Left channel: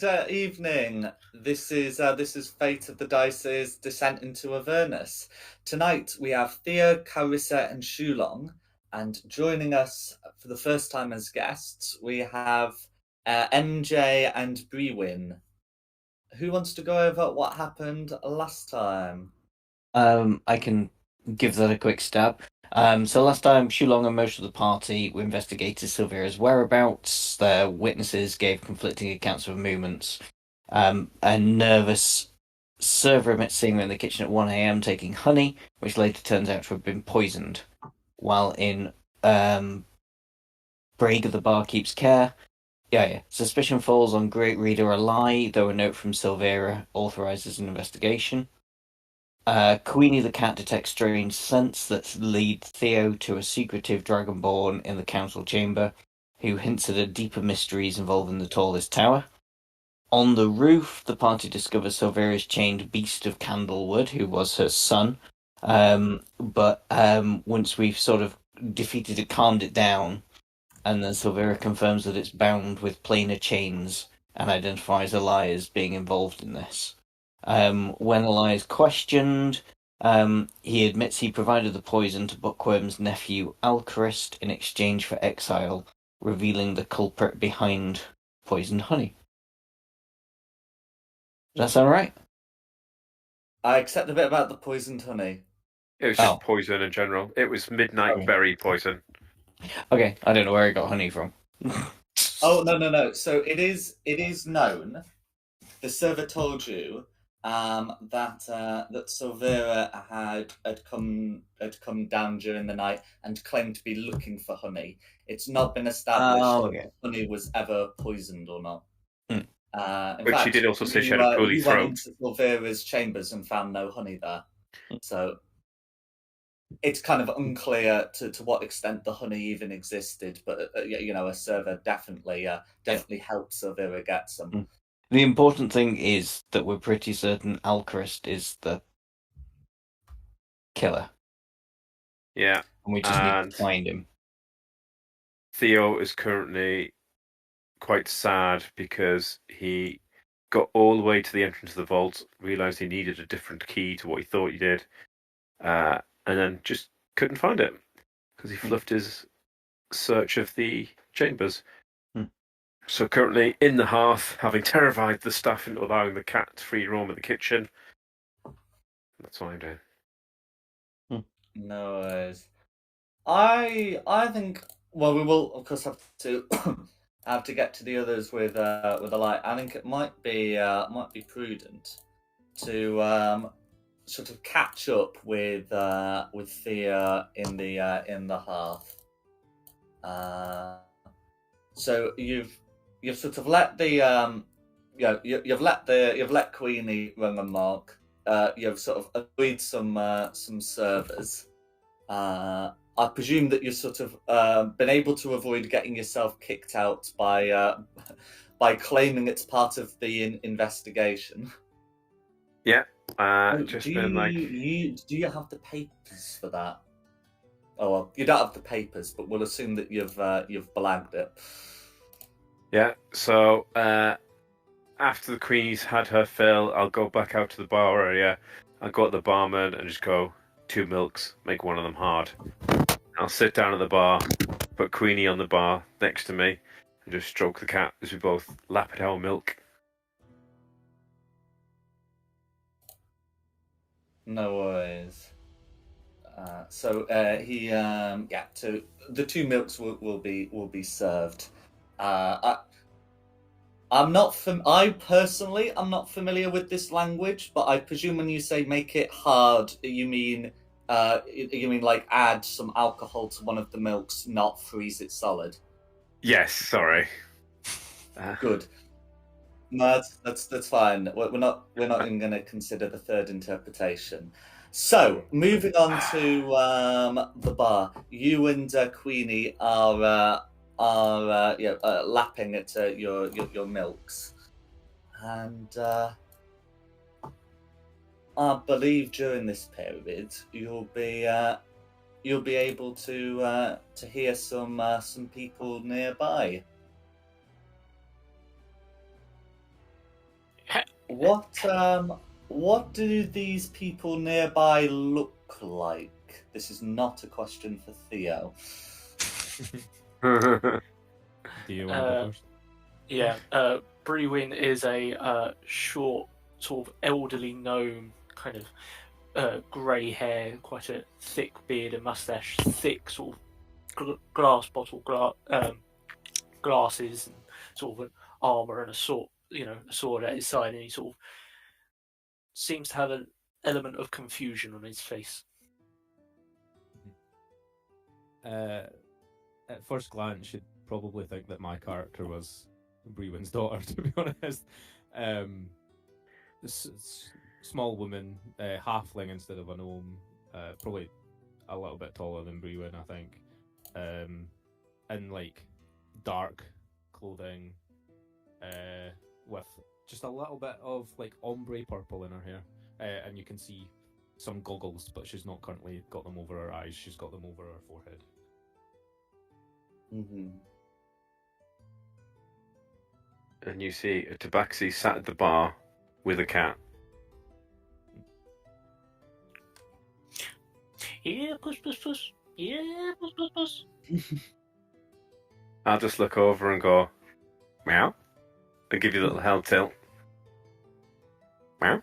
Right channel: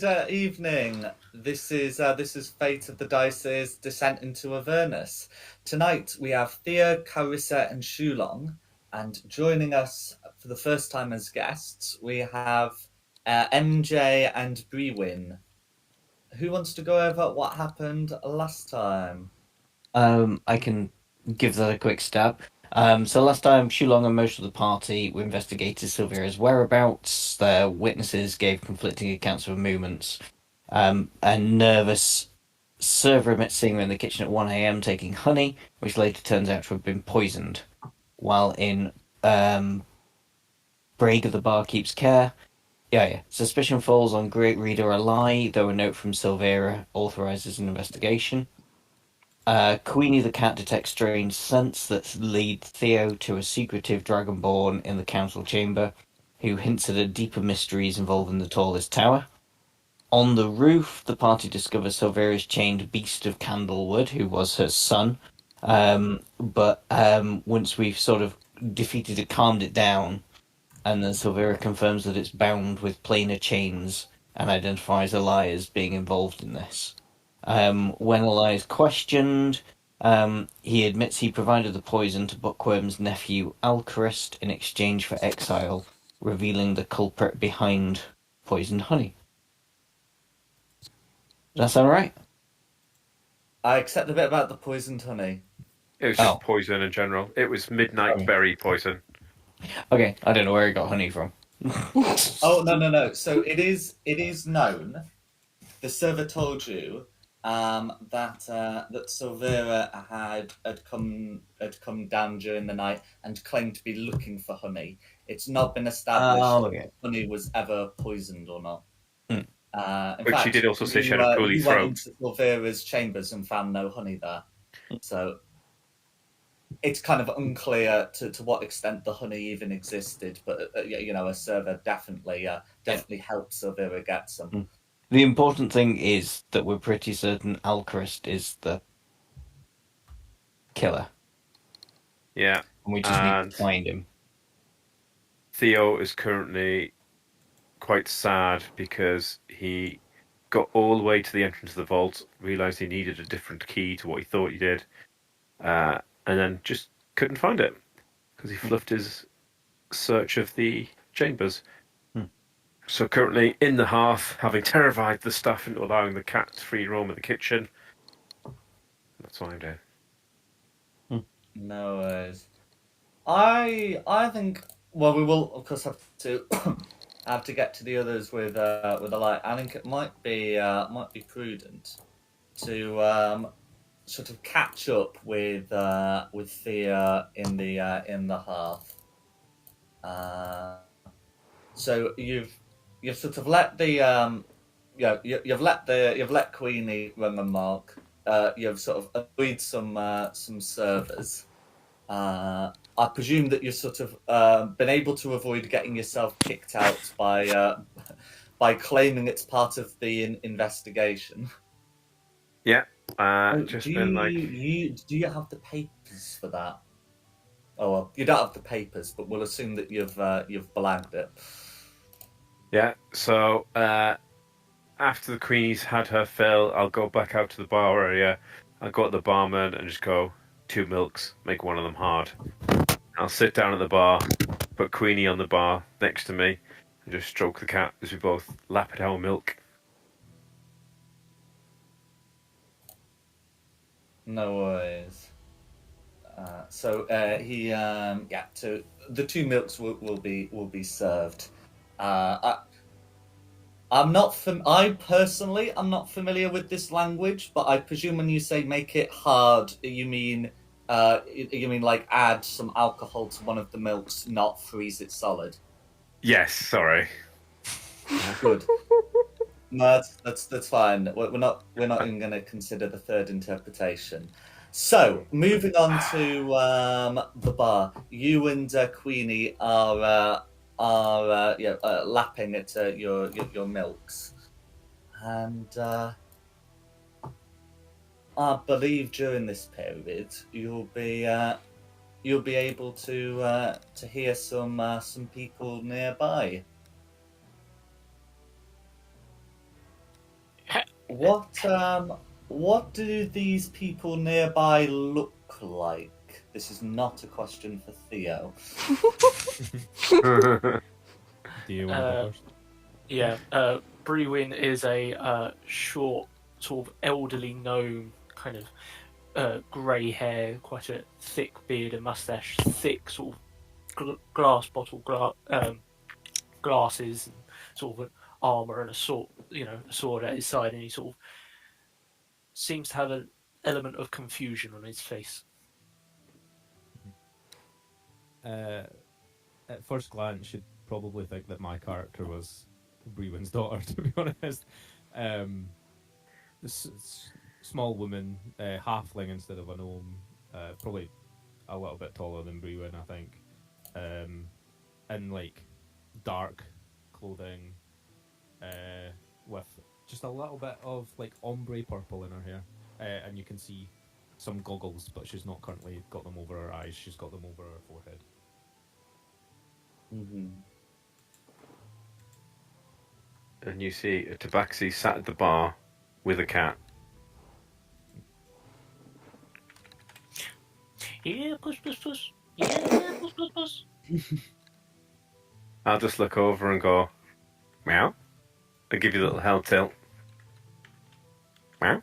Good evening. This is Fate of the Dice's Descent into Avernus. Tonight we have Thea, Carissa, and Shulong, and joining us for the first time as guests we have MJ and Brewin. Who wants to go over what happened last time? I can give that a quick stab. So last time, Shulong and most of the party were investigated Silvera's whereabouts. Their witnesses gave conflicting accounts of movements. A nervous server admits seeing her in the kitchen at 1 a.m. taking honey, which later turns out to have been poisoned. While in Braga, the bar keeps care. Yeah. Suspicion falls on Great Reader a lie, though a note from Silvera authorizes an investigation. Queenie the cat detects strange scents that lead Theo to a secretive dragonborn in the council chamber, who hints at a deeper mysteries involving the tallest tower. On the roof, the party discovers Silvera's chained beast of Candlewood, who was her son. But once we've sort of defeated it, calmed it down, and then Silvera confirms that it's bound with planar chains and identifies Eli as being involved in this. When Eli is questioned, he admits he provided the poison to Bookworm's nephew Alcarist in exchange for exile, revealing the culprit behind poisoned honey. Does that sound right? I accept the bit about the poisoned honey. It was just poison in general. It was midnight berry poison. Okay, I don't know where he got honey from. Oh no. So it is known. The server told you that Silvera had come down during the night and claimed to be looking for honey. It's not been established if honey was ever poisoned or not. In But fact, she did also say she had a poorly you throat. went into Silvera's chambers and found no honey there. So it's kind of unclear to what extent the honey even existed, but a server definitely helped Silvera get some. The important thing is that we're pretty certain Alcarist is the killer. Yeah. And we just need to find him. Theo is currently quite sad because he got all the way to the entrance of the vault, realised he needed a different key to what he thought he did, and then just couldn't find it because he fluffed his search of the chambers. So currently in the hearth, having terrified the staff into allowing the cat to free roam in the kitchen. That's what I'm doing. No worries. I think. Well, we will of course have to have to get to the others with a light. I think it might be prudent to sort of catch up with Thea in the hearth. So you've sort of let the you've let Queenie run the mark. You've sort of agreed some servers. I presume that you've sort of been able to avoid getting yourself kicked out by claiming it's part of the investigation. Yeah, do you have the papers for that? Oh well, you don't have the papers, but we'll assume that you've blagged it. Yeah. So after the Queenie's had her fill, I'll go back out to the bar area. I'll go to the barman and just go 2 milks, make one of them hard. I'll sit down at the bar, put Queenie on the bar next to me, and just stroke the cat as we both lap at our milk. No worries. So the 2 milks will be served. I personally am not familiar with this language, but I presume when you say make it hard, you mean like add some alcohol to one of the milks, not freeze it solid. Yes, sorry. Good. No, that's fine. We're not even going to consider the third interpretation. So, moving on to the bar, you and Queenie are lapping at your milks, and I believe during this period you'll be able to hear some people nearby. What do these people nearby look like? This is not a question for Theo. Do you want to go first? Yeah, Brewin is a short, sort of elderly gnome, kind of grey hair, quite a thick beard and mustache, thick sort of glass bottle glasses, and sort of an armor and a sword at his side, and he sort of seems to have an element of confusion on his face. At first glance, you'd probably think that my character was Brewin's daughter, to be honest. Small woman, halfling instead of a gnome, probably a little bit taller than Brewin, I think. In like dark clothing, with just a little bit of like ombre purple in her hair, and you can see some goggles, but she's not currently got them over her eyes. She's got them over her forehead. Mm-hmm. And you see a tabaxi sat at the bar with a cat. Yeah, puss, puss, puss. Yeah, puss, puss, puss. I'll just look over and go, meow. I'll give you a little hell tilt. Meow.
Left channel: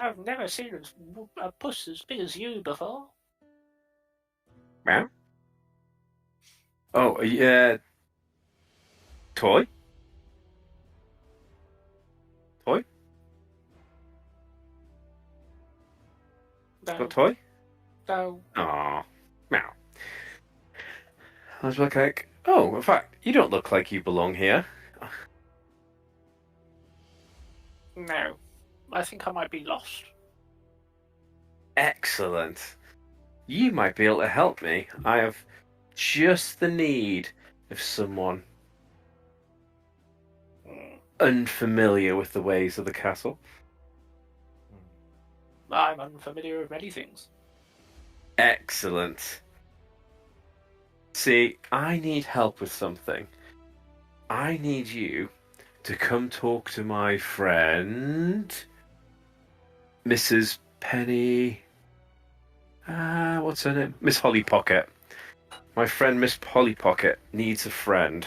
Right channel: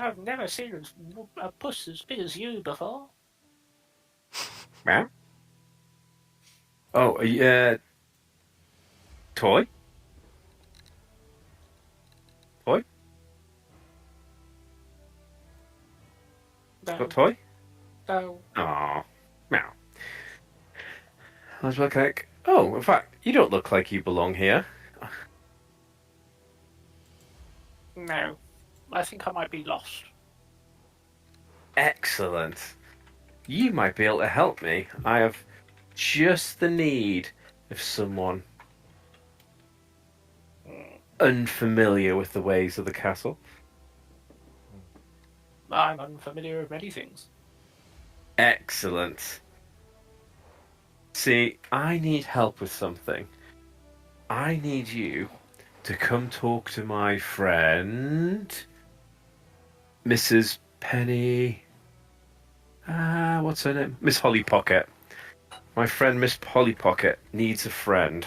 I've never seen a puss as big as you before. Meow. Oh, yeah. Toy? Toy? No, Got toy? no. Aw. Meow. I was like, oh, in fact, you don't look like you belong here. No. I think I might be lost. Excellent. You might be able to help me. I have just the need of someone unfamiliar with the ways of the castle. I'm unfamiliar with many things. Excellent. See, I need help with something. I need you to come talk to my friend, Mrs. Penny. What's her name? Miss Holly Pocket. My friend Miss Polly Pocket needs a friend,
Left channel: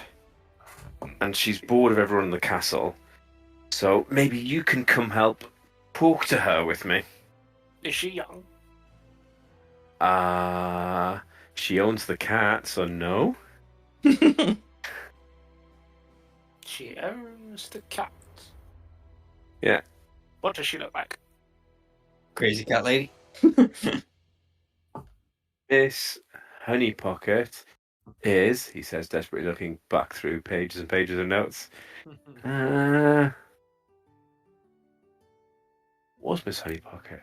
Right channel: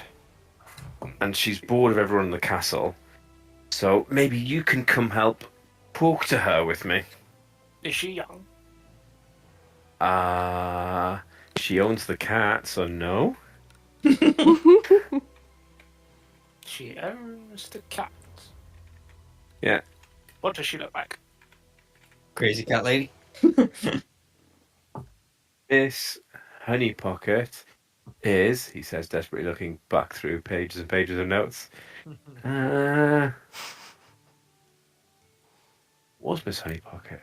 and she's bored of everyone in the castle. So maybe you can come help talk to her with me. Is she young? She owns the cat, so no. She owns the cat. Yeah. What does she look like? Crazy cat lady. Miss Honey Pocket is, he says, desperately looking back through pages and pages of notes. What's Miss Honey Pocket?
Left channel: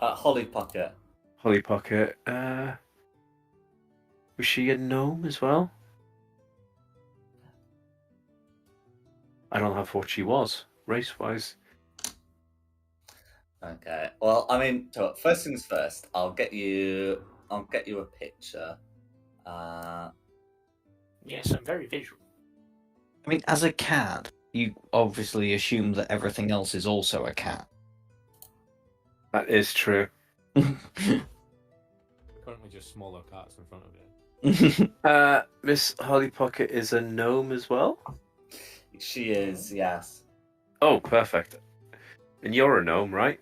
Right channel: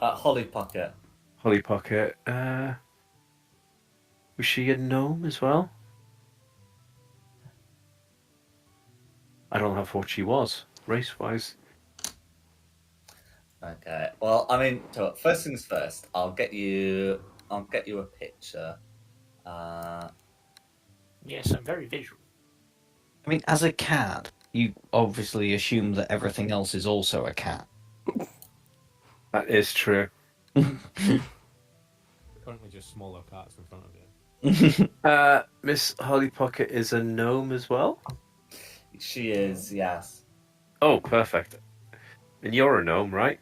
Holly Pocket. Holly Pocket. Was she a gnome as well? I don't have what she was, race-wise. Okay. Well, I mean, so first things first. I'll get you a picture. Yes, I'm very visual. I mean, as a cat, you obviously assume that everything else is also a cat. That is true. Currently just smaller cats in front of you. Miss Holly Pocket is a gnome as well? She is, yes. Oh, perfect. And you're a gnome, right?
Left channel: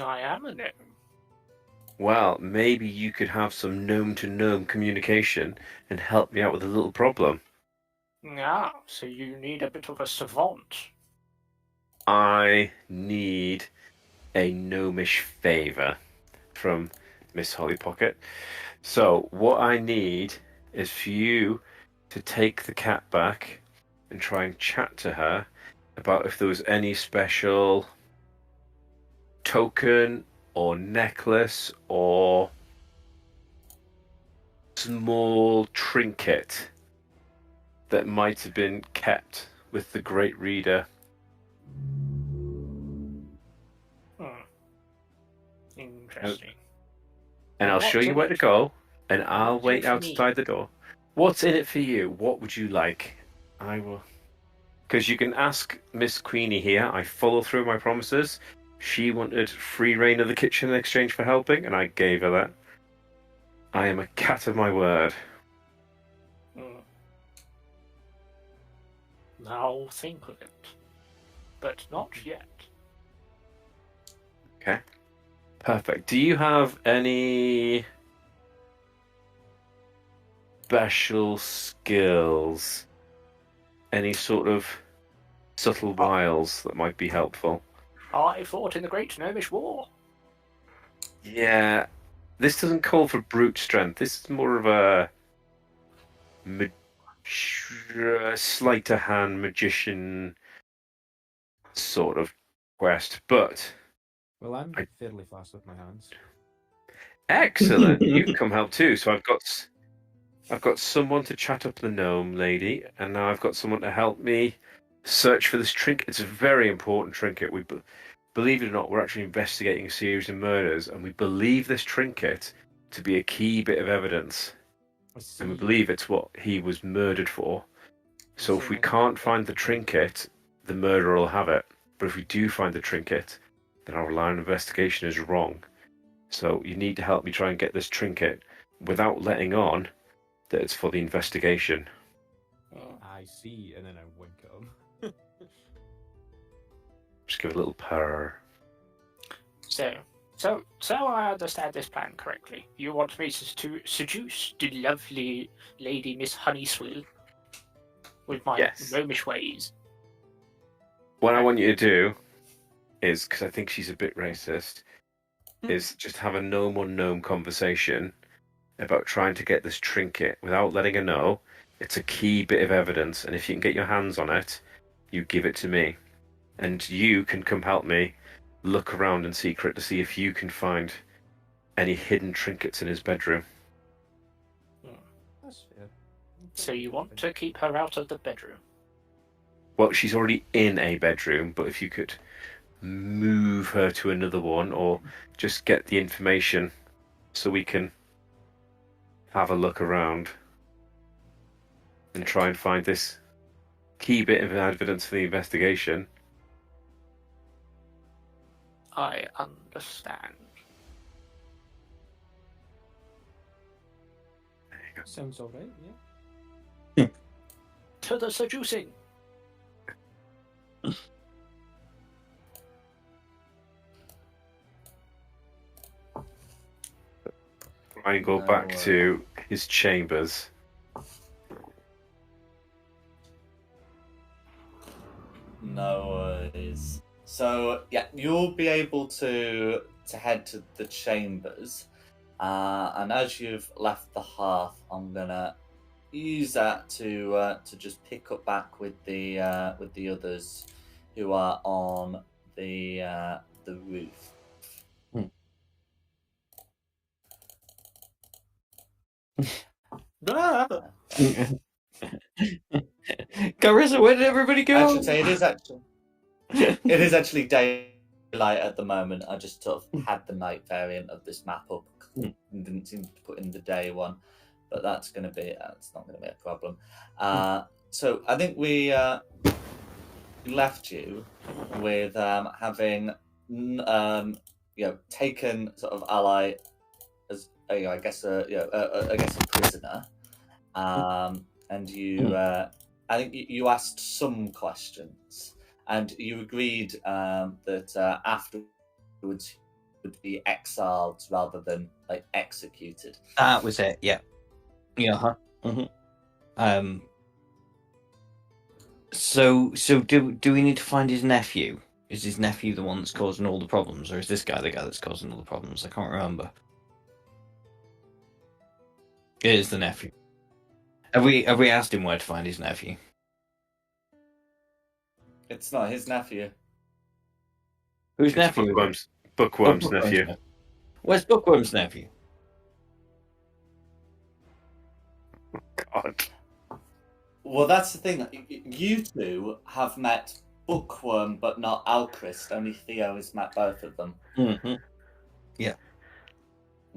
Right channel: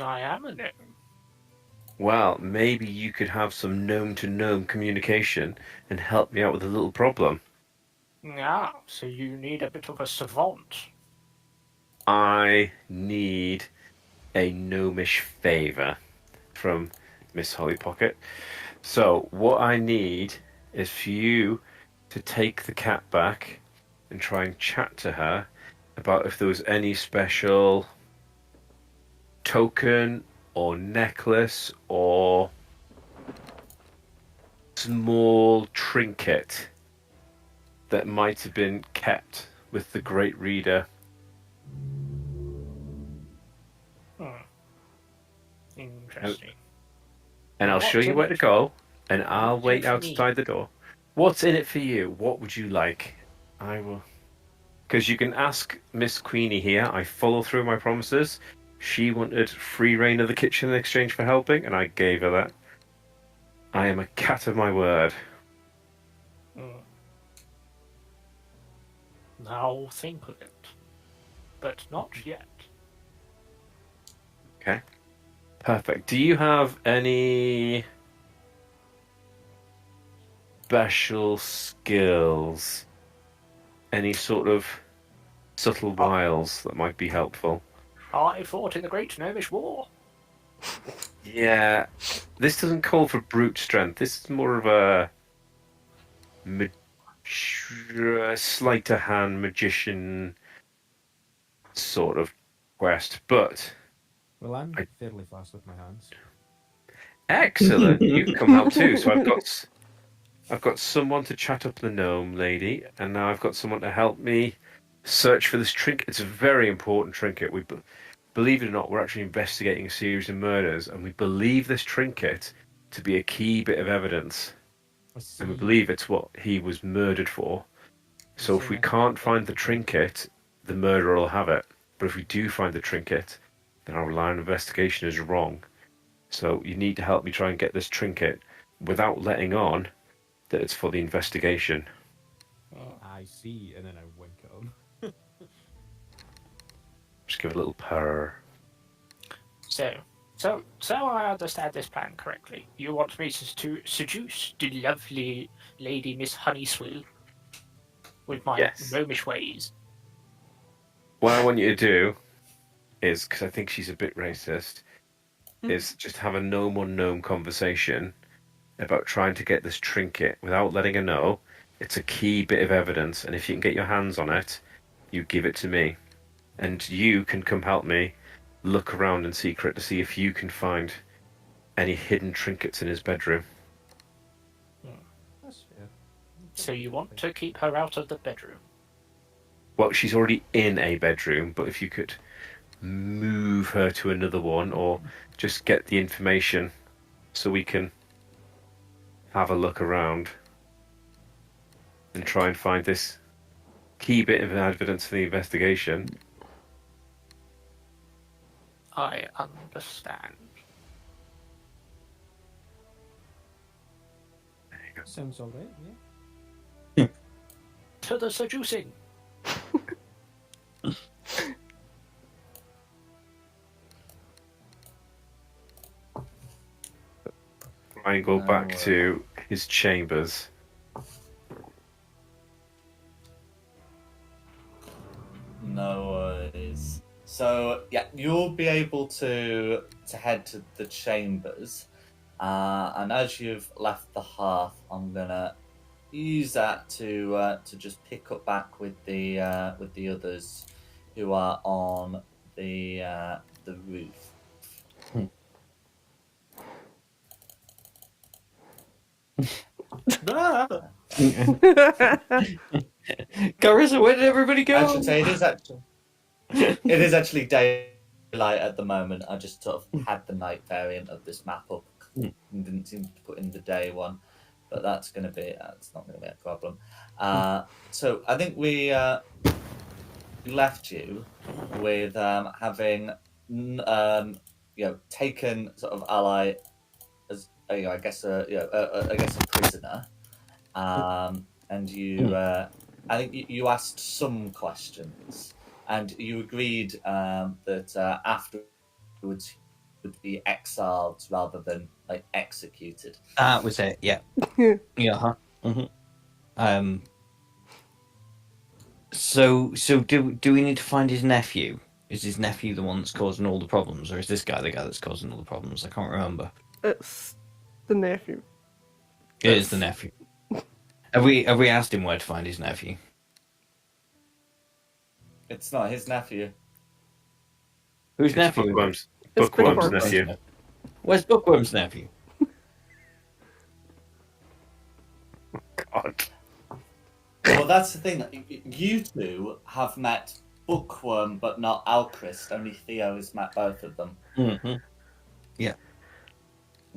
I am a gnome. Well, maybe you could have some gnome-to-gnome communication and help me out with a little problem. Ah, so you need a bit of a savant. I need a gnomish favour from Miss Holly Pocket. So, what I need is for you to take the cat back and try and chat to her about if there was any special token or necklace or small trinket that might have been kept with the great reader. Interesting. And I'll show you where to go, and I'll wait What's in it for me? outside the door. What's in it for you? What would you like? I will Because you can ask Miss Queenie here. I follow through my promises. She wanted free reign of the kitchen in exchange for helping, and I gave her that. I am a cat of my word. Now think of it. But not yet. Okay. Perfect. Do you have any special skills? Any sort of subtle wiles that might be helpful? I fought in the Great Gnomish War. Yeah. This doesn't call for brute strength. This is more of a sleight of hand magician sort of quest. But Well, I'm fairly fast with my hands. excellent. You can come help too. So I've got someone to chat up the gnome lady, and now I've got someone to help me search for this trinket. It's a very important trinket. Believe it or not, we're actually investigating a series of murders, and we believe this trinket to be a key bit of evidence. I see. And we believe it's what he was murdered for. So if we can't find the trinket, the murderer will have it. But if we do find the trinket, then our line of investigation is wrong. So you need to help me try and get this trinket without letting on that it's for the investigation. I see, and then I wink at him. Just give it a little purr. So I understand this plan correctly. You want me to seduce the lovely lady Miss Honeyswill with my gnomish ways? What I want you to do is, because I think she's a bit racist, is just have a gnome on gnome conversation about trying to get this trinket without letting her know. It's a key bit of evidence, and if you can get your hands on it, you give it to me. And you can come help me look around in secret to see if you can find any hidden trinkets in his bedroom. That's fair. So you want to keep her out of the bedroom? Well, she's already in a bedroom, but if you could move her to another one, or just get the information so we can have a look around and try and find this key bit of evidence for the investigation. I understand. Sounds alright, yeah. To the seducing. Try and go back to his chambers. No worries. So yeah, you'll be able to head to the chambers, and as you've left the hearth, I'm gonna use that to just pick up back with the others who are on the roof. Carissa, where did everybody go? I should say it is actually daylight at the moment. I just sort of had the night variant of this map up and didn't seem to put in the day one, but that's not going to be a problem. So I think we left you with having taken sort of ally as I guess a prisoner, and you I think you asked some questions, and you agreed that afterwards he would be exiled rather than like executed. That was it. Yeah. Yeah. So do we need to find his nephew? Is his nephew the one that's causing all the problems, or is this guy the guy that's causing all the problems? I can't remember. It's the nephew. It is the nephew. Have we asked him where to find his nephew? It's not his nephew. Whose It's nephew? Bookworm's, It's Bookworm's Bookworm's nephew. Where's Bookworm's nephew? God. Well, that's the thing. You two have met Bookworm, but not Alchrist. Only Theo has met both of them. Mm-hmm. Yeah.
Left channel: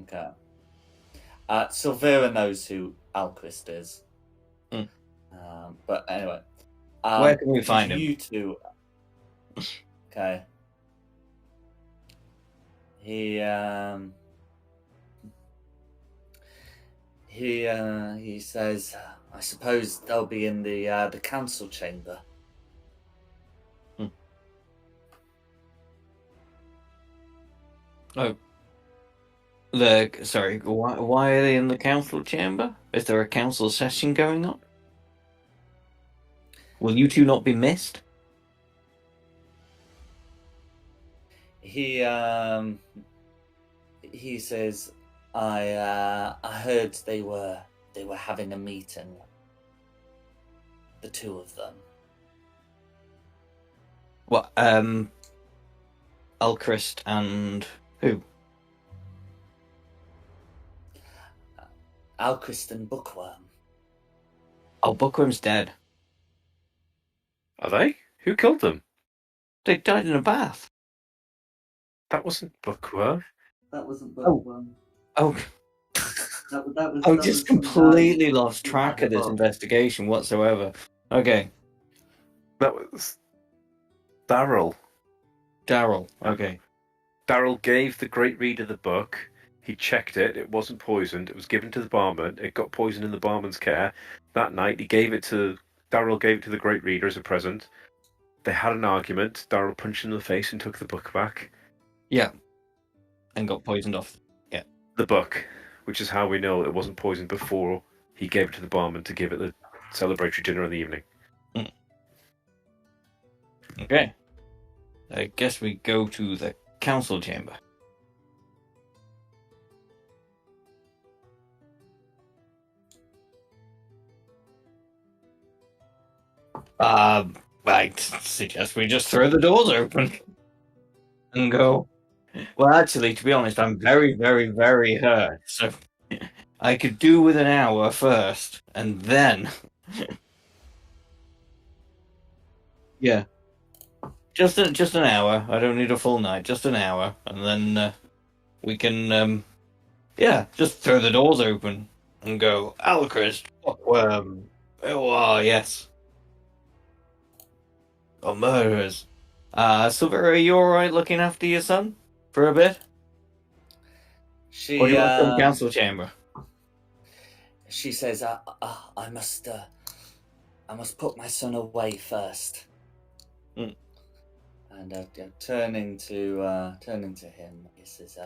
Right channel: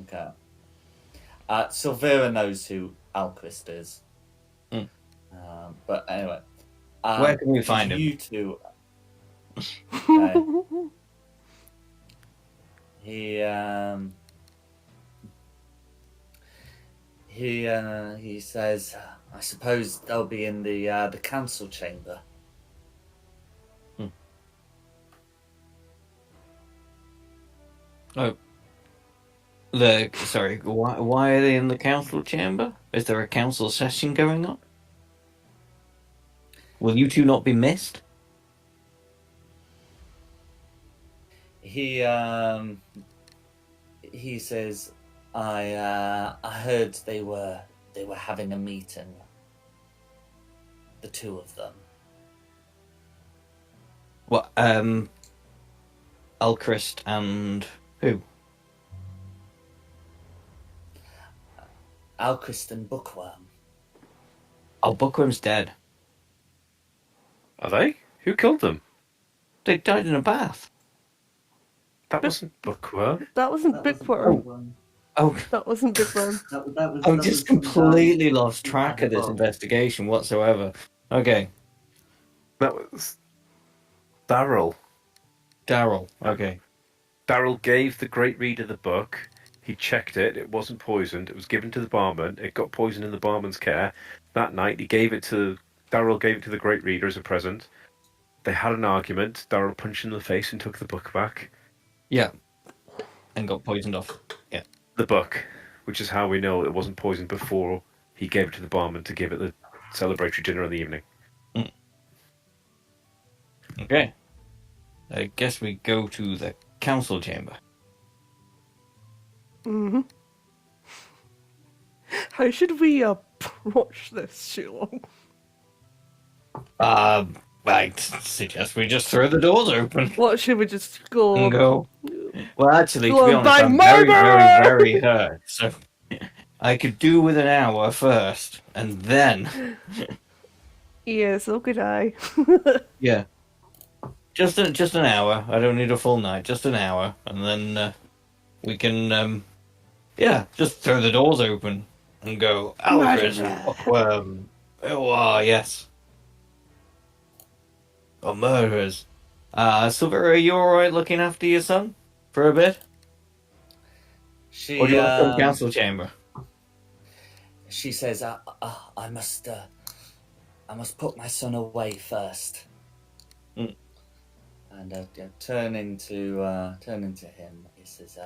Okay. Silvera knows who Alchrist is. Mm. But anyway, Where can we find him? You two. Okay. He says, I suppose they'll be in the council chamber. Oh. Sorry, why are they in the council chamber? Is there a council session going on? Will you two not be missed? He says, I heard they were having a meeting. The two of them. What, Alchrist and who? Alchrist and Bookworm. Oh, Bookworm's dead. Are they? Who killed them? They died in a bath. That wasn't Bookworm. That wasn't Bookworm. Oh, That wasn't Bookworm. I just completely lost track of this investigation whatsoever. Okay, That was Daryl. Daryl. Okay. Daryl gave the Great Reader the book. He checked it. It wasn't poisoned. It was given to the barman. It got poisoned in the barman's care. That night, Daryl gave it to the Great Reader as a present. They had an argument. Daryl punched him in the face and took the book back. Yeah. And got poisoned off. Yeah. The book, which is how we know it wasn't poisoned before he gave it to the barman to give it the celebratory dinner in the evening. Okay. I guess we go to the council chamber. Mm-hmm. How should we approach this, Sherlock? I suggest we just throw the doors open What, should we just go? and go. Well, actually, to Go be and honest, buy I'm very, very, murder! very hurt. So I could do with an hour first, and then. Yeah, so could I. Yeah. Just an hour. I don't need a full night. Just an hour, and then we can just throw the doors open and go. Alchrist, Bookworm. Oh, yes. Oh, murderers. Silvera, are you alright looking after your son for a bit? She Or do you want to go to the council chamber? She says, I must put my son away first. And turning to him, he says,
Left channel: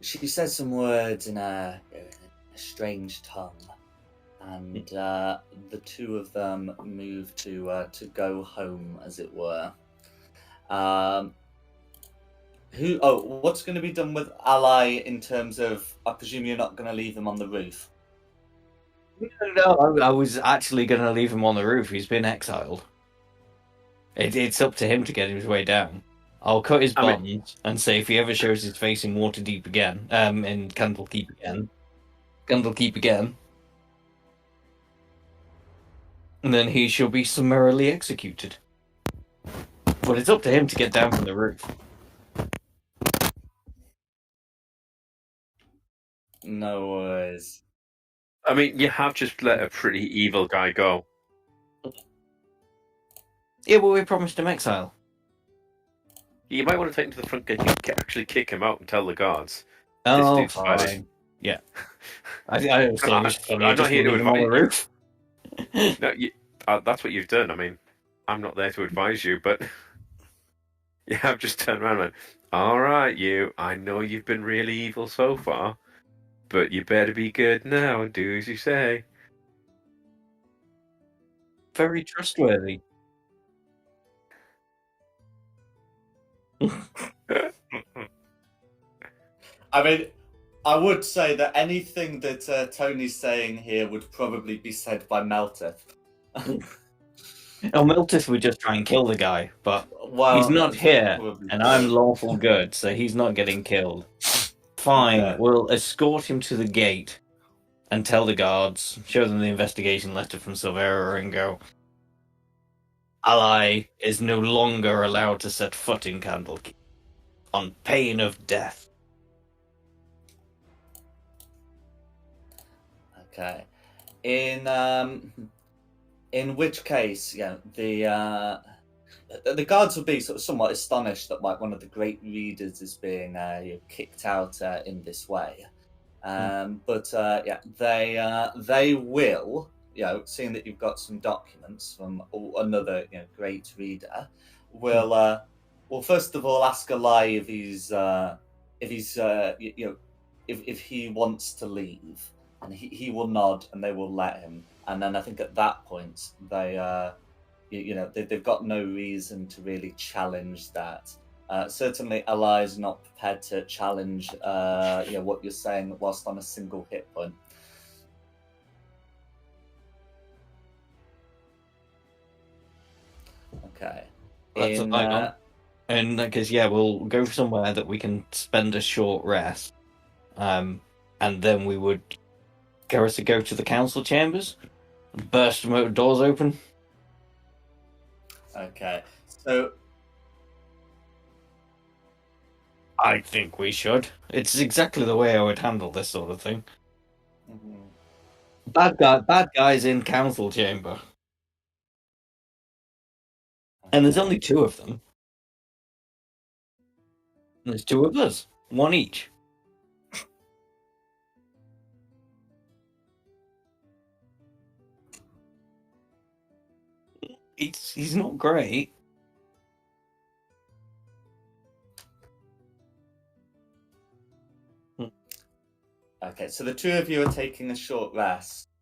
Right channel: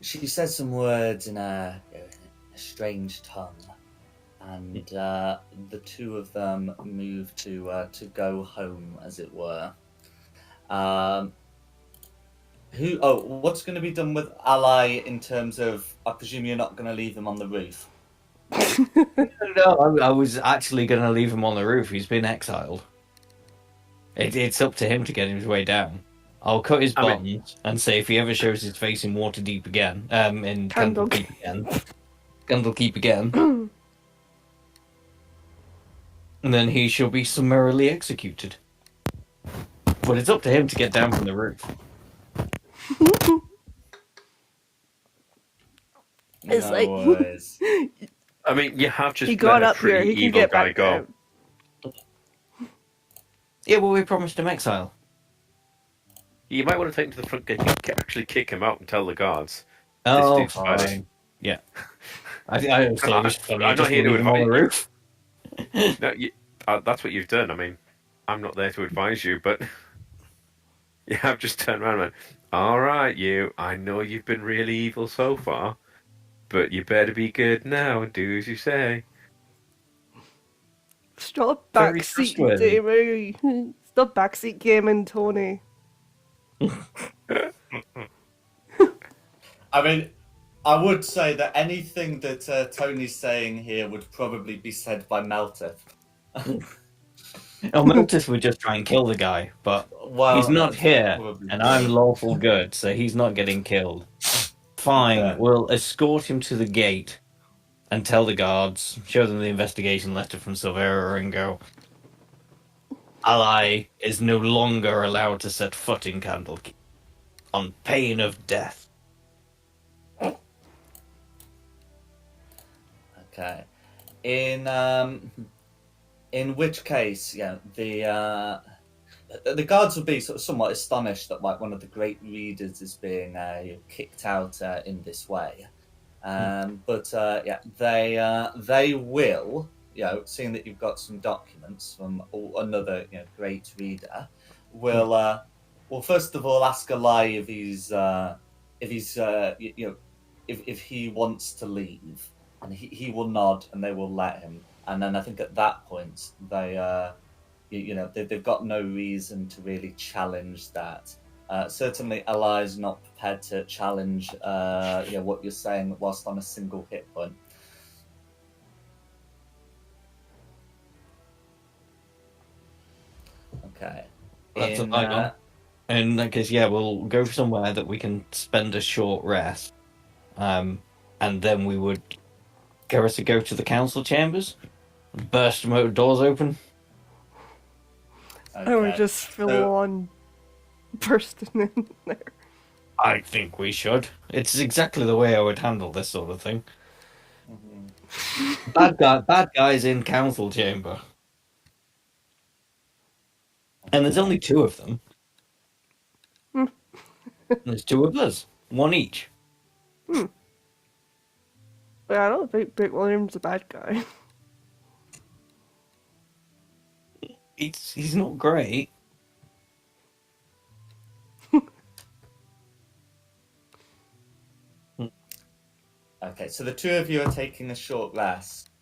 she says some words in a strange tongue, and the two of them move to go home, as it were. What's going to be done with Ally in terms of? I presume you're not going to leave them on the roof. No, I was actually going to leave him on the roof. He's been exiled. It's up to him to get his way down. I'll cut his buttons and say if he ever shows his face in Waterdeep again, in Candlekeep again, and then he shall be summarily executed. But it's up to him to get down from the roof. It's no like- worries. I mean, you have just He let got a up here. pretty He can evil get guy back go. down. Yeah, well, we promised him exile. You might want to take him to the front gate and actually kick him out and tell the guards. Oh, dude's bad. fine. Yeah. I don't think it's funny. I'm not here to leave him on the advise- roof. No, that's what you've done. I mean, I'm not there to advise you, but you have just turned around and went, all right, you, I know you've been really evil so far, but you better be good now and do as you say. Stop Very backseat trustworthy. gaming. Stop backseat gaming, Tony. I mean, I would say that anything that Tony's saying here would probably be said by Meltith. Oh, Meltis would just try and kill the guy, but Well, he's not that's here, probably and true. I'm lawful good, so he's not getting killed. Fine, Okay. we'll escort him to the gate and tell the guards, show them the investigation letter from Silvera, and go, Ally is no longer allowed to set foot in Candlekeep, on pain of death. Okay. In which case, the guards would be sort of somewhat astonished that like one of the great readers is being kicked out in this way. But they will, seeing that you've got some documents from another great reader, will first of all ask Eli if he wants to leave, and he will nod, and they will let him. And then I think at that point they've got no reason to really challenge that. Certainly, Eli is not prepared to challenge what you're saying whilst on a single hit point. Okay. That's a hang on. In that case, we'll go somewhere that we can spend a short rest, and then we would go to the council chambers, burst the doors open. I would just fill on bursting in there. I think we should. It's exactly the way I would handle this sort of thing. Mm-hmm. Bad guys in council chamber. And there's only 2 of them. There's 2 of us. 1 each. But I don't think Big William's a bad guy. He's not great. Okay, so the 2 of you are taking a short rest,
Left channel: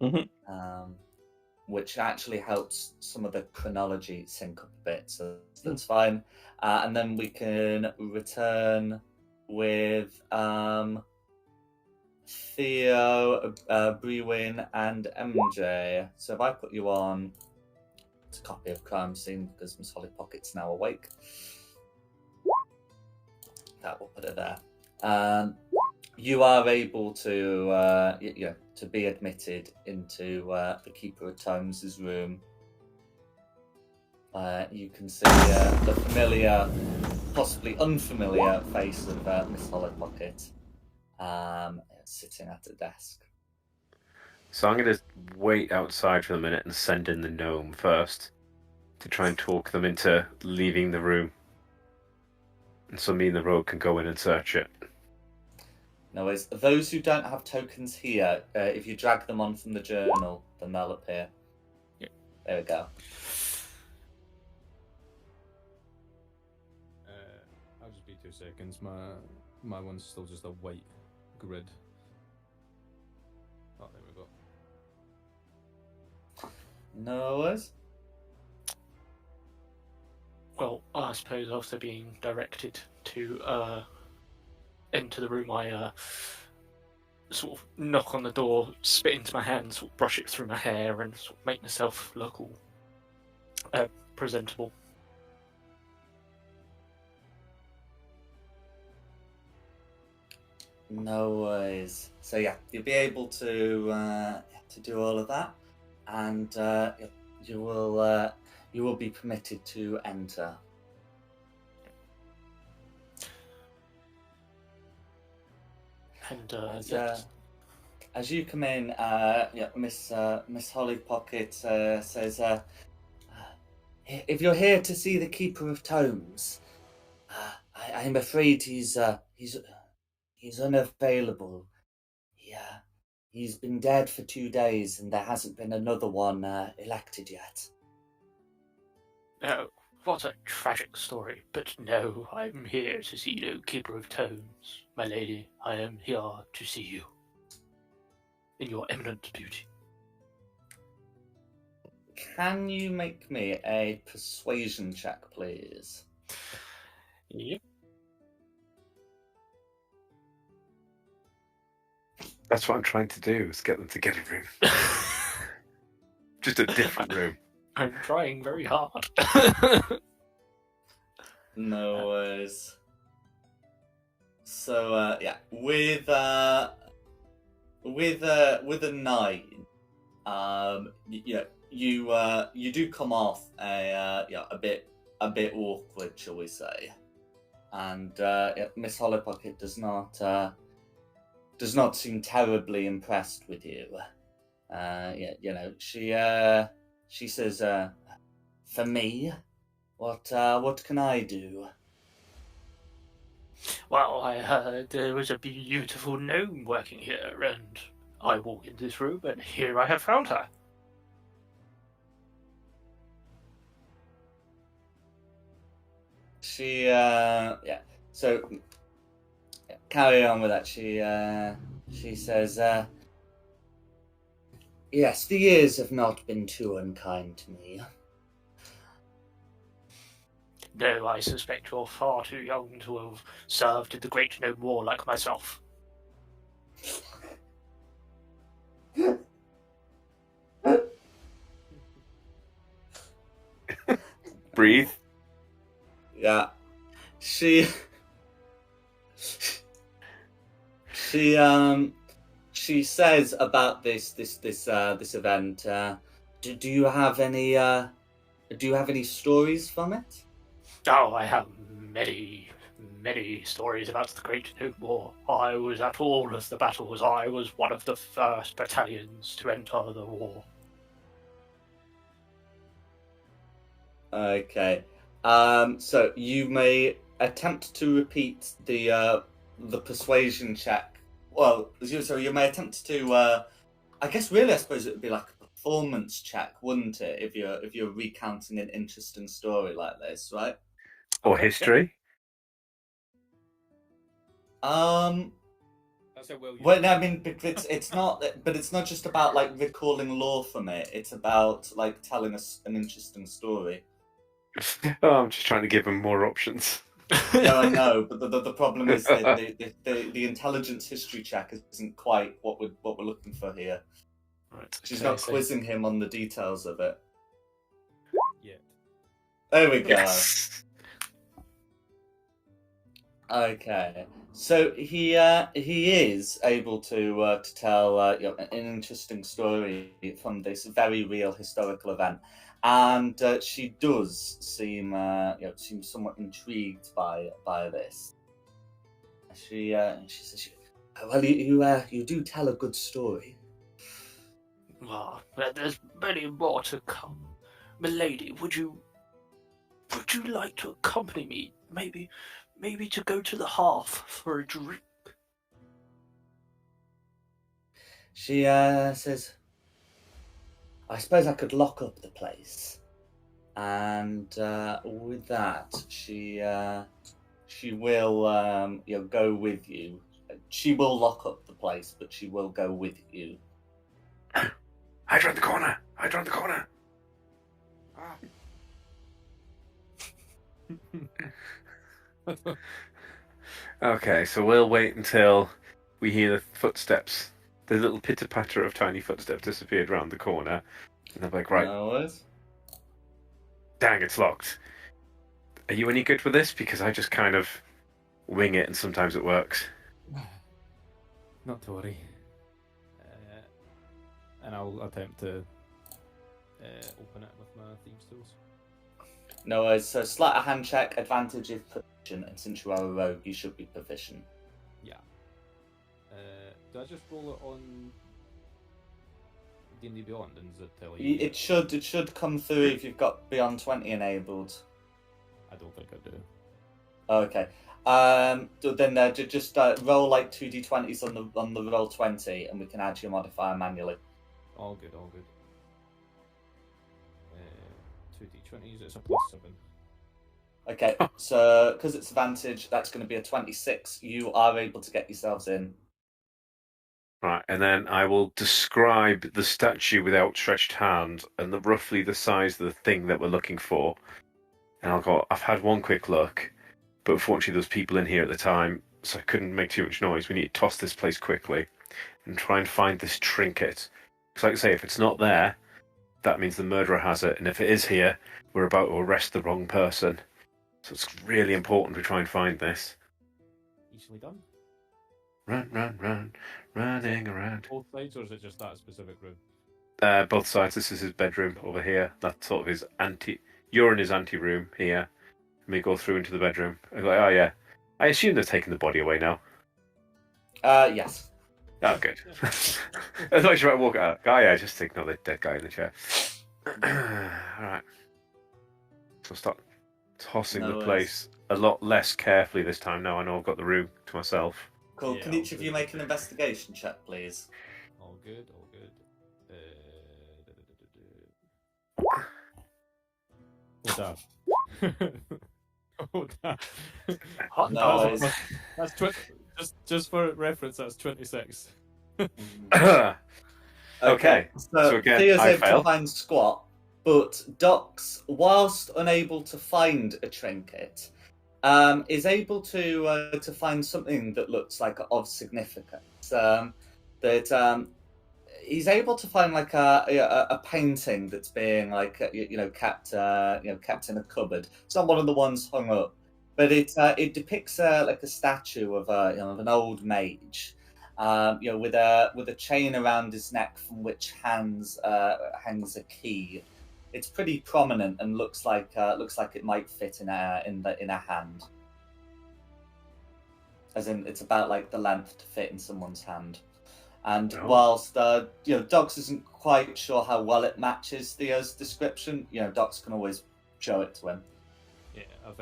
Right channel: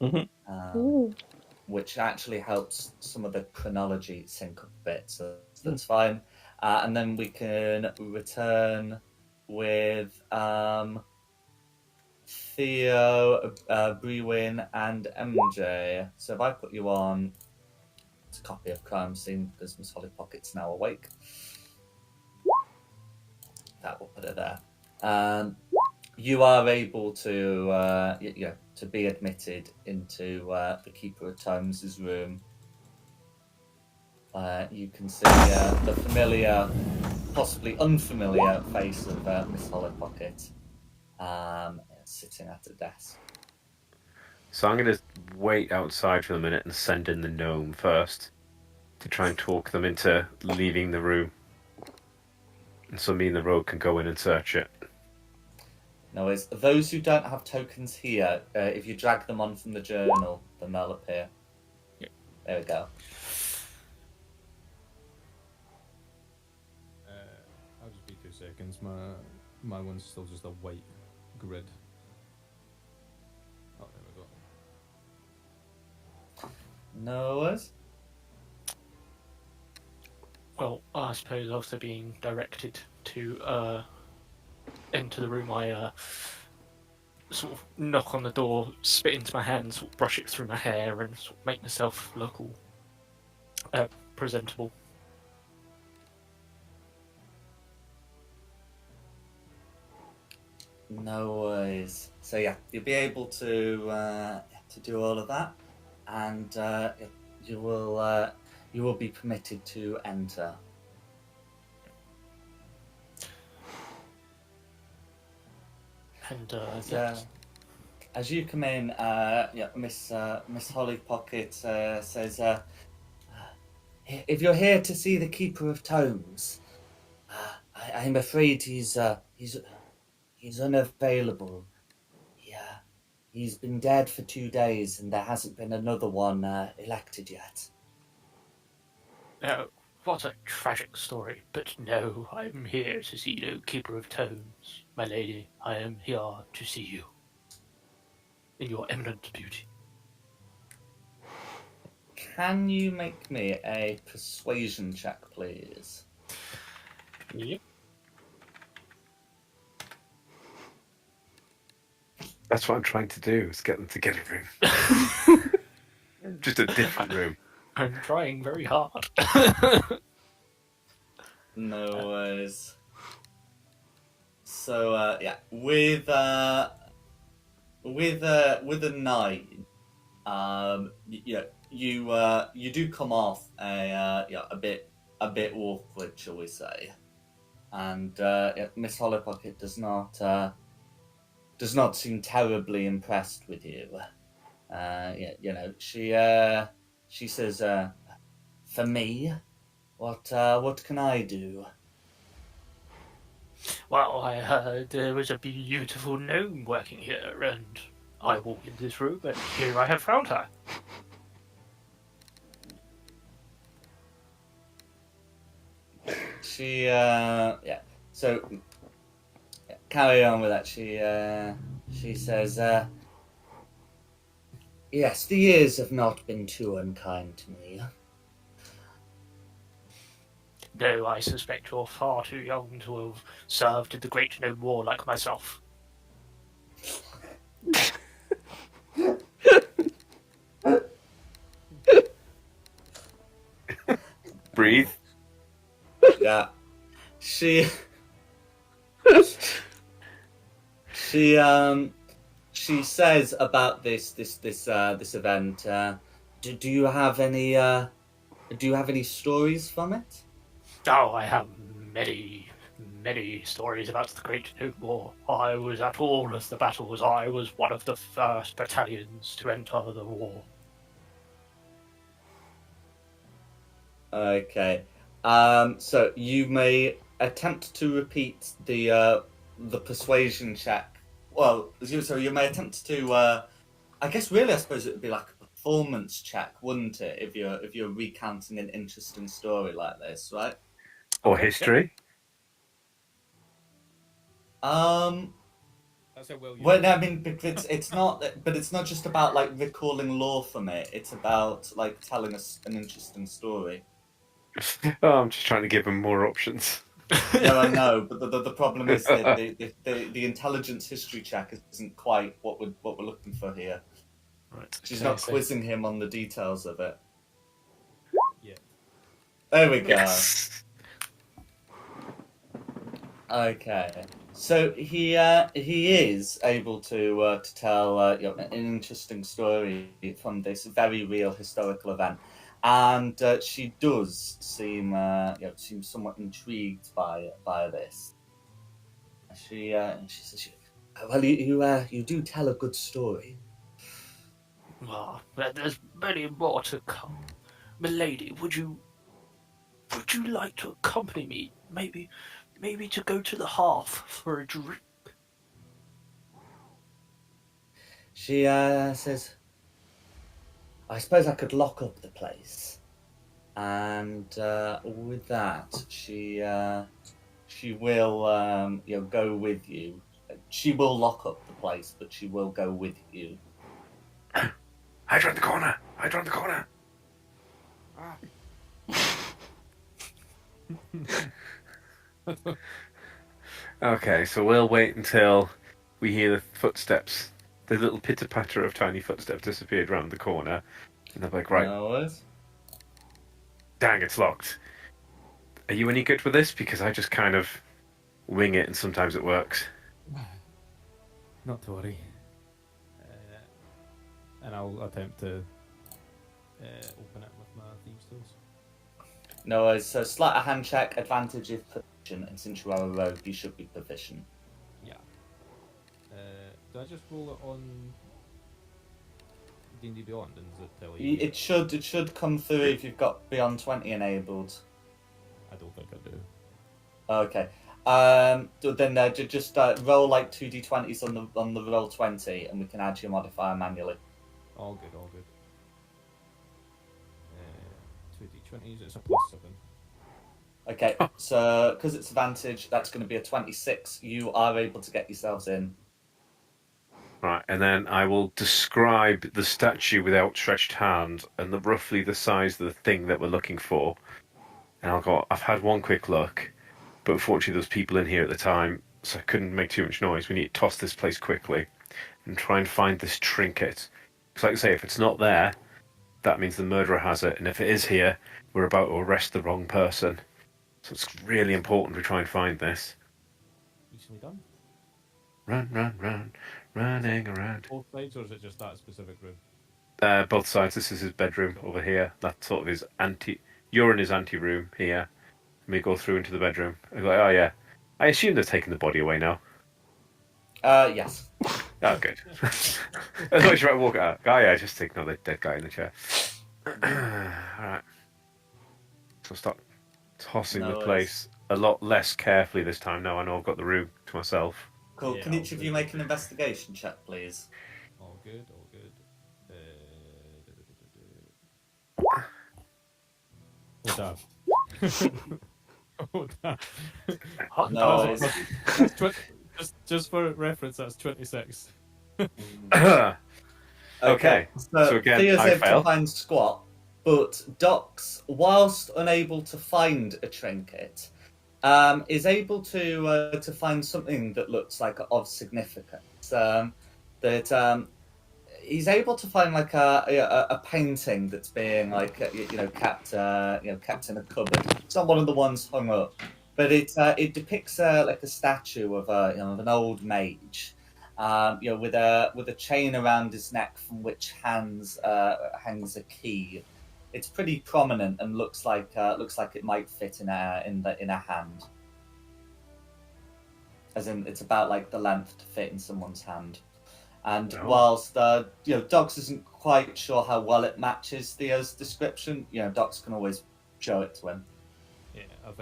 Mm-hmm. which actually helps some of the chronology sync up a bit, so that's fine. And then we can return with Theo, Brewin, and MJ. So if I put you on a copy of Crime Scene, because Miss Holly Pocket's now awake, that will put it there. You are able to be admitted into the Keeper of Tomes' room. You can see the familiar, possibly unfamiliar face of Miss Holly Pocket sitting at a desk. So I'm going to wait outside for a minute and send in the gnome first to try and talk them into leaving the room. And so me and the rogue can go in and search it. No worries. Those who don't have tokens here, if you drag them on from the journal, then they'll appear. Yep. There we go. I'll just be 2 seconds. My one's still just a white grid. Oh, there we go. No worries. Well, I suppose after being directed to enter the room, I sort of knock on the door, spit into my hand, sort of brush it through my hair, and sort of make myself look all presentable. No worries. So yeah, you'll be able to do all of that, and you will be permitted to enter. And as you come in, Miss Holly Pocket says, "If you're here to see the Keeper of Tomes, I'm afraid he's unavailable. He's been dead for 2 days, and there hasn't been another one elected yet." oh, what a tragic story. But no, I'm here to see no Keeper of Tomes. My lady, I am here to see you. In your eminent beauty. Can you make me a persuasion check, please? Yep. That's what I'm trying to do, is get them to get a room. Just a different room. I'm trying very hard. No worries. So with a 9, you do come off a bit awkward, shall we say? And Miss Hollowpocket does not seem terribly impressed with you. she says, "For me, what can I do?" Well, I heard there was a beautiful gnome working here, and I walked in this room, and here I have found her. She So carry on with that. She says, "Yes, the years have not been too unkind to me." No, I suspect you're far too young to have served in the Great Gnome War like myself. Breathe. Yeah, she she says about this event. Do you have any stories from it? Oh, I have many, many stories about the Great Gnome War. I was at all of the battles. I was one of the first battalions to enter the war. Okay. So you may attempt to repeat the persuasion check. Well, so you may attempt to. I guess really, I suppose it would be like a performance check, wouldn't it? If you're recounting an interesting story like this, right? Or Okay, history. That's how well you. Well, I mean, because it's not, but it's not just about like recalling lore from it. It's about like telling us an interesting story. Oh, I'm just trying to give him more options. No, I know, but the problem is that the intelligence history check isn't quite what we're looking for here. Right, She's okay, not so- quizzing him on the details of it. Yeah. There we go. Yes. Okay, so he is able to tell an interesting story from this very real historical event, and she does seem seem somewhat intrigued by this. She says, "Well, you do tell a good story." Well, there's many more to come. Milady, would you like to accompany me? Maybe to go to the hearth for a drink? She says, "I suppose I could lock up the place," and with that, she will go with you. She will lock up the place, but she will go with you. Hide around the corner. Hide around the corner. Okay, so we'll wait until we hear the footsteps. The little pitter-patter of tiny footsteps disappeared round the corner. And they're like, right, No worries. dang, it's locked. Are you any good with this? Because I just kind of wing it and sometimes it works. Not to worry. And I'll attempt to open it with my thieves' tools. No worries. So sleight of hand check, advantage is proficient, and since you are a rogue, you should be proficient. Yeah. Do I just roll it on D&D Beyond, and does it tell you? It should come through if you've got beyond 20 enabled. I don't think I do. Okay. Then just roll like 2d20s on the roll 20, and we can add your modifier manually. All good, all good. 2d20s, it's a +7. Okay, so because it's advantage, that's going to be a 26. You are able to get yourselves in. Right, and then I will describe the statue with outstretched hand and roughly the size of the thing that we're looking for. And I'll go, I've had one quick look, but unfortunately there's people in here at the time, so I couldn't make too much noise. We need to toss this place quickly and try and find this trinket. Because like I say, if it's not there, that means the murderer has it. And if it is here, we're about to arrest the wrong person. So it's really important we try and find this. Easily done. Run, run, run, running around. Both sides, or is it just that specific room? Both sides. This is his bedroom over here. That's sort of his You're in his ante-room here. And we go through into the bedroom. I go, oh yeah. I assume they've taken the body away now. Yes. Oh, good. That's why you walk out. Oh, yeah, just ignore the dead guy in the chair. Alright. So start tossing No the worries. place a lot less carefully this time. Now I know I've got the room to myself. Cool. Yeah, Can each of you I'll- make an investigation check, please? All good, all good. Oh, damn. Oh, damn. No worries. That's just for reference, that's 26. Okay. So again, Theo's I able fail. to find squat, but Dox, whilst unable to find a trinket, is able to find something that looks like of significance. He's able to find like a painting that's being like kept kept in a cupboard. It's not one of the ones hung up, but it depicts like a statue of of an old mage, with a chain around his neck from which hangs a key. It's pretty prominent and looks like it might fit in a hand. As in, it's about like the length to fit in someone's hand. And Oh. whilst Dox isn't quite sure how well it matches Theo's description, Dox can always show it to him. Yeah, I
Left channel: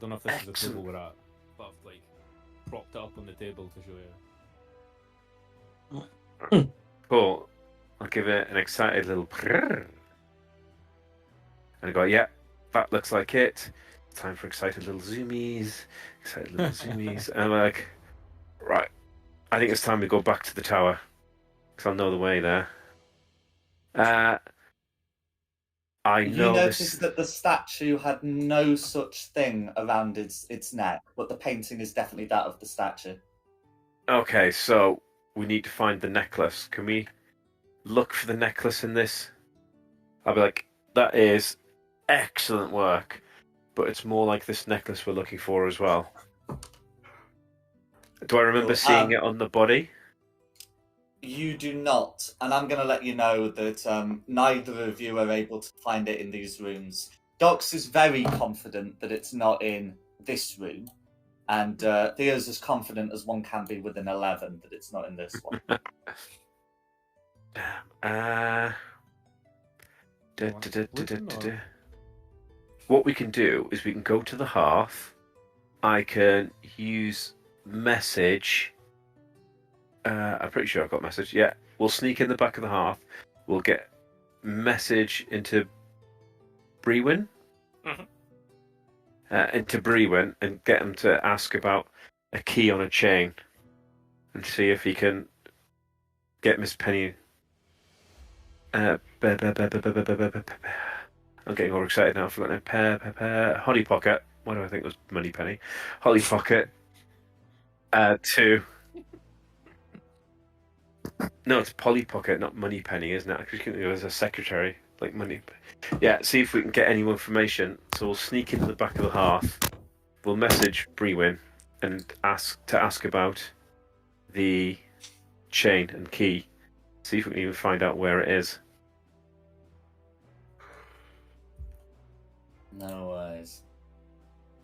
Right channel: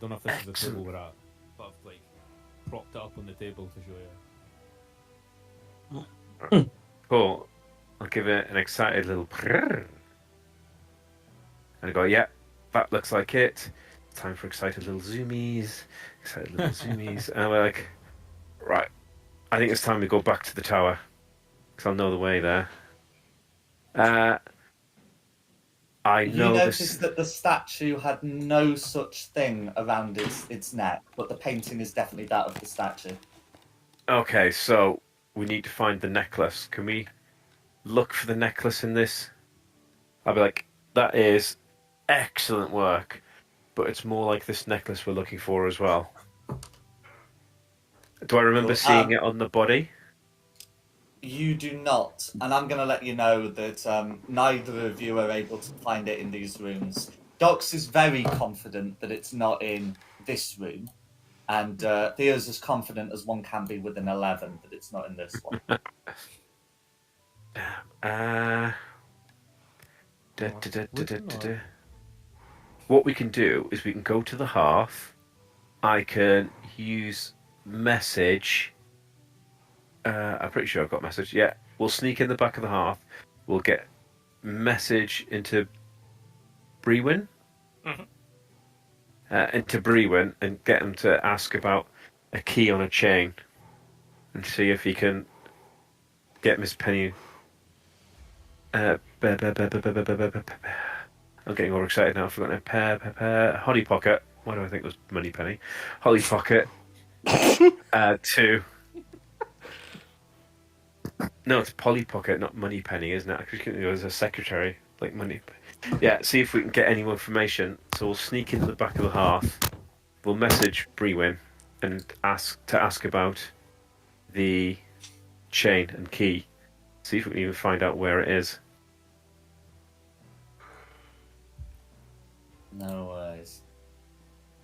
don't know if this is the table we're at, but I've like propped it up on the table to show you. Cool. I'll give it an excited little prrrr. And I go, yeah, that looks like it. Time for excited little zoomies. Excited little zoomies. And I'm like, right, I think it's time to go back to the tower. Because I'll know the way there. I You know noticed this. that the statue had no such thing around its neck, but the painting is definitely that of the statue. Okay, so we need to find the necklace. Can we look for the necklace in this? I'll be like, that is excellent work, but it's more like this necklace we're looking for as well. Do I remember Cool. seeing it on the body? You do not, and I'm going to let you know that neither of you are able to find it in these rooms. Dox is very confident that it's not in this room, and Theo's as confident as one can be with an 11 that it's not in this one. What we can do is we can go to the hearth. I can use message. I'm pretty sure I've got message. Yeah, we'll sneak in the back of the hearth. We'll get message into Brewin. Into Brewin and get him to ask about a key on a chain and see if he can get Miss Penny. I'm getting all excited now. I've forgotten it. Holly Pocket. Why do I think it was Money Penny? Holly Pocket. To. No, it's Polly Pocket, not Money Penny, isn't it? I think it was a secretary, like Money. Yeah, see if we can get any more information. So we'll sneak into the back of the hearth. We'll message Brewin and ask about the chain and key. See if we can even find out where it is. No worries.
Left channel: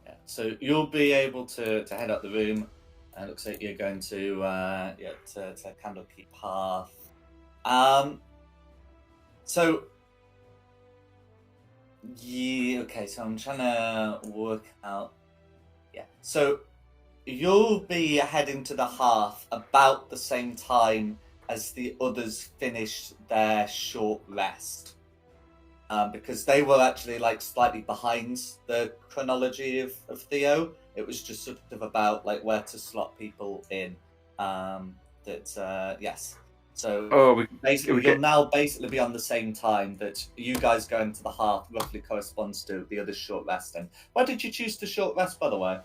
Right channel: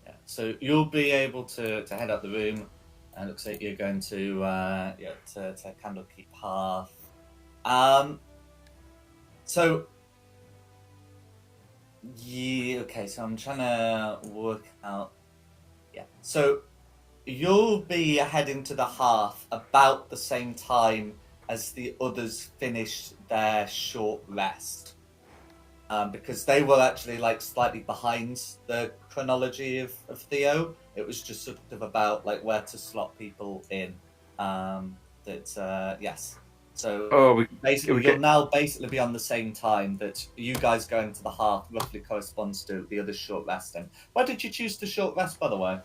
Yeah. So you'll be able to head up the room. It looks like you're going to Candlekeep Path. So yeah, okay. So I'm trying to work out. Yeah. So you'll be heading to the hearth about the same time as the others finished their short rest. Because they were actually like slightly behind the chronology of Theo. It was just sort of about like where to slot people in. Yes. So basically, you'll now basically be on the same time that you guys going to the hearth roughly corresponds to the others short resting. Why did you choose to short rest, by the way?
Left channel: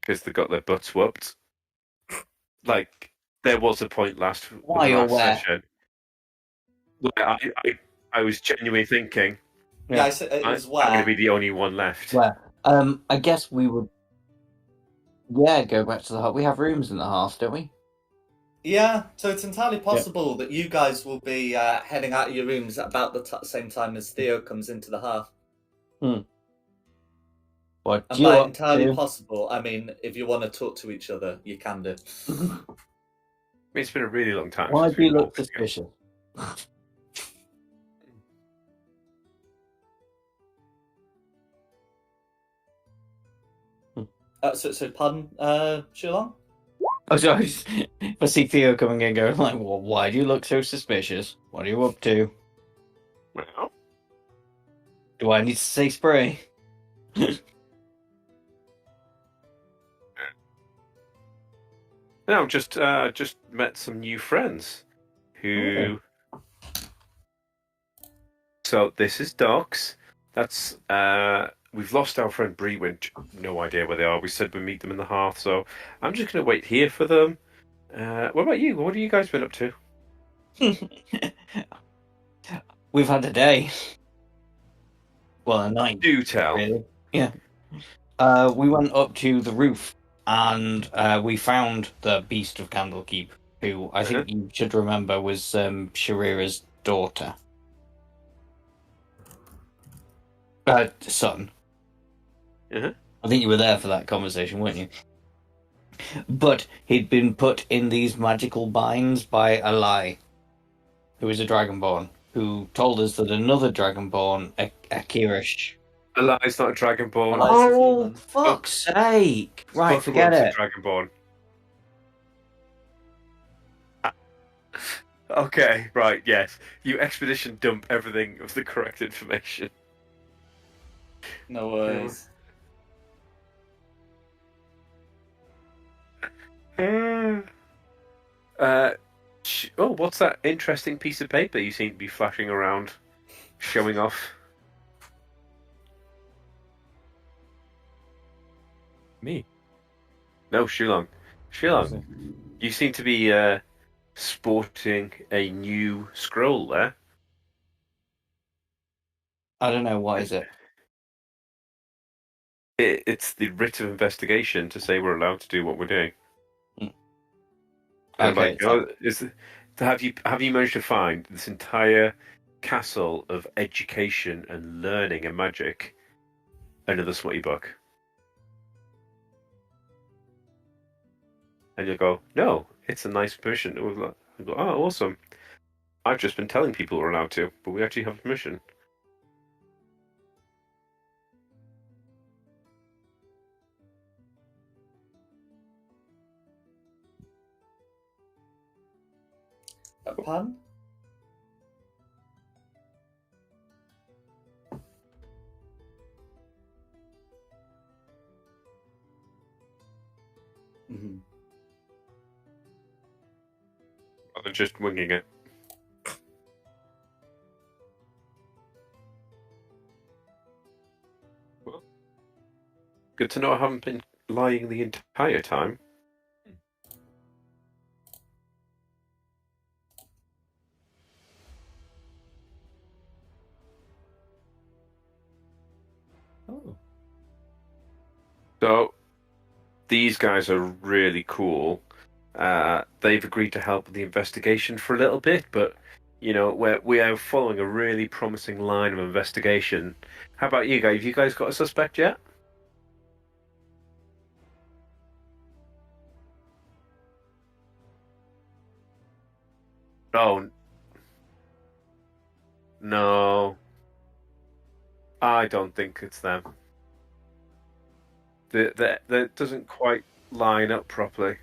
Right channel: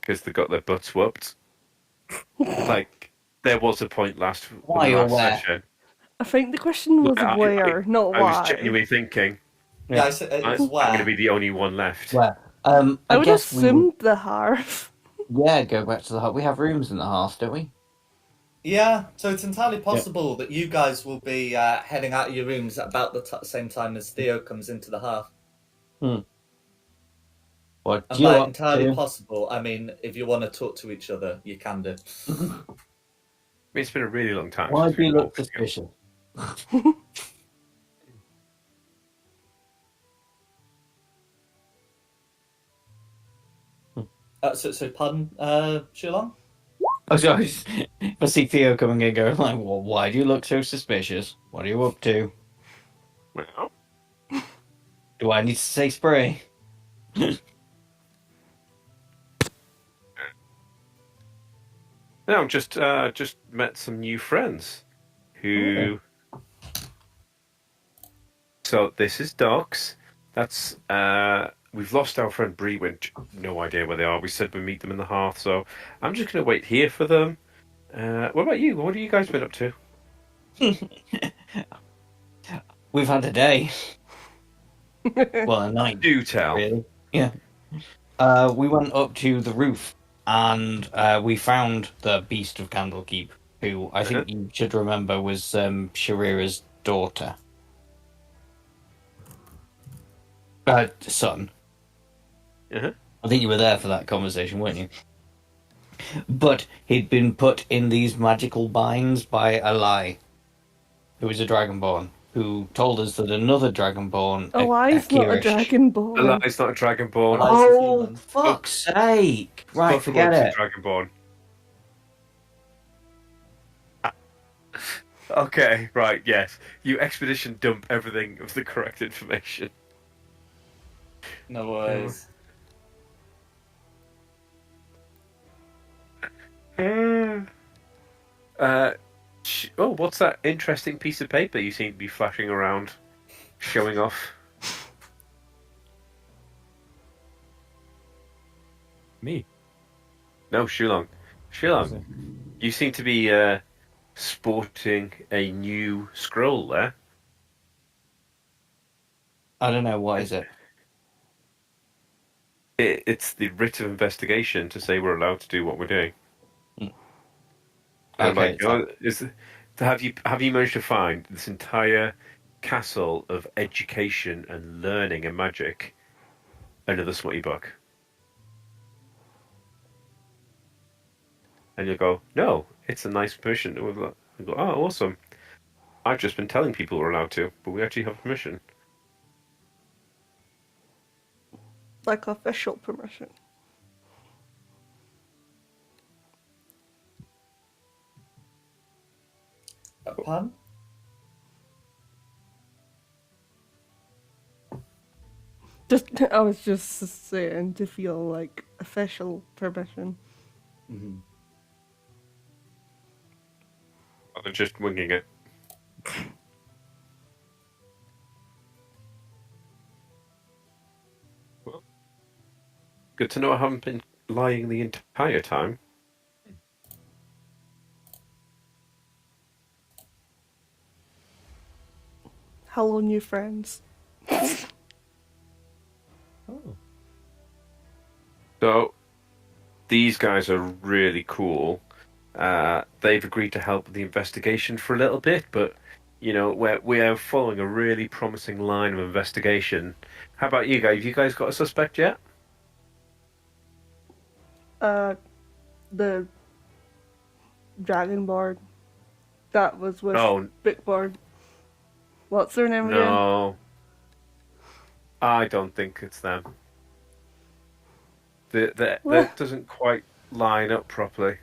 Because they got their butts whooped. Like there was a point last session. I think the question was where, not why. I was genuinely thinking. Yeah, I said it was where. I'm going to be the only one left. Where? I would guess assume the hearth. Yeah, go back to the hearth. We have rooms in the hearth, don't we? Yeah, so it's entirely possible that you guys will be heading out of your rooms at about the same time as Theo comes into the hearth. What And you by up entirely to? possible, I mean if you want to talk to each other, you can do. I mean, it's been a really long time Why since do you we've look walked together. suspicious? So pardon, Shulong? Oh, sorry. I see Theo coming in going like, well, why do you look so suspicious? What are you up to? Well, Do I need to say spray? no, just met some new friends who. So this is Docs. That's we've lost our friend Brewin. No idea where they are. We said we'd meet them in the hearth, so I'm just gonna wait here for them. What about you? What have you guys been up to? We've had a day. Well, a night, Do tell. really. Yeah. We went up to the roof and we found the Beast of Candlekeep, who I think you should remember was Sharira's daughter. Son. Uh-huh. I think you were there for that conversation, weren't you? But he'd been put in these magical binds by a lie, who is a dragonborn, who told us that another dragonborn, A lie's not a Akira. dragonborn. Eli's not a dragonborn. Eli's a Oh, human. fuck's sake! Right, forget Bucklem's it. a dragonborn. Okay, right, yes. You expedition dump everything of the correct information. No worries. What's that interesting piece of paper you seem to be flashing around, showing off? Me. No, Shulong. Shulong, you seem to be sporting a new scroll there. I don't know, what is it? It's the writ of investigation to say we're allowed to do what we're doing. And Okay, have you managed to find this entire castle of education and learning and magic under the smutty book? And you go, no, it's a nice permission. I go, oh, awesome. I've just been telling people we're allowed to, but we actually have permission. Like official permission. Pardon? I was just saying to feel like official permission. Mm-hmm. I'm just winging it. Well, good to know I haven't been lying the entire time. Hello, new friends. Oh. So, these guys are really cool. They've agreed to help with the investigation for a little bit, but you know, we are following a really promising line of investigation. How about you guys? Have you guys got a suspect yet? The Dragonborn that was with No, Bookborn. What's their name again? no. I don't think it's them. That doesn't quite line up properly.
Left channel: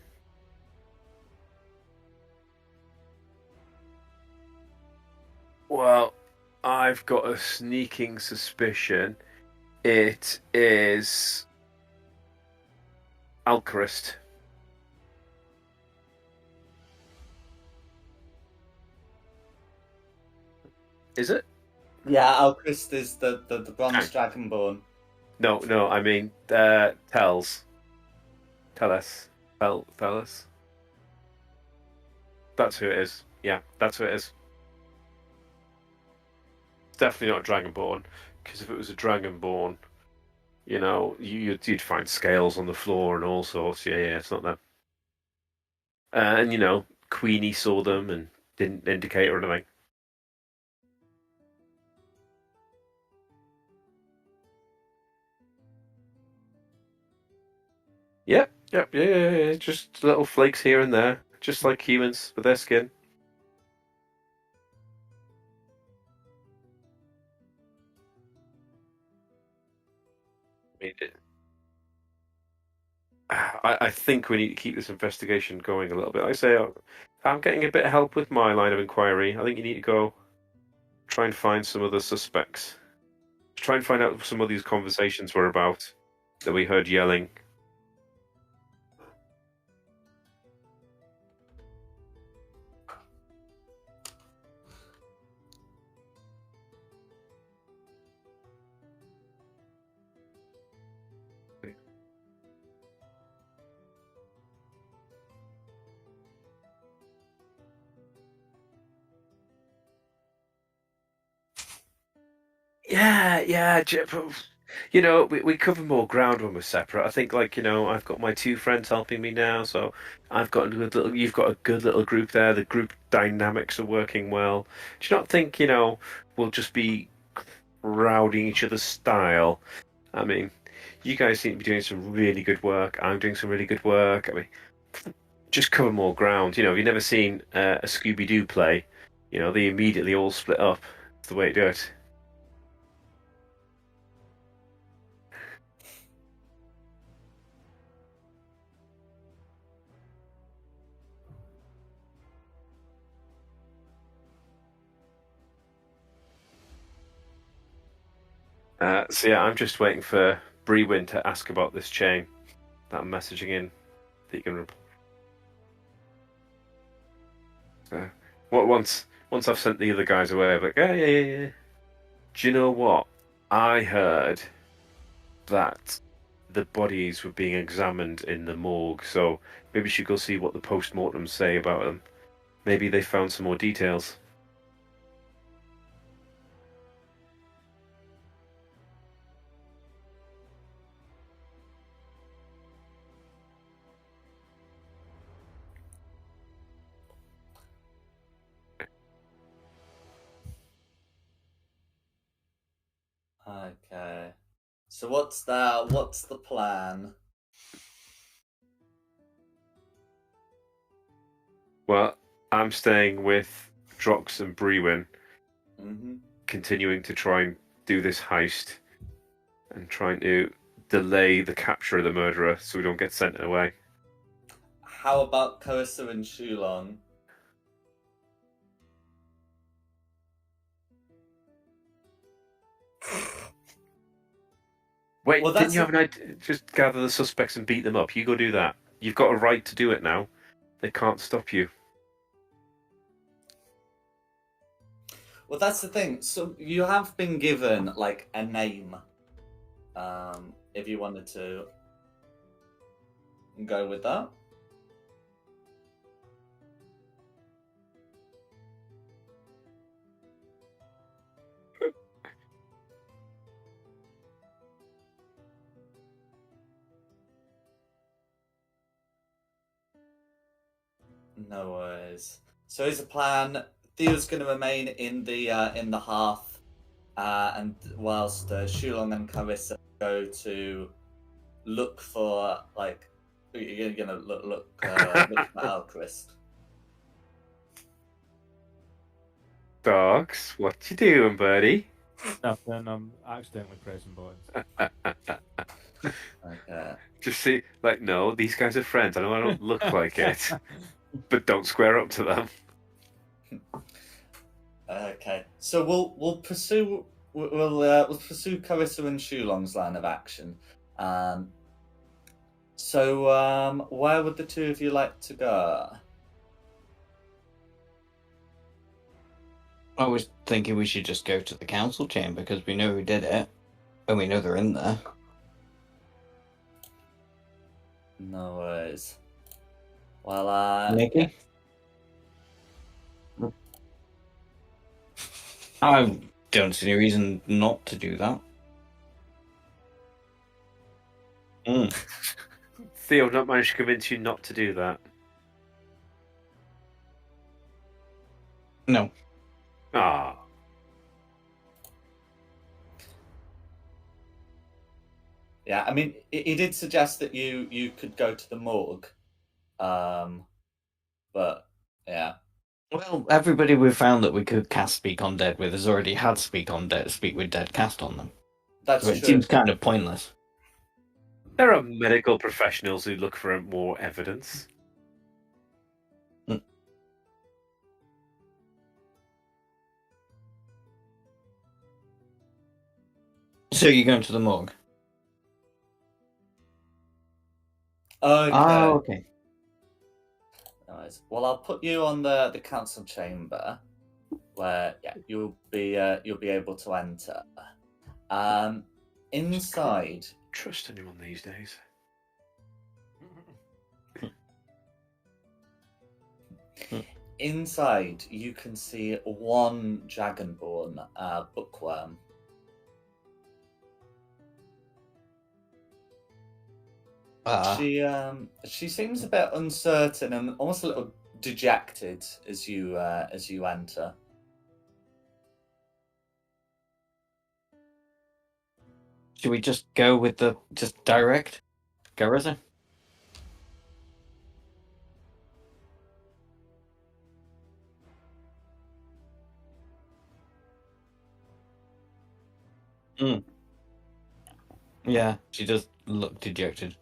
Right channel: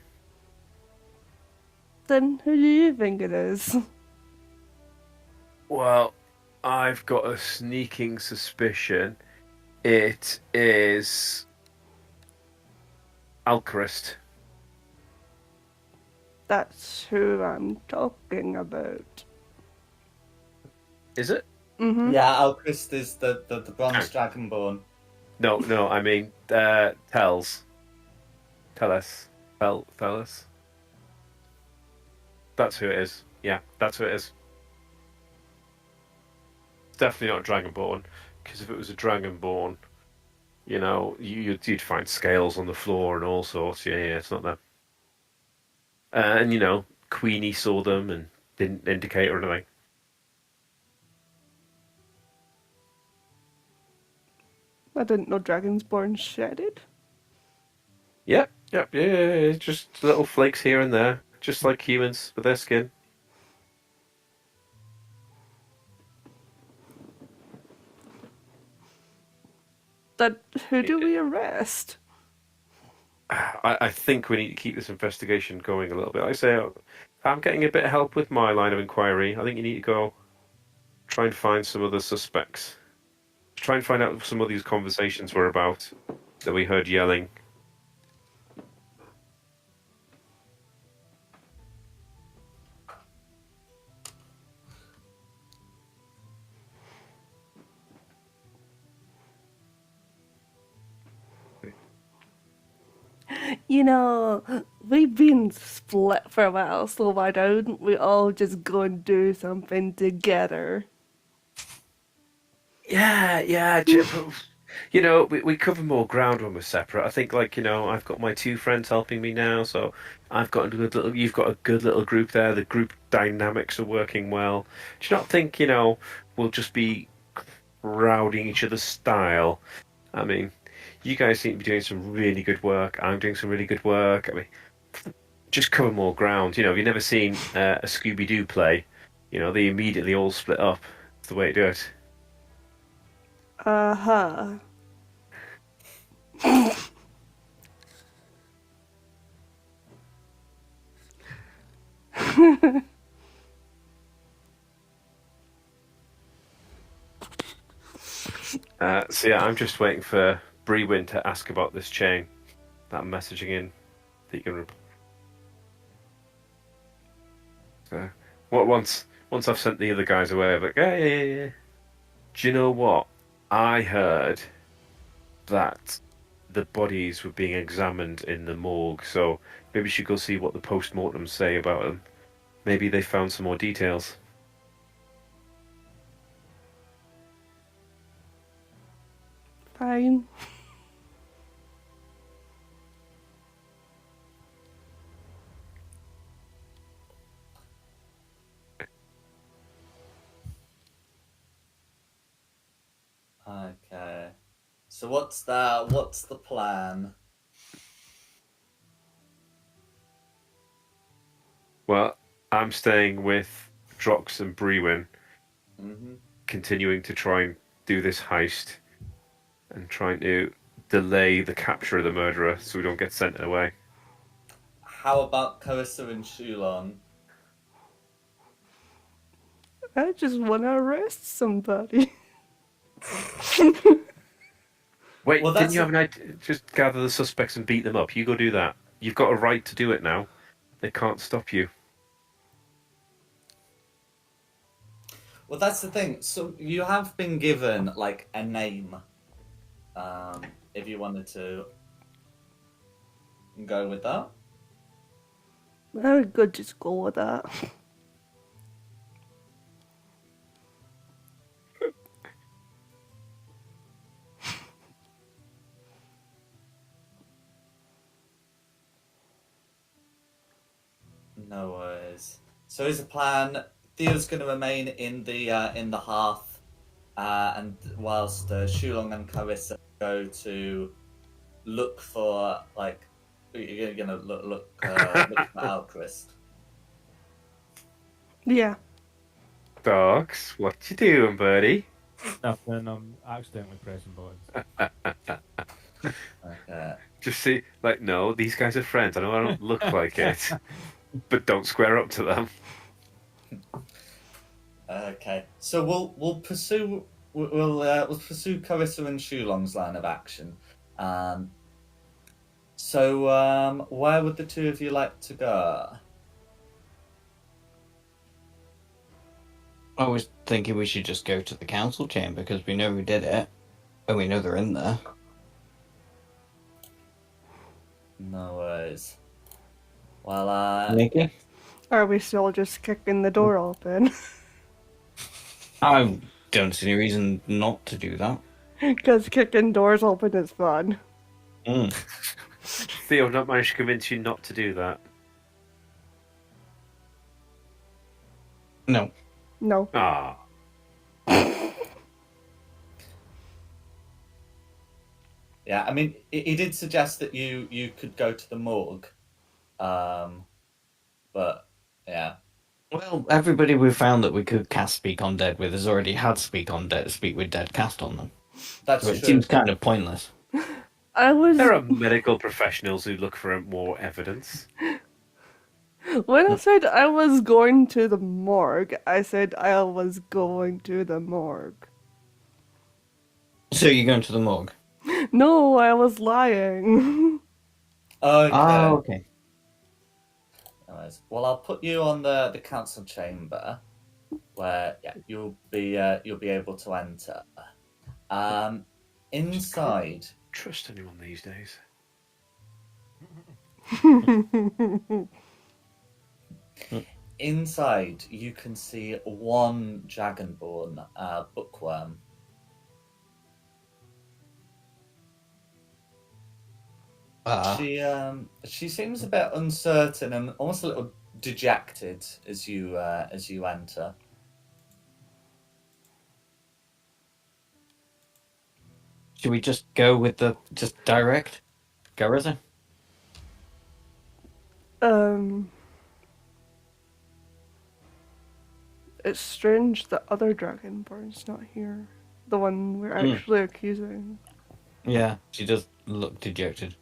Then who do you think it is? Well, I've got a sneaking suspicion it is Alcarist. That's who I'm talking about. Is it? Mm-hmm. Yeah, Alchrist is the bronze dragonborn. No, I mean, tell us. Tell us. That's who it is. Yeah, that's who it is. It's definitely not a Dragonborn, because if it was a Dragonborn, you know, you'd find scales on the floor and all sorts. Yeah, it's not them. And you know, Queenie saw them and didn't indicate or anything. I didn't know Dragonsborn shedded. Yep. Yeah. Just little flakes here and there, just like humans with their skin. That who do we arrest? I think we need to keep this investigation going a little bit. Like I say, I'm getting a bit of help with my line of inquiry. I think you need to go try and find some other suspects. Try and find out what some of these conversations were about that we heard yelling. You know, we've been split for a while, so why don't we all just go and do something together? Yeah. You know, we cover more ground when we're separate. I think, like, you know, I've got my two friends helping me now, so I've got a good little. You've got a good little group there. The group dynamics are working well. Do you not think, you know, we'll just be crowding each other's style? I mean, you guys seem to be doing some really good work. I'm doing some really good work. I mean, just cover more ground. You know, you've never seen a Scooby Doo play. You know, they immediately all split up. It's the way to do it. Uh-huh. So yeah, I'm just waiting for Brewin to ask about this chain that I'm messaging in that you can. So, once I've sent the other guys away, I'm like, yeah. Do you know what? I heard that the bodies were being examined in the morgue, so maybe we should go see what the post-mortems say about them. Maybe they found some more details. Fine. Okay. So what's that? What's the plan? Well, I'm staying with Drox and Brewin, Hmm. continuing to try and do this heist and trying to delay the capture of the murderer so we don't get sent away. How about Carissa and Shulon? I just want to arrest somebody. Wait, Well, didn't that's you have an idea? Just gather the suspects and beat them up. You go do that. You've got a right to do it now. They can't stop you. Well, that's the thing. So you have been given like a name. If you wanted to go with that. I could just go with that. No worries. So here's a plan. Theo's going to remain in the hearth, and whilst Shulong and Carissa go to look for like you're gonna look for Alchrist. Yeah. Dogs, what you doing, buddy? Nothing. I'm accidentally pressing buttons. Okay. Just see, like, no, these guys are friends. I know I don't look like it, but don't square up to them. Okay. So we'll pursue we'll pursue Carissa and Shulong's line of action. So where would the two of you like to go? I was thinking we should just go to the council chamber because we know who did it, and we know they're in there. No worries. Well, Nikki? Are we still just kicking the door open? I don't see any reason not to do that. Because kicking doors open is fun. Mm. Theo, not managed to convince you not to do that. No. No. Ah, Yeah, I mean, he did suggest that you could go to the morgue, but yeah, Well, everybody we found that we could cast Speak on Dead with has already had Speak with Dead cast on them. that's So it true. seems kind of pointless. I was There are medical professionals who look for more evidence. when I said I was going to the morgue, I said I was going to the morgue. So you're going to the morgue? No, I was lying. Okay. Oh, okay. Anyways, well, I'll put you on the council chamber, where you'll be able to enter. Inside, Trust anyone these days. inside, you can see one dragonborn bookworm. She seems a bit uncertain and almost a little dejected as you enter. Should we just go with just direct? Go, Reza? It's strange the other dragonborn's not here. The one we're actually accusing. Yeah, she does look dejected.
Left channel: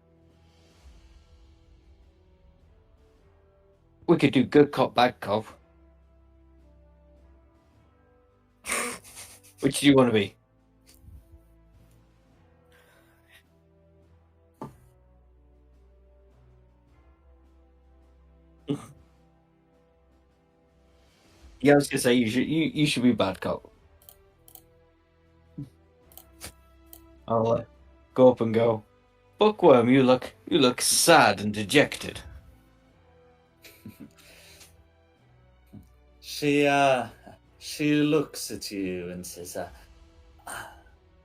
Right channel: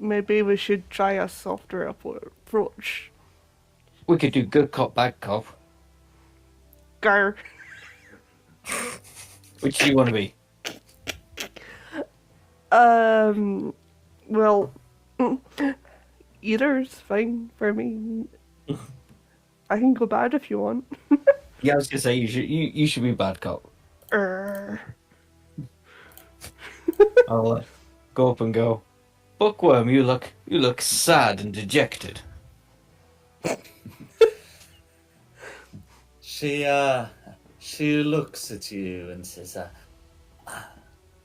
Maybe we should try a softer approach. We could do good cop, bad cop. Gar. Which do you want to be? Well, either's fine for me. I can go bad if you want. Yeah, I was gonna say you should be bad cop. I'll go up and go. Bookworm, you look sad and dejected. She looks at you and says,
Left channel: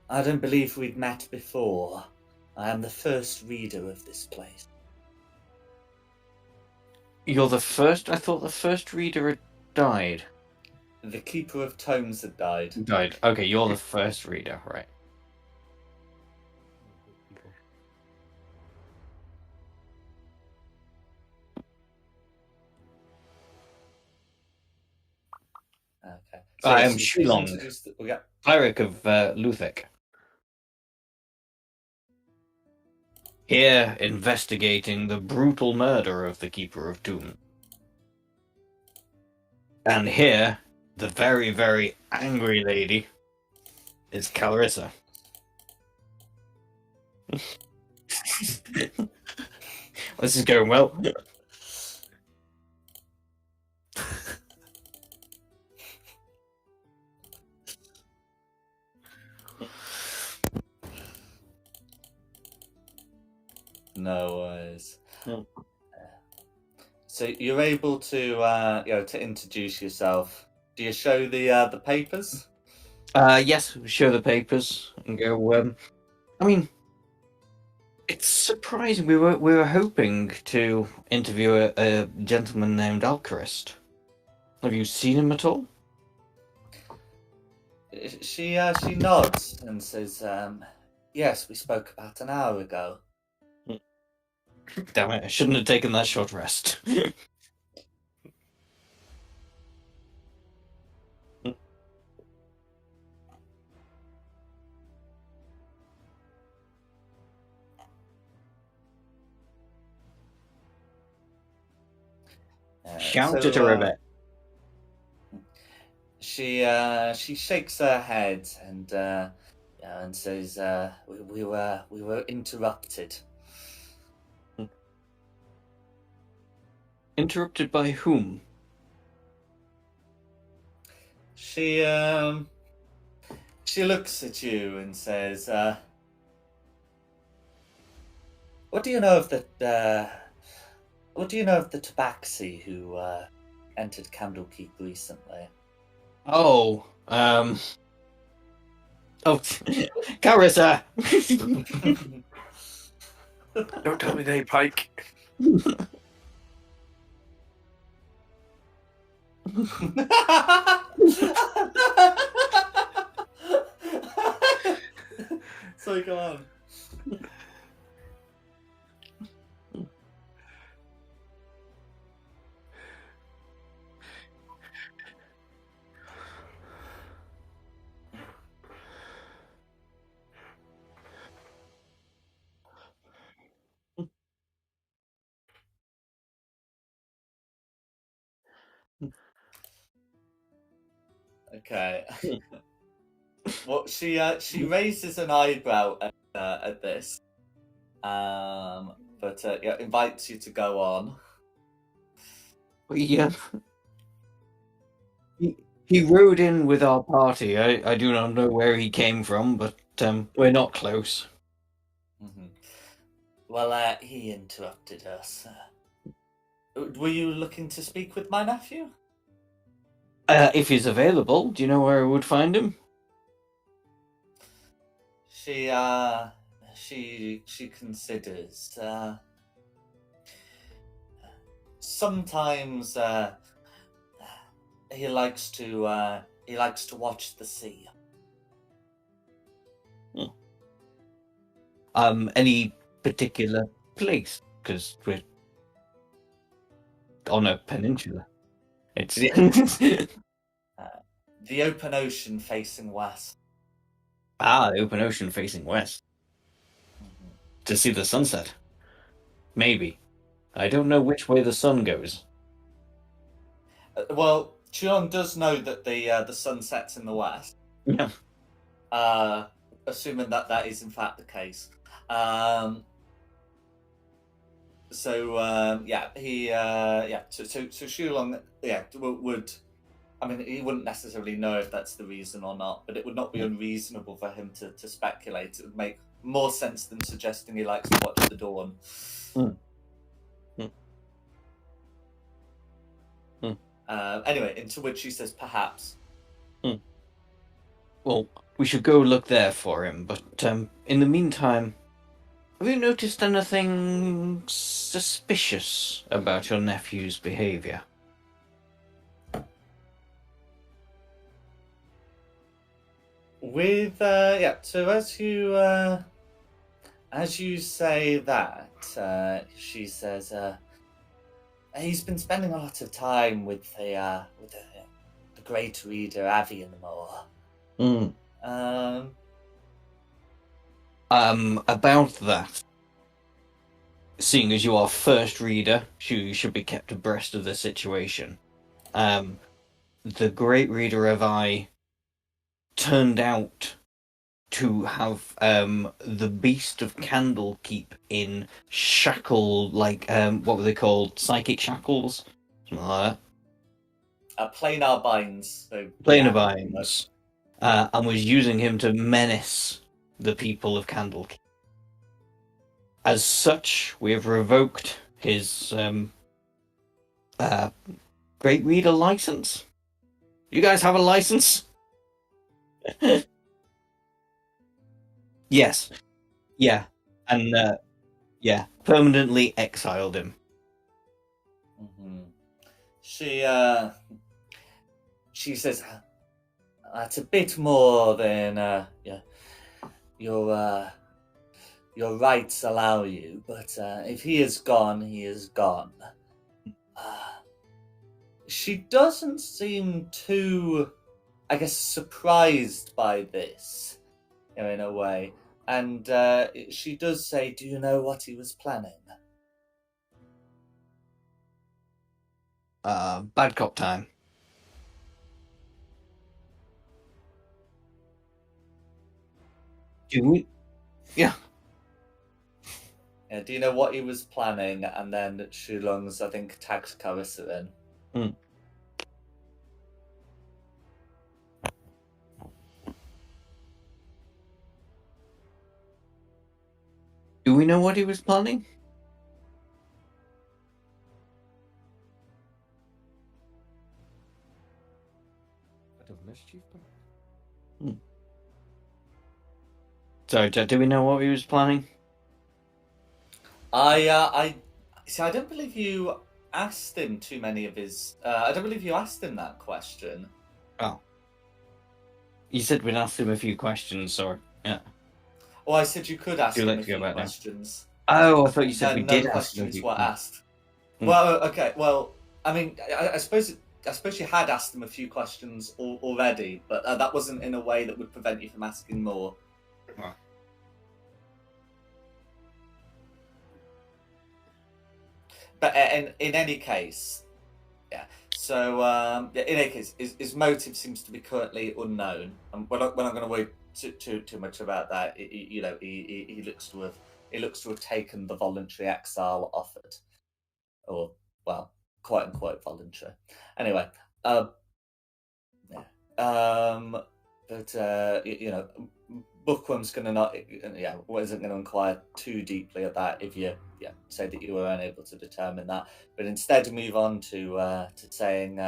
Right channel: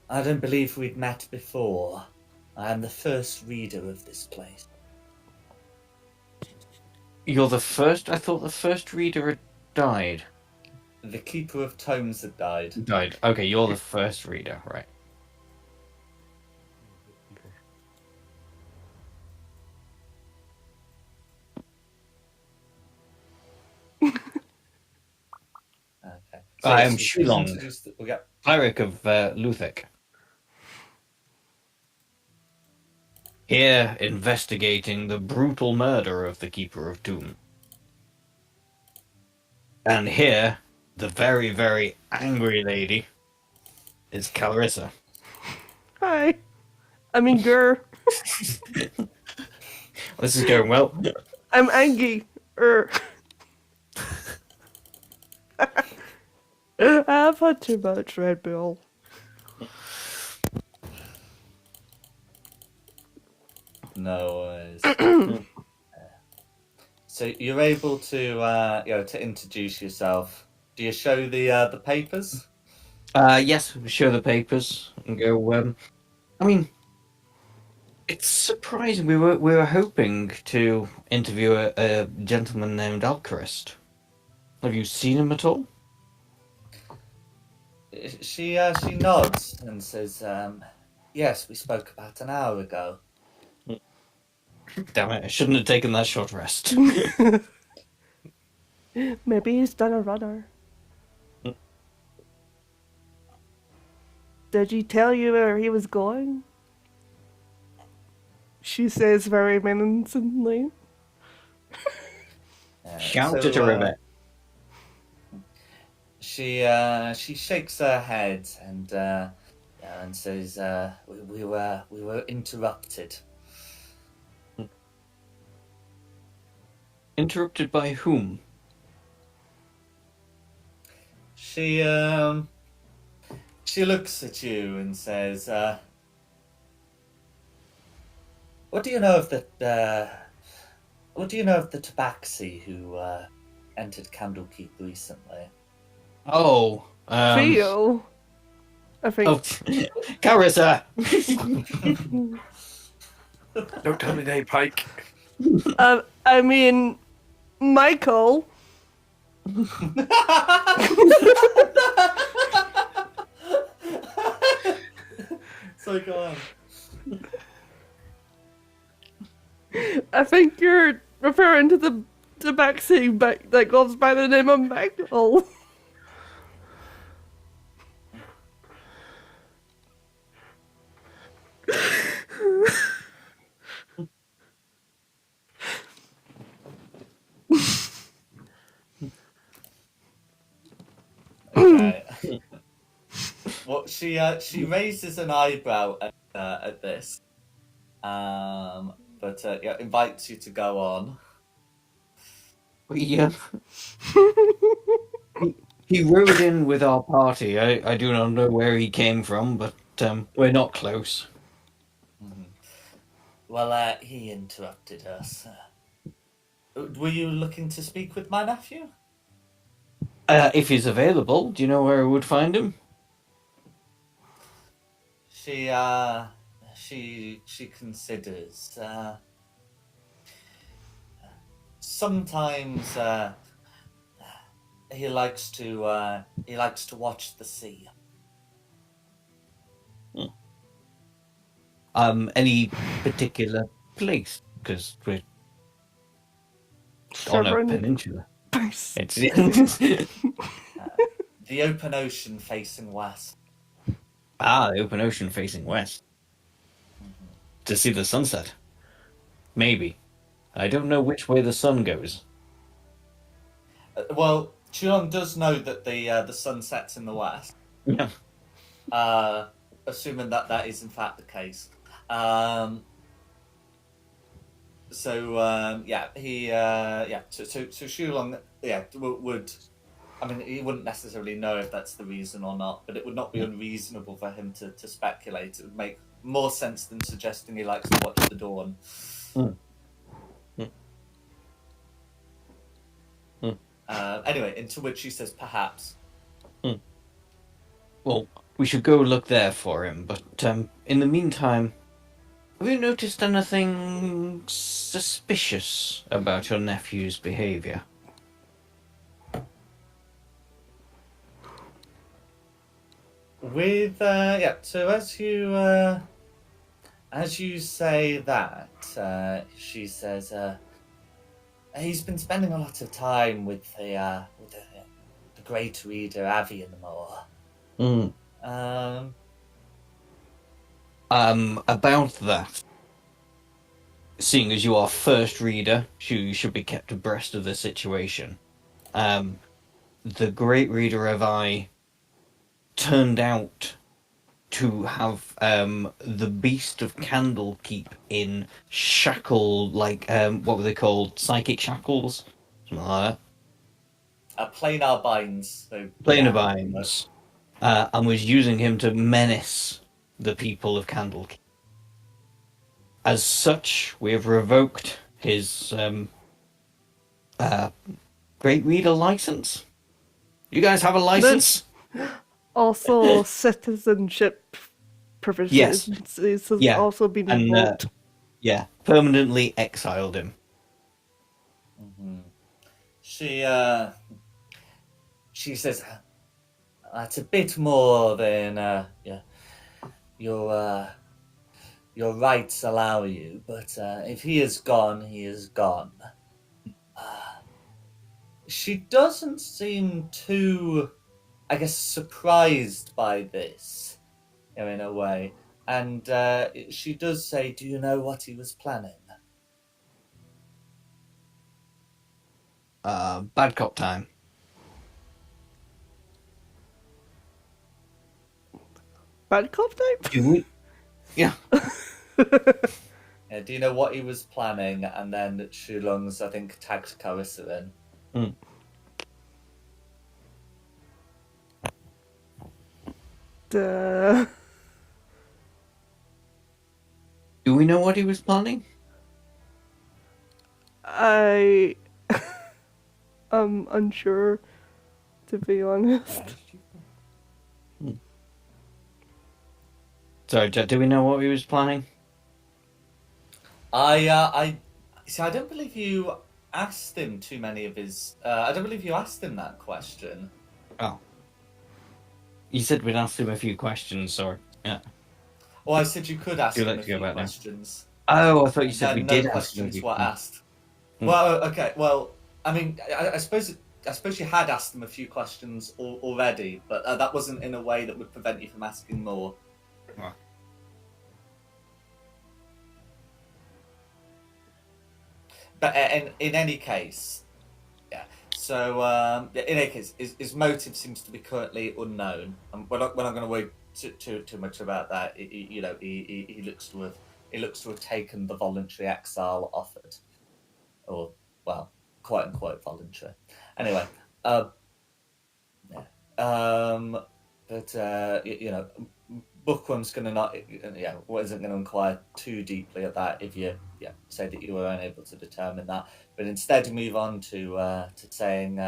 "I don't believe we'd met before. I am the first reader of this place." You're the first? I thought the first reader had died. The Keeper of Tomes had died. Died. Okay, you're the first reader, right? Okay. I am she's Shulong, introduced- yeah. cleric of Luthek. Here, investigating the brutal murder of the Keeper of Tomb. And here, the very, very angry lady is Clarissa. Hi. I mean, girl. This is going well. I'm angry. I've had too much Red Bull. No worries. So you're able to to introduce yourself. Do you show the papers? Yes, show the papers and go. I mean, it's surprising. We were hoping to interview a gentleman named Alcarist. Have you seen him at all? She nods and says, "Yes, we spoke about an hour ago." Damn it! I shouldn't have taken that short rest. Maybe he's done a runner. Did he tell you where he was going? She says very menacingly. Shout at her a bit. She shakes her head and says, "We were interrupted." Interrupted by whom? She looks at you and says, "What do you know of the tabaxi who entered Candlekeep recently?" Oh, Theo. I think. Oh, Carissa! Don't tell me they Pike. I mean, Michael. my god. I think you're referring to the vaccine that goes by the name of Magpul. Okay. Well, she raises an eyebrow at this, but yeah, invites you to go on. We, he rode in with our party. I do not know where he came from, but we're not close. Mhm. Well, he interrupted us. Were you looking to speak with my nephew? If he's available, do you know where I would find him? She considers. Sometimes he likes to watch the sea. Any particular place? Because we're on a Severn peninsula. Place. It's The open ocean facing west. the open ocean facing west to see the sunset. Maybe. I don't know which way the sun goes. Well, Chulon does know that the sun sets in the west. Yeah. Assuming that is in fact the case. Yeah, he so Shulong would. I mean, he wouldn't necessarily know if that's the reason or not, but it would not be unreasonable for him to speculate. It would make more sense than suggesting he likes to watch the dawn. Mm. Mm. Anyway, into which he says, perhaps. Well, we should go look there for him, but in the meantime, have you noticed anything suspicious about your nephew's behavior? With so as you say that, she says, he's been spending a lot of time with the great reader Avianmore. About that, seeing as you are first reader, you should be kept abreast of the situation. The great reader of I turned out to have the beast of Candlekeep in shackle, like what were they called? Psychic shackles, something like that. Planar binds. So, Planar binds, and was using him to menace the people of Candlekeep. As such, we have revoked his great reader license. You guys have a license? Also, citizenship provisions. Yes. This has Yeah, also been and, revoked. Yeah, permanently exiled him. Mm-hmm. She says that's a bit more than your rights allow you, but if he is gone, he is gone. She doesn't seem too, I guess, surprised by this, in a way. And she does say, do you know what he was planning? Bad cop time. Bad cop type? Do we? Yeah. Yeah, do you know what he was planning? And then Shulung's, I think, tagged Carissa in. Duh. Do we know what he was planning? I'm unsure, to be honest. Sorry, do we know what he was planning? I see. I don't believe you asked him too many of his. I don't believe you asked him that question. Oh. You said we'd asked him a few questions, or yeah. Well, I said you could ask Would you him like a to go few back now? questions. Oh, I thought you said No, we no did ask questions him. were asked. Hmm. Well, okay. Well, I mean, I suppose you had asked him a few questions already, but that wasn't in a way that would prevent you from asking more. Ah. But in any case, yeah. So in any case, his motive seems to be currently unknown. And we're not going to worry too much about that. He looks to have taken the voluntary exile offered, or well, quote unquote voluntary. Anyway, yeah. But Bookworm's going to not, wasn't going to inquire too deeply at that if you, say that you were unable to determine that, but instead move on to saying,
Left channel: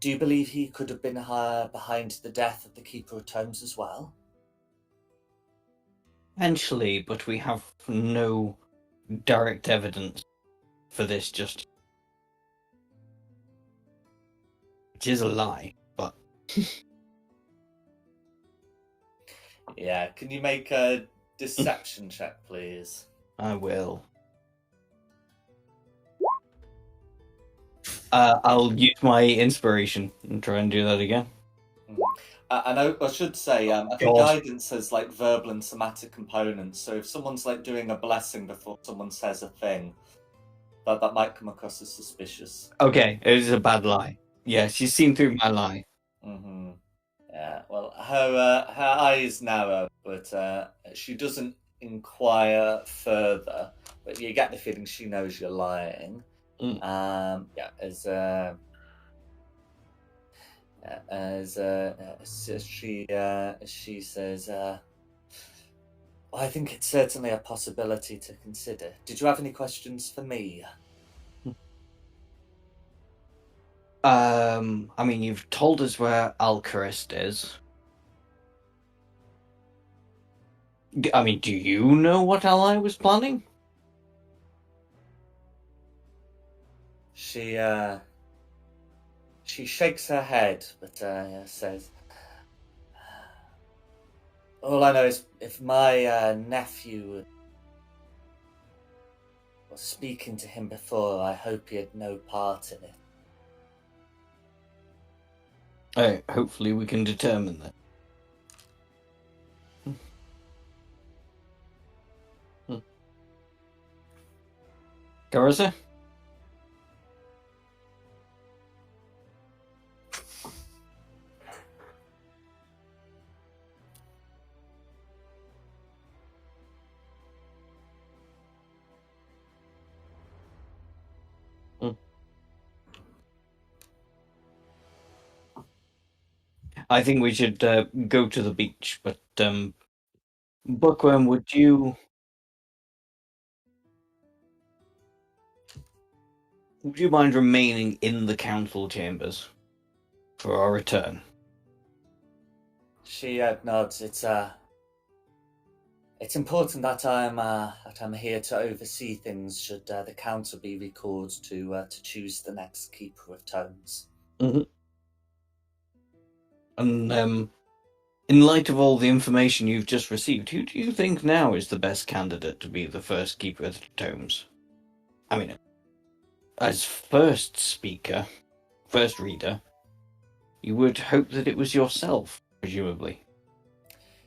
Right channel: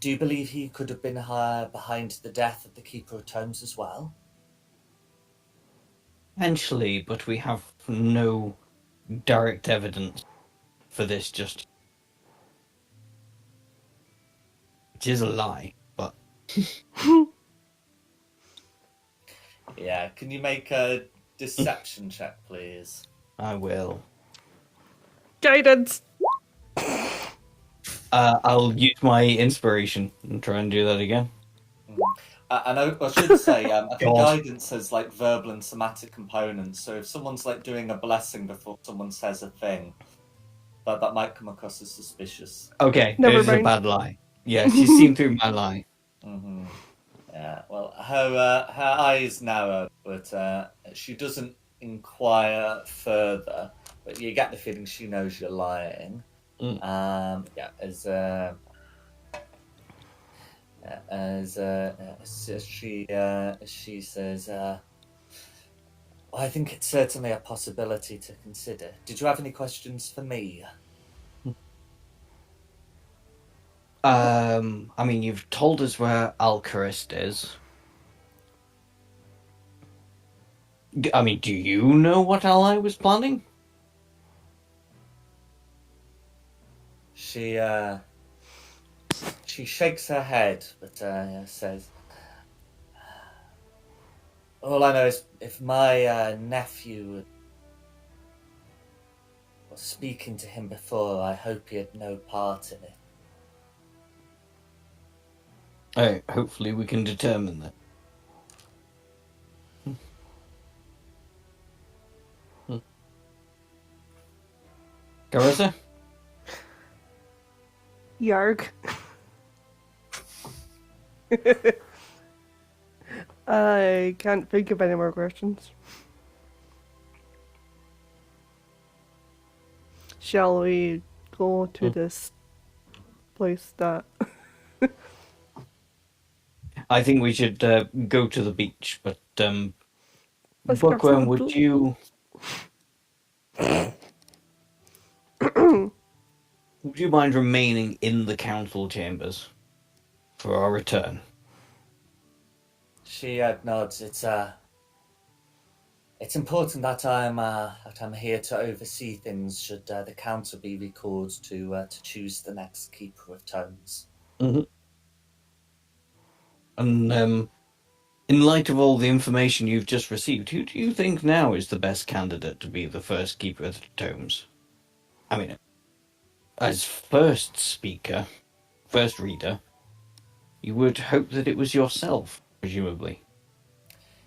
do you believe he could have been behind the death of the Keeper of Tomes as well? Potentially, but we have no direct evidence for this. Just it is a lie, but Yeah, can you make a deception check, please? I will. Guidance. I'll use my inspiration and try and do that again. And I should say, I think God. guidance has like verbal and somatic components. So if someone's like doing a blessing before someone says a thing, that might come across as suspicious. Okay, Never it is a mind. bad lie. Yes, you've seen through my lie. Mm-hmm. Yeah. Well, her eyes narrow, but she doesn't inquire further. But you get the feeling she knows you're lying. Yeah. As she says, well, I think it's certainly a possibility to consider. Did you have any questions for me? I mean, you've told us where Alcarist is. I mean, do you know what Ally was planning? She shakes her head, but says, all I know is if my nephew was speaking to him before, I hope he had no part in it. Hopefully we can determine that. Carissa? Yarg. I can't think of any more questions. Shall we go to this place that... I think we should go to the beach, but Let's grab Bookworm, some would food. you would you mind remaining in the council chambers for our return? She nods. It's important that I'm here to oversee things. Should the council be recalled to choose the next Keeper of Tomes? Mm-hmm. And in light of all the information you've just received, who do you think now is the best candidate to be the first Keeper of the Tomes? I mean, as first speaker, first reader, you would hope that it was yourself, presumably.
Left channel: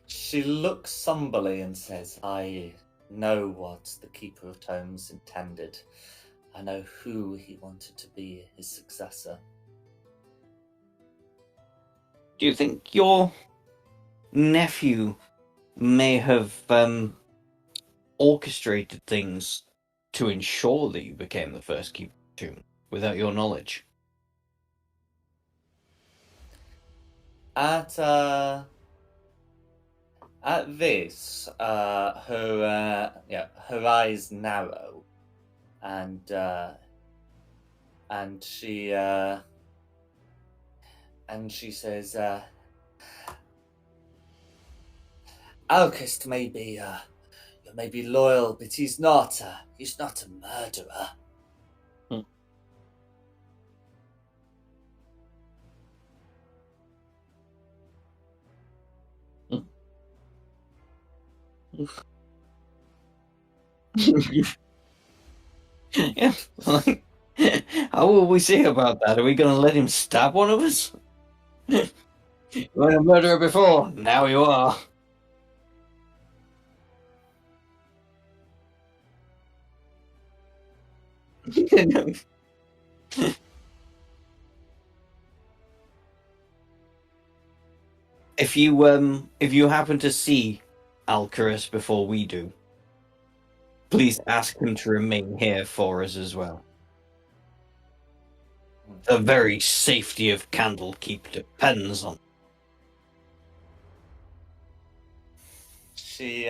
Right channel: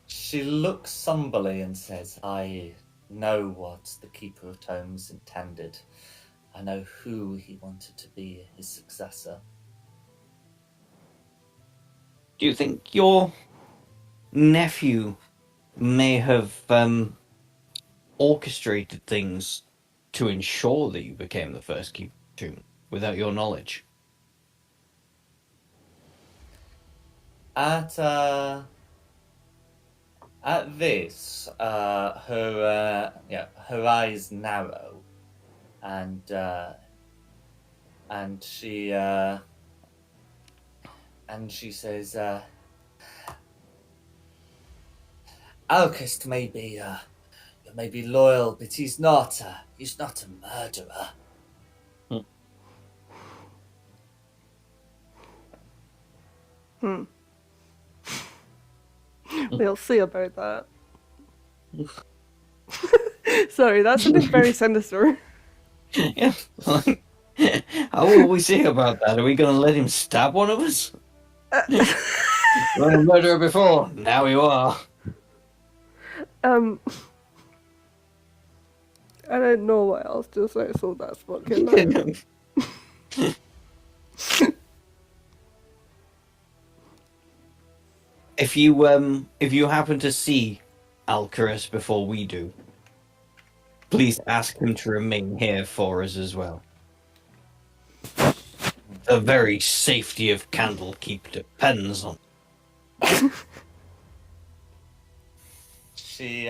She looks somberly and says, I know what the Keeper of Tomes intended. I know who he wanted to be his successor. Do you think your nephew may have orchestrated things to ensure that you became the first Keeper of the Tomb without your knowledge? At this, her eyes narrow, and she says, Alcest may be loyal, but he's not a murderer. We'll see about that. Sorry, that sounded very sinister. Yeah. Like, how will we say about that? Are we going to let him stab one of us? You were a murderer before. Now you are. I don't know what else to say, so that's fucking nice. If you happen to see Alcaris before we do, please ask him to remain here for us as well. The very safety of Candlekeep depends on. She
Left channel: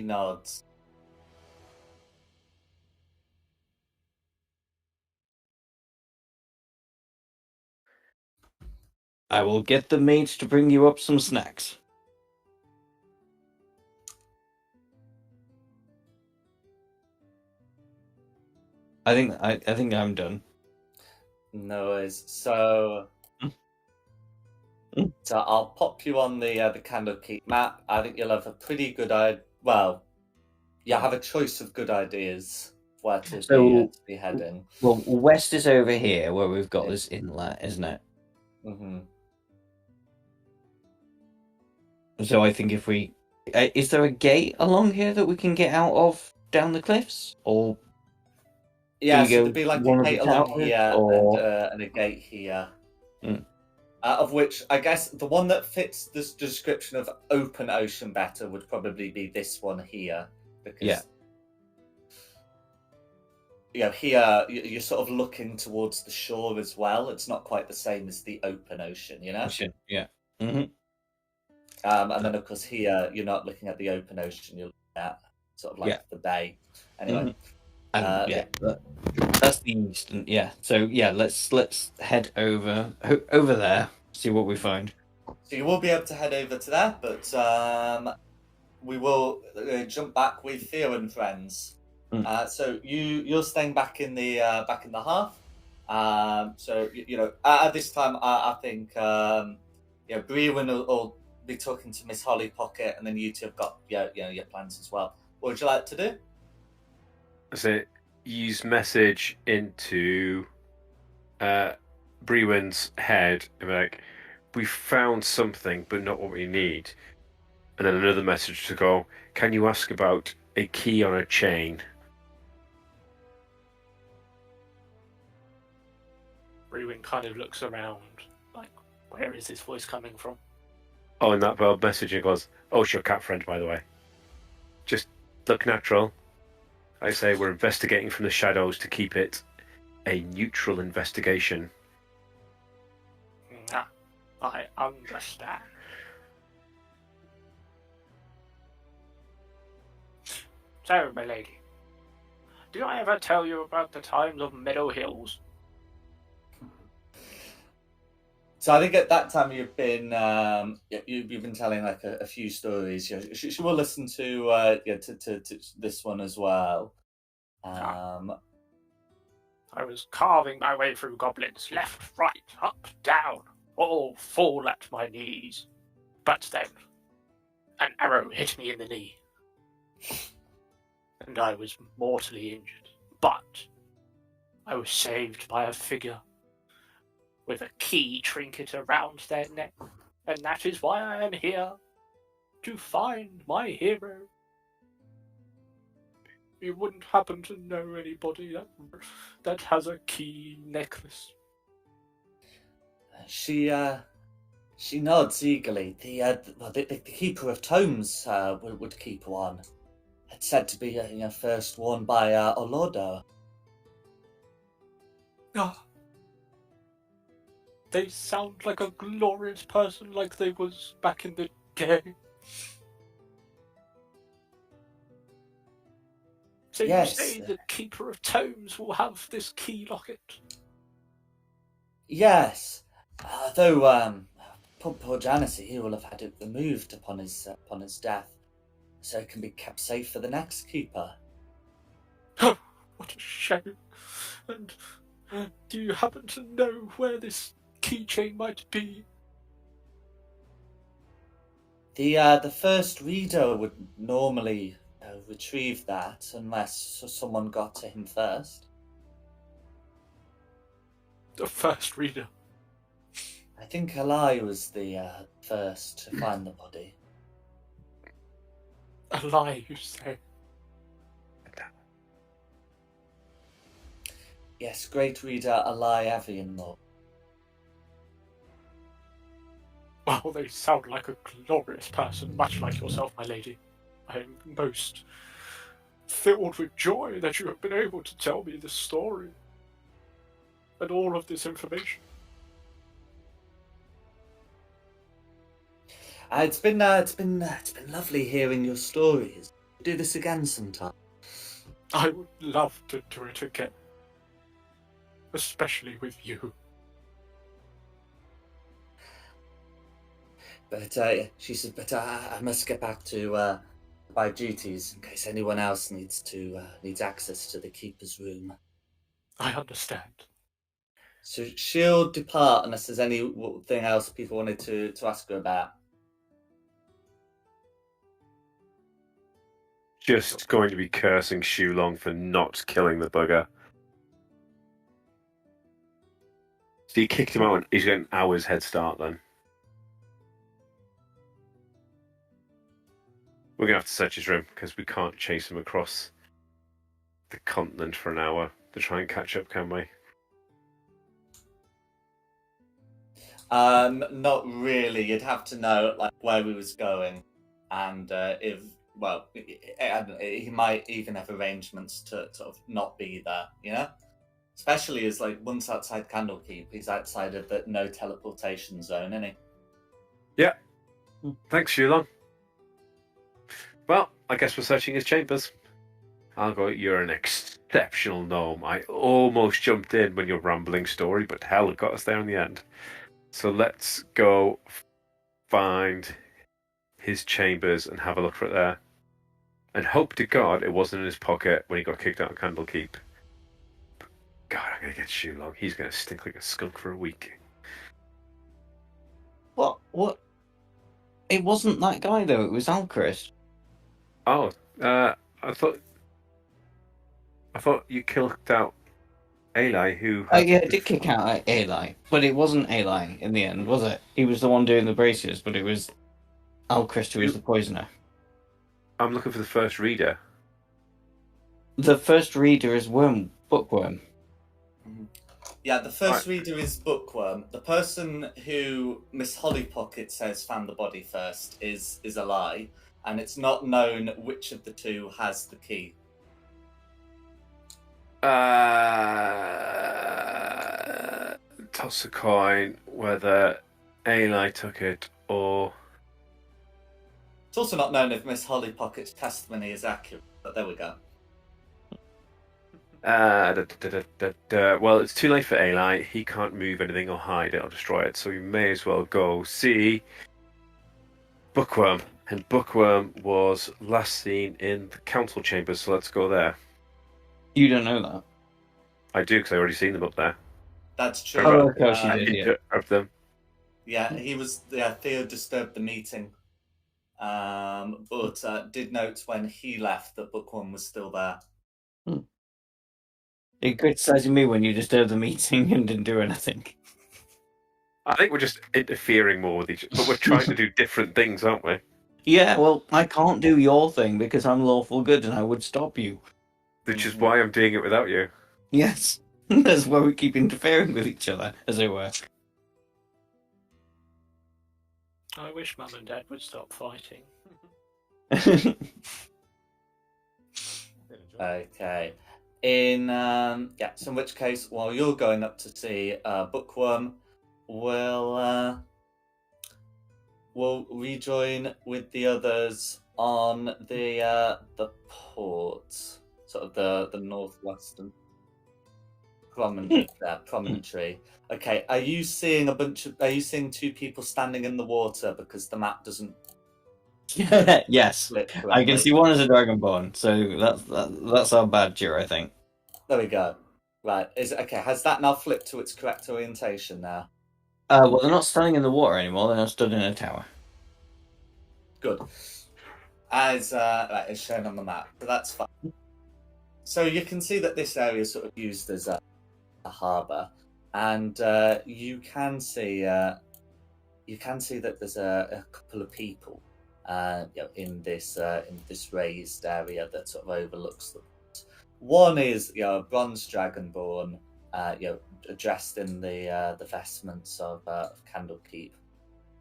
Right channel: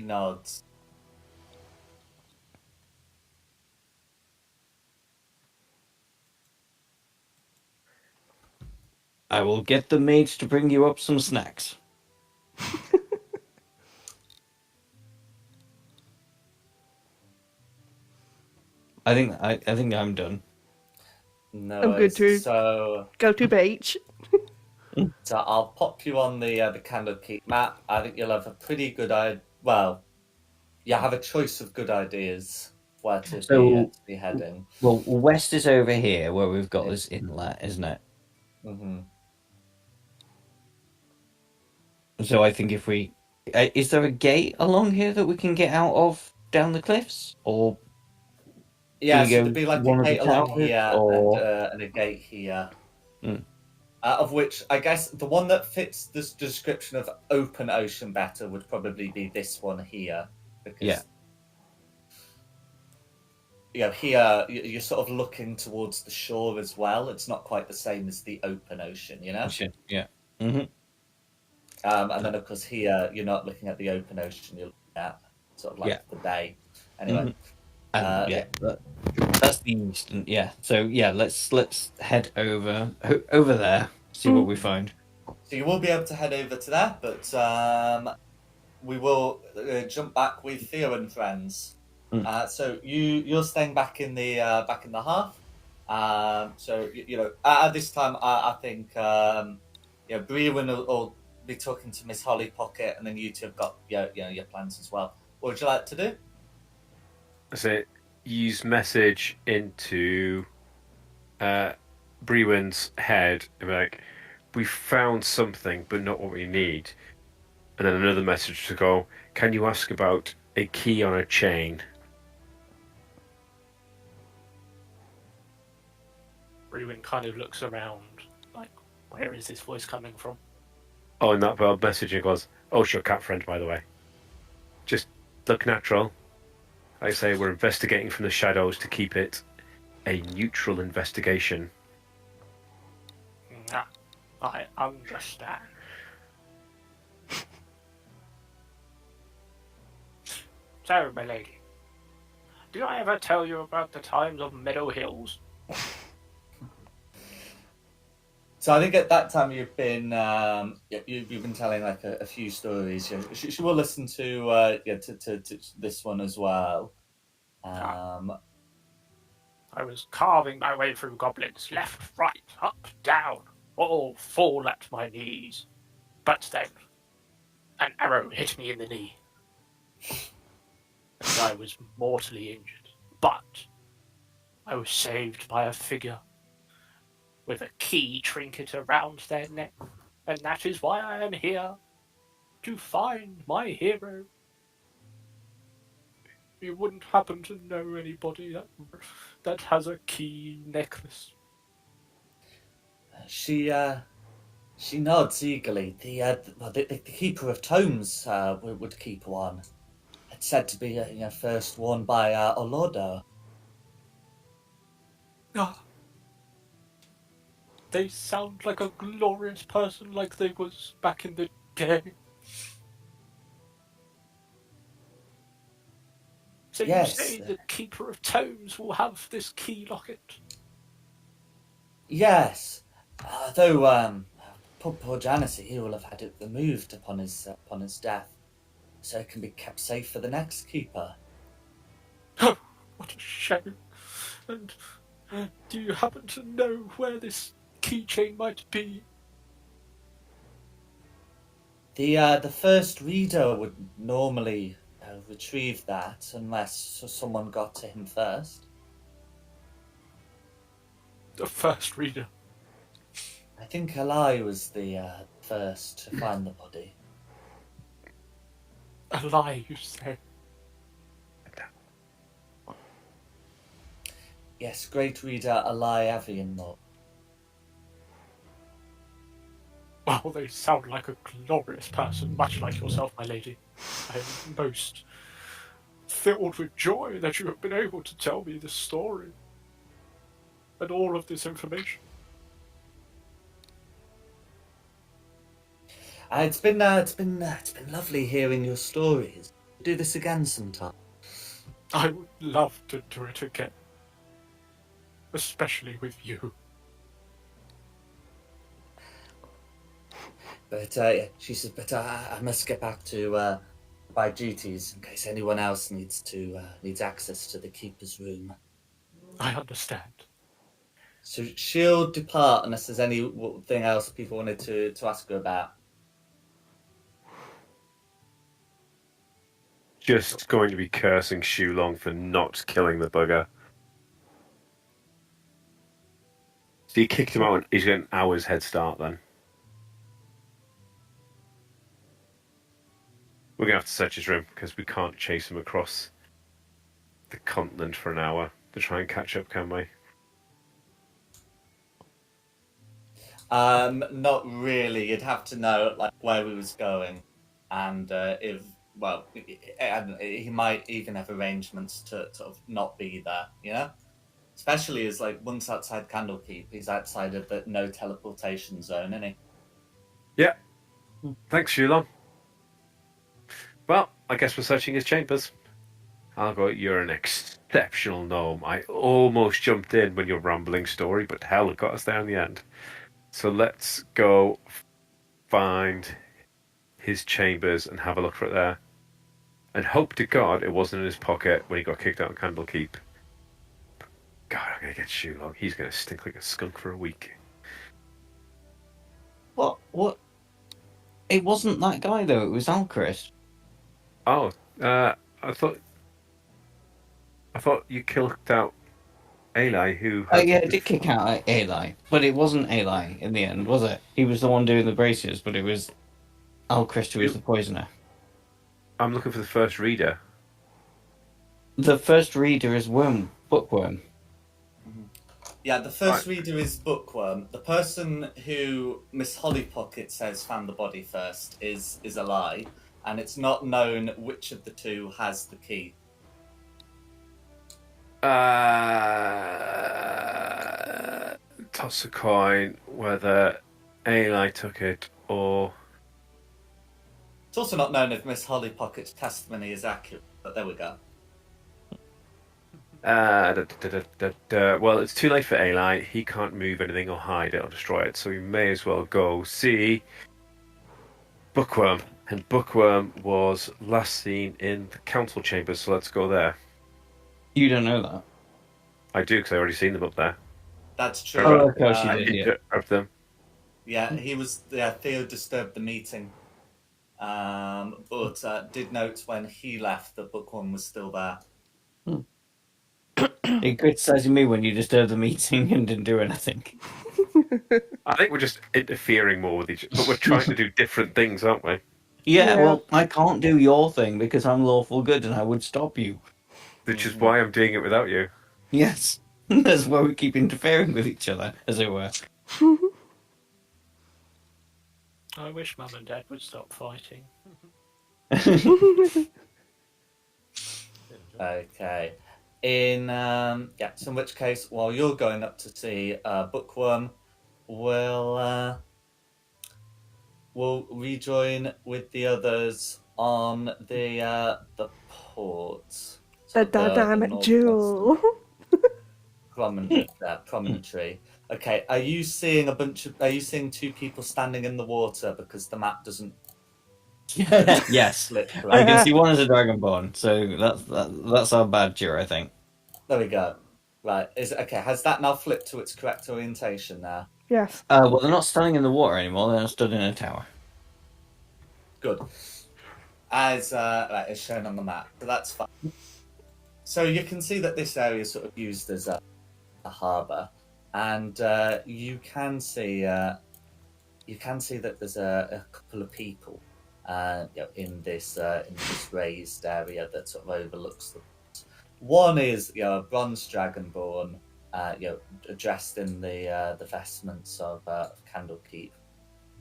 nods. I will get the maids to bring you up some snacks. I think I'm done. No I'm good worries. too. So Go to beach. I'll pop you on the Candlekeep map. I think you'll have a pretty good idea. Well, you have a choice of good ideas where to be heading. Well, west is over here where we've got this inlet, isn't it? Mm-hmm. So I think if we... is there a gate along here that we can get out of down the cliffs? Or Yeah, we so go there'd be like one a of the gate along towers, here or... and a gate here. Mm. Of which I guess the one that fits this description of open ocean better would probably be this one here. Because, Yeah. Here you're sort of looking towards the shore as well. It's not quite the same as the open ocean, you know? Yeah. Mm-hmm. And then, of course, here you're not looking at the open ocean, you're looking at sort of like the bay. Anyway. Mm-hmm. That's the eastern, yeah. So yeah, let's head over there, see what we find. So you will be able to head over to there, but we will jump back with Theo and friends. So you're staying back in the hearth. So at this time, I think Brewen will be talking to Miss Holly Pocket, and then you two have got your plans as well. What would you like to do? So use message into Brewen's head and be like, we found something, but not what we need. And then another message to go, can you ask about a key on a chain? Brewin kind of looks around, like, where is this voice coming from? Oh, and that messaging goes, oh, it's your cat friend, by the way. Just look natural. I say we're investigating from the shadows to keep it a neutral investigation. I understand. So, my lady, did I ever tell you about the times of Meadow Hills? So I think at that time you've been telling like a few stories. She will listen to to this one as well. I was carving my way through goblins, left, right, up, down, all fall at my knees. But then, an arrow hit me in the knee, and I was mortally injured. But I was saved by a figure with a key trinket around their neck, and that is why I am here, to find my hero. You wouldn't happen to know anybody that has a key necklace? She nods eagerly. The keeper of tomes would keep one. It's said to be first worn by Olordo. They sound like a glorious person, like they was back in the day. So yes. You say the keeper of tomes will have this key locket? Yes. Though poor Janice, he will have had it removed upon his death, so it can be kept safe for the next keeper. Oh, what a shame! And do you happen to know where this keychain might be? The first reader would normally retrieve that unless someone got to him first. The first reader. I think Eli was the first to find the body. A lie, you say? Yes, great reader Eli Avianmore. Well, they sound like a glorious person, much like yourself, my lady. I am most filled with joy that you have been able to tell me this story and all of this information. It's been lovely hearing your stories. Do this again sometime. I would love to do it again, especially with you. But she says, but I must get back to my duties in case anyone else needs access to the keeper's room. I understand. So she'll depart unless there's anything else people wanted to ask her about. Just going to be cursing Shulong for not killing the bugger. So you kicked him out, and he's got an hour's head start then. We're going to have to search his room because we can't chase him across the continent for an hour to try and catch up, can we? Not really. You'd have to know like where he was going, and if he might even have arrangements to sort of not be there. You know, especially as like once outside Candlekeep, he's outside of the no teleportation zone, isn't he? Yeah. Thanks, Shulong. Well, I guess we're searching his chambers. I'll go, you're an exceptional gnome. I almost jumped in when your rambling story, but hell, it got us there in the end. So let's go find his chambers and have a look for it there. And hope to God it wasn't in his pocket when he got kicked out of Candlekeep. God, I'm going to get Shulong. He's going to stink like a skunk for a week. What? It wasn't that guy, though. It was Alchrist. Oh, I thought you kicked out Eli, who... Oh, yeah, it did kick out Eli. But it wasn't Eli in the end, was it? He was the one doing the braces, but it was Alchrist who was the poisoner. I'm looking for the first reader. The first reader is Bookworm. Yeah, the first reader is Bookworm. The person who Miss Hollypocket says found the body first is a lie, and it's not known which of the two has the key. Toss a coin whether Eli took it or... It's also not known if Miss Hollypocket's testimony is accurate, but there we go. Well, it's too late for Eli. He can't move anything or hide it or destroy it, so we may as well go see Bookworm. And Bookworm was last seen in the council chambers, so let's go there. You don't know that. I do, because I already seen them up there. That's true. Oh, of course I you did, did yeah. of them. Yeah, he was. Yeah, Theo disturbed the meeting, but did note when he left that Bookworm was still there. You're criticising me when you disturbed the meeting and didn't do anything. I think we're just interfering more with each other, but we're trying to do different things, aren't we? Yeah, well, I can't do your thing because I'm lawful good and I would stop you. Which is why I'm doing it without you. Yes. That's why we keep interfering with each other, as it were. I wish Mum and Dad would stop fighting. Okay. So in which case, while you're going up to see Bookworm, we'll rejoin with the others on the port. The dynamic duel. Promontory. Okay, are you seeing two people standing in the water because the map doesn't Yes. split I correctly? can see one as a dragonborn, so that's our badger, I think. There we go. Right, has that now flipped to its correct orientation now? Yes. Well, they're not standing in the water anymore, they're now stood in a tower. Good. As shown on the map, so that's fine. So you can see that this area is sort of used as a harbour, and you can see that there's a couple of people in this raised area that sort of overlooks them. One is a bronze dragonborn, dressed in the vestments of Candlekeep,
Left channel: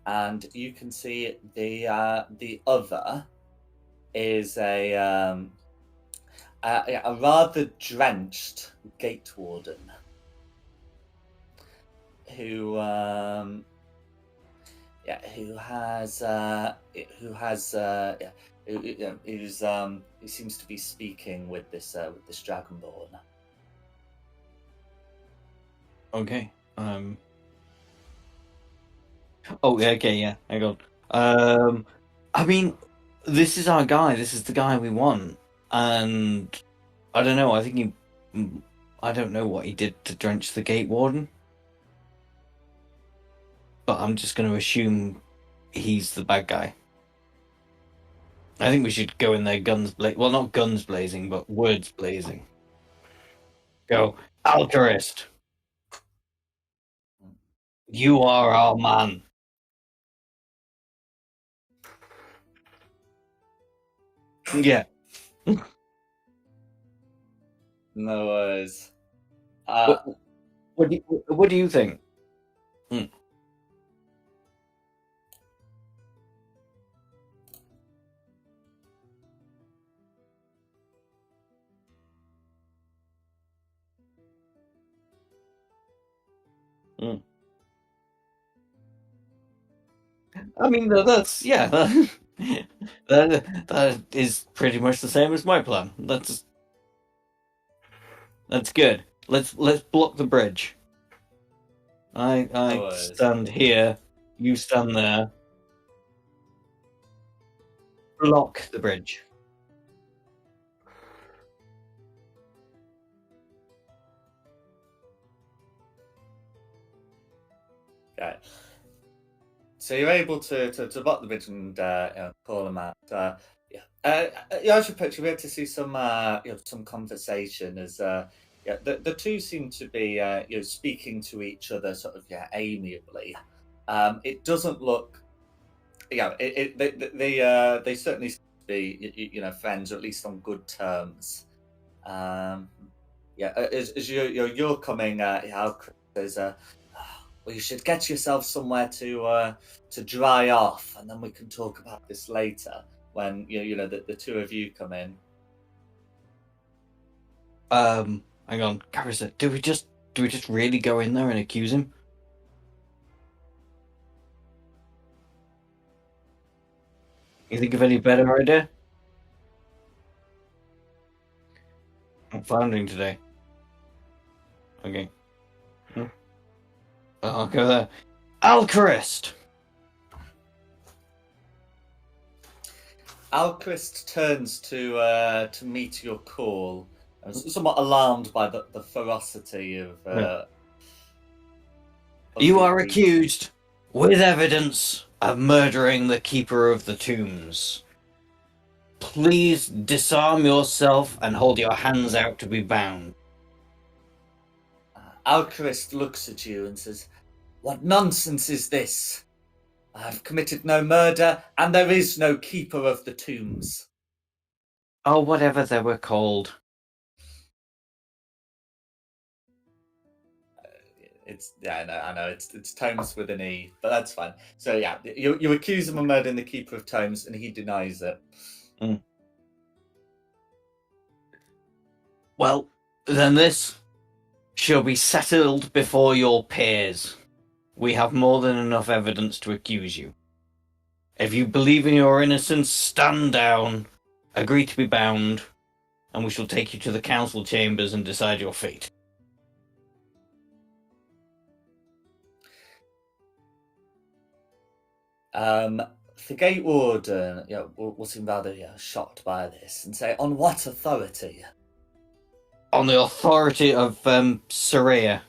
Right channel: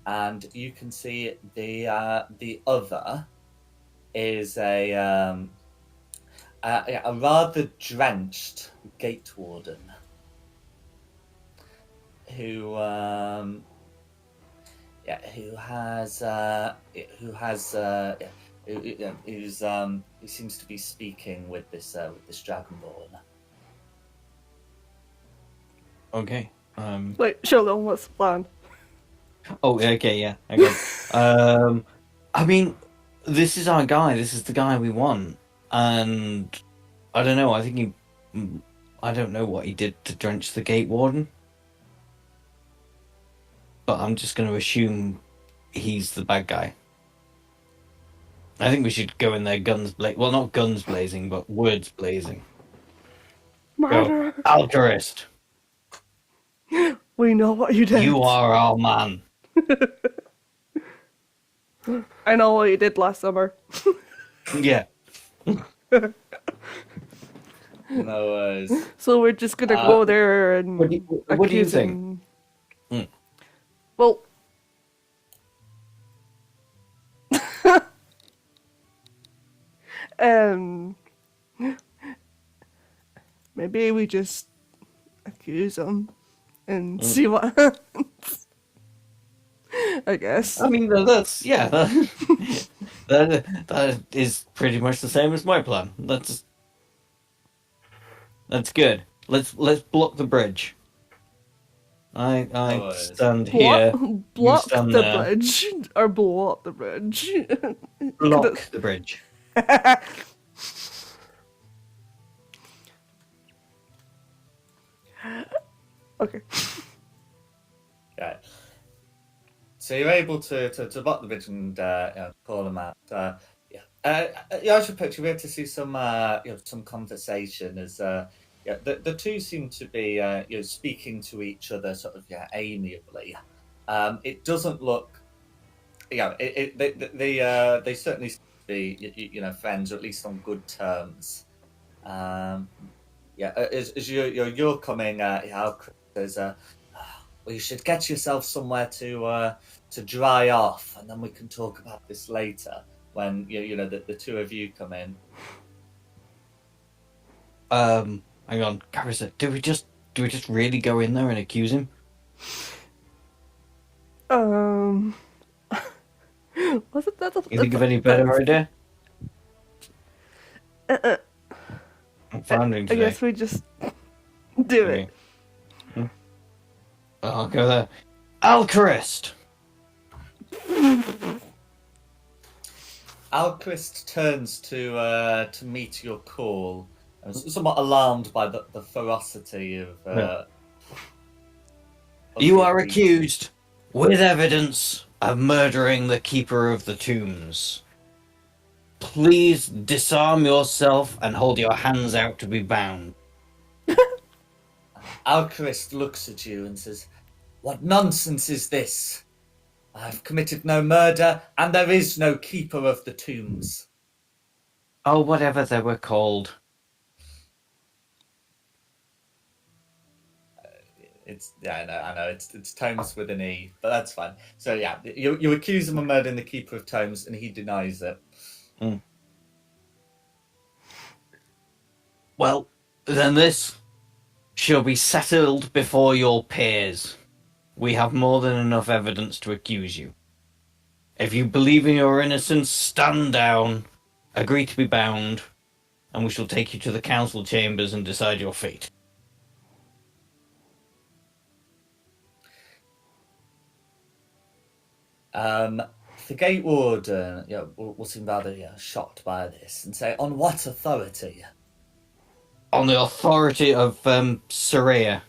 and you can see the other is a rather drenched gate warden who seems to be speaking with this dragonborn. Okay. Wait, Shogun, what's the plan? Oh, yeah, okay, yeah. Okay. I mean, this is our guy. This is the guy we want. And I don't know. I think I don't know what he did to drench the gate warden. But I'm just going to assume he's the bad guy. I think we should go in there guns blazing. Well, not guns blazing, but words blazing. Go, Murder! Alchemist, We know what you did. you are our man. I know what you did last summer. Yeah. No worries. So we're just gonna go there and What do you accuse think? him. Hmm. Well, maybe we just accuse him and see what happens. I guess. I mean, that's yeah. That is pretty much the same as my plan. That's good. Let's block the bridge. I Alright. stand here. Block stand the there. bridge or blow up the bridge. Block the bridge. Okay. Okay. So you're able to block the bridge and call them out. I should picture we had to see some some conversation as the two seem to be speaking to each other sort of amiably. It doesn't look they certainly seem to be friends, or at least on good terms. As you're coming out, there's well, you should get yourself somewhere to dry off, and then we can talk about this later when the two of you come in. Hang on, Carissa. Do we just really go in there and accuse him? Wasn't that You think of any better idea? I'm founding I today. guess we just do it. Okay. I'll go there. Alchemist! Alquist turns to meet your call, somewhat alarmed by the ferocity of. You are accused, with evidence, of murdering the Keeper of the Tombs. Please disarm yourself and hold your hands out to be bound. Alquist looks at you and says, "What nonsense is this? I've committed no murder, and there is no Keeper of the Tombs." Oh, whatever they were called. I know it's Tomes with an E, but that's fine. So yeah, you accuse him of murdering the Keeper of Tomes, and he denies it. Mm. Well, then this shall be settled before your peers. We have more than enough evidence to accuse you. If you believe in your innocence, stand down, agree to be bound, and we shall take you to the council chambers and decide your fate. The Gate Warden will seem rather shocked by this and say, "On what authority?" On the authority of Saria.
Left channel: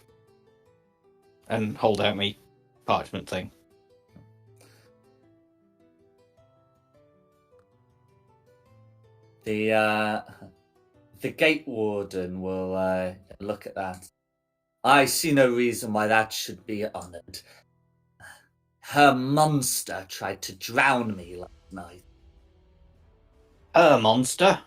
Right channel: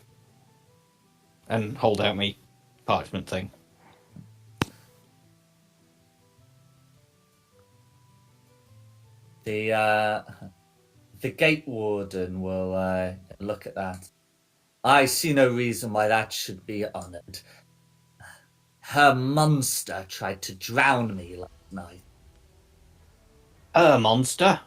And hold out me parchment thing. the gate warden will look at that. I see no reason why that should be honoured. Her monster tried to drown me last night. A monster?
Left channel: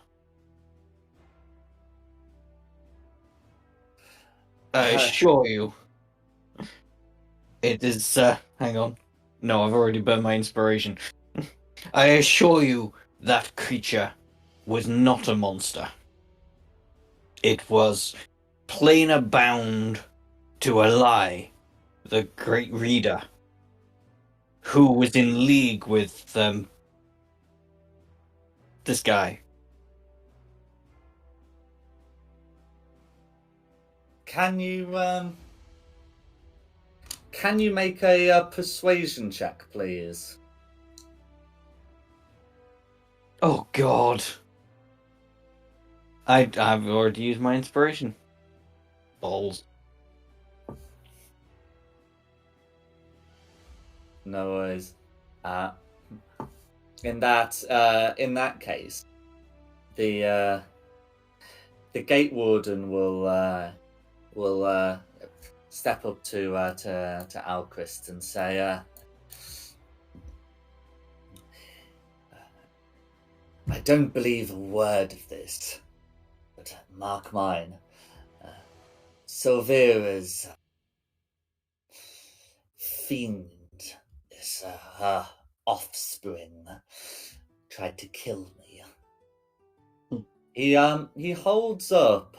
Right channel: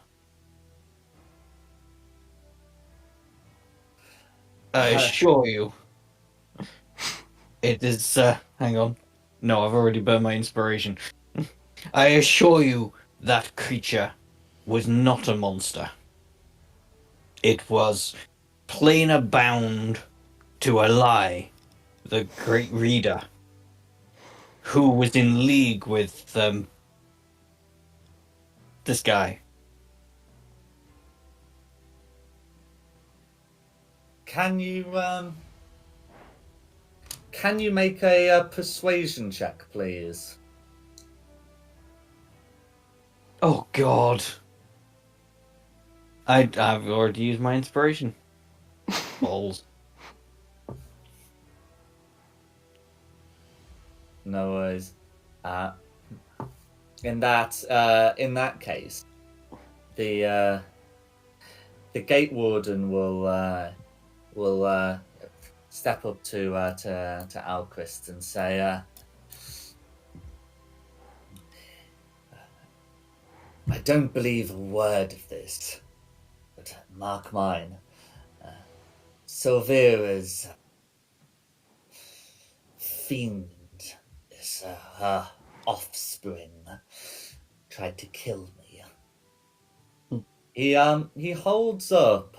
I assure you. It is, hang on. No, I've already burned my inspiration. I assure you that creature was not a monster. It was plainer bound to a lie, the great reader, who was in league with, this guy. Can you make a persuasion check, please? Oh, God. I've already used my inspiration. Balls. No worries. In that case, the gate warden will step up to Alquist and say, I don't believe a word of this, but mark mine. Silvera's fiend, this her offspring, tried to kill me. He holds up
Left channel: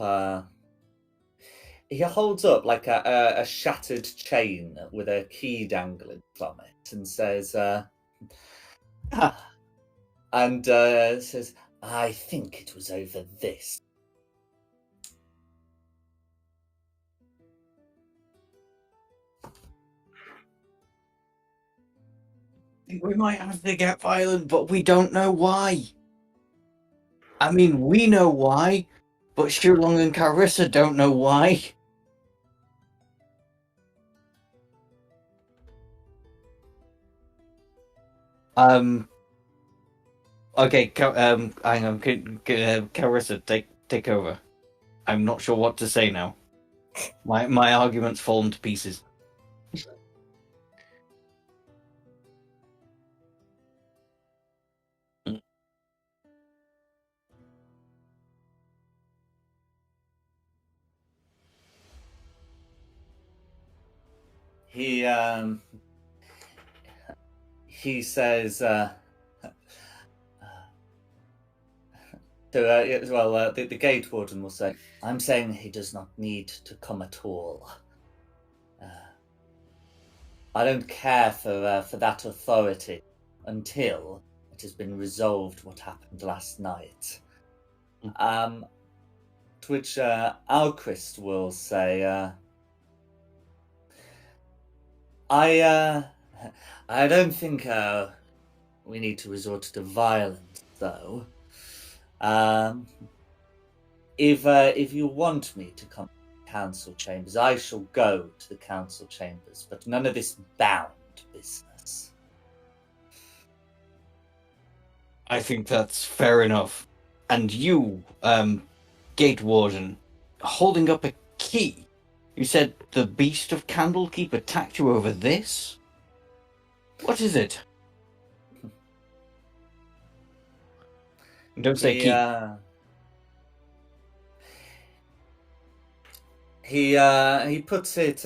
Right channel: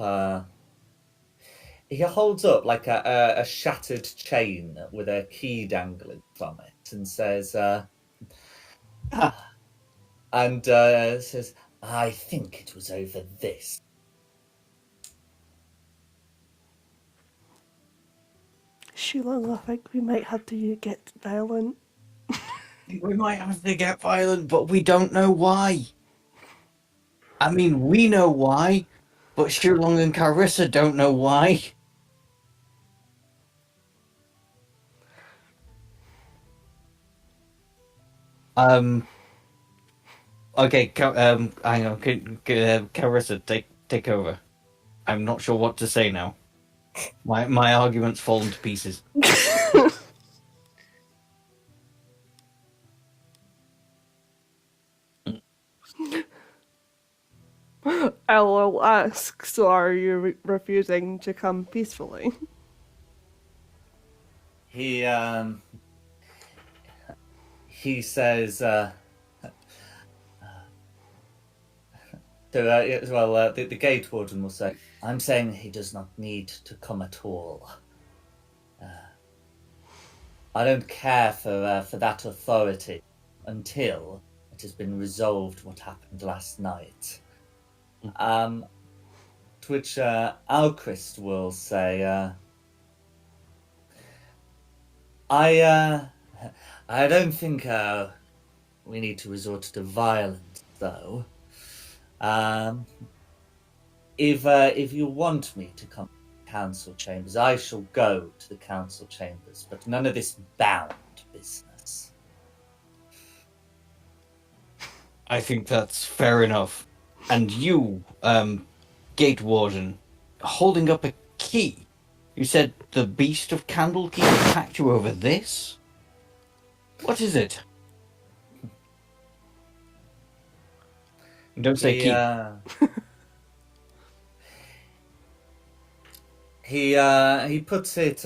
like a shattered chain with a key dangling from it, and says, says, I think it was over this. Sheila, I think we might have to get violent. We might have to get violent, but we don't know why. I mean, we know why, but Shulong and Carissa don't know why. Okay, hang on, Carissa, take over. I'm not sure what to say now. My argument's fallen to pieces. I will ask, so are you refusing to come peacefully? He says, the gate warden will say, I'm saying he does not need to come at all. I don't care for that authority until it has been resolved what happened last night. To which Alquist will say, I don't think we need to resort to violence, though. If you want me to come to the council chambers, I shall go to the council chambers, but none of this bound business. I think that's fair enough. And you, gate warden, holding up a key. You said the beast of Candlekeep attacked you over this? What is it? Don't say key. He puts it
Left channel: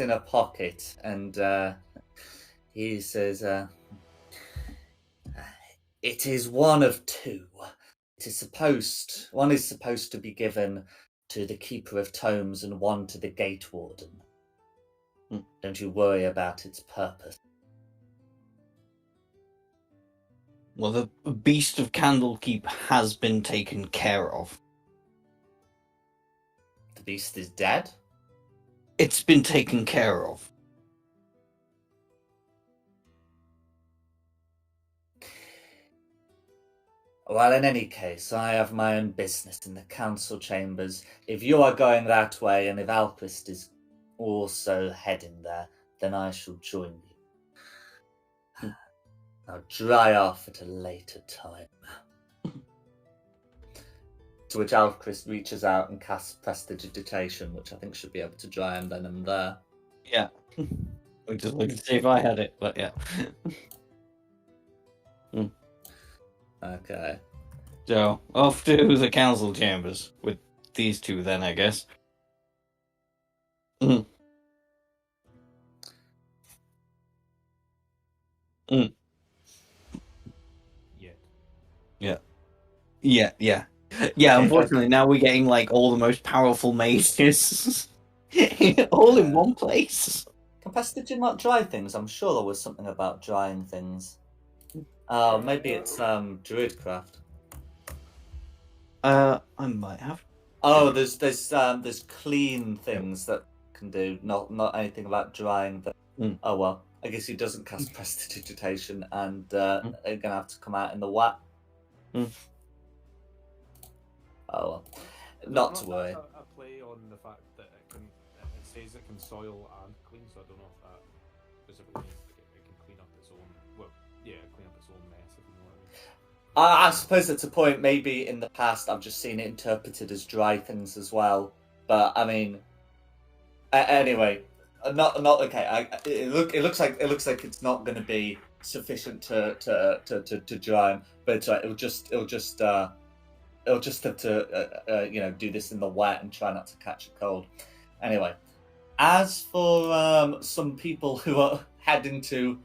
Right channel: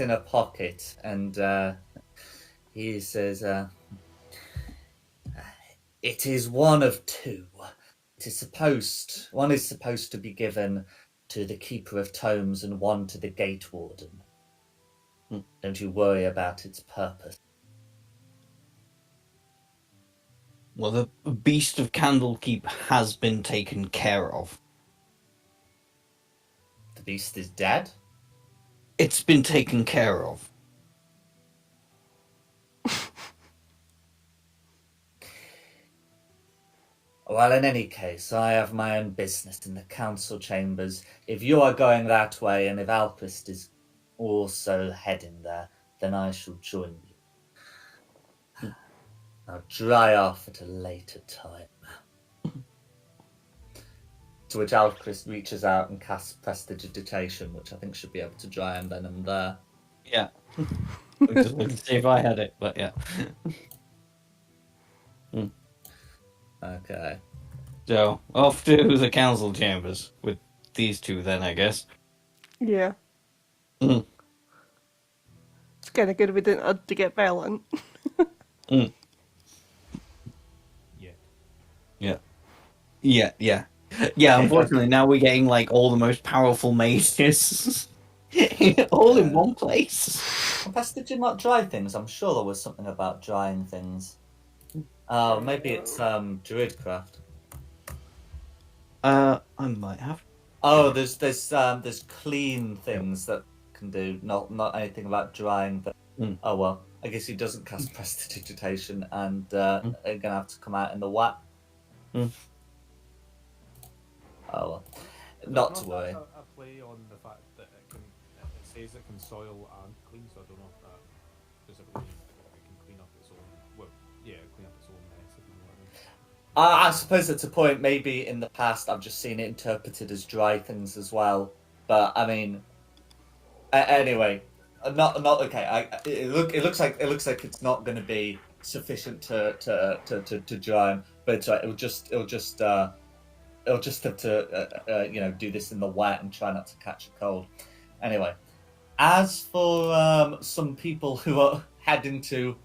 in a pocket, and he says, it is one of two. One is supposed to be given to the Keeper of Tomes and one to the Gate Warden. Don't you worry about its purpose. Well, the beast of Candlekeep has been taken care of. The beast is dead? It's been taken care of. Well, in any case, I have my own business in the council chambers. If you are going that way, and if Alquist is also heading there, then I shall join you. I'll dry off at a later time. To which Alchris reaches out and casts Prestidigitation, which I think should be able to dry him then and there. Yeah. We just wanted to see if I had it, but yeah. Okay. So, off to the council chambers with these two then, I guess. Yeah. Mm. It's kind of good we didn't have to get violent. Mm. Yeah. Yeah. Yeah, unfortunately, now we're getting, like, all the most powerful mages all in one place. Compass, did you not dry things? I'm sure there was something about drying things. Oh, maybe it's Druidcraft. I might have. Oh, there's clean things that can do, not anything about drying. Oh well, I guess he doesn't cast Prestidigitation, and are gonna have to come out in the wet. Mm. Oh well, not to worry. A play on the fact that it says it can soil and clean, so I don't know if that specifically means that it can clean up its own. Well, yeah, clean up its own mess. If you know what I mean. I suppose it's a point. Maybe in the past I've just seen it interpreted as dry things as well. But I mean, anyway, not okay. It looks like it's not going to be sufficient to dry him. But it's right. It'll just have to do this in the wet and try not to catch a cold. Anyway, as for some people who are heading to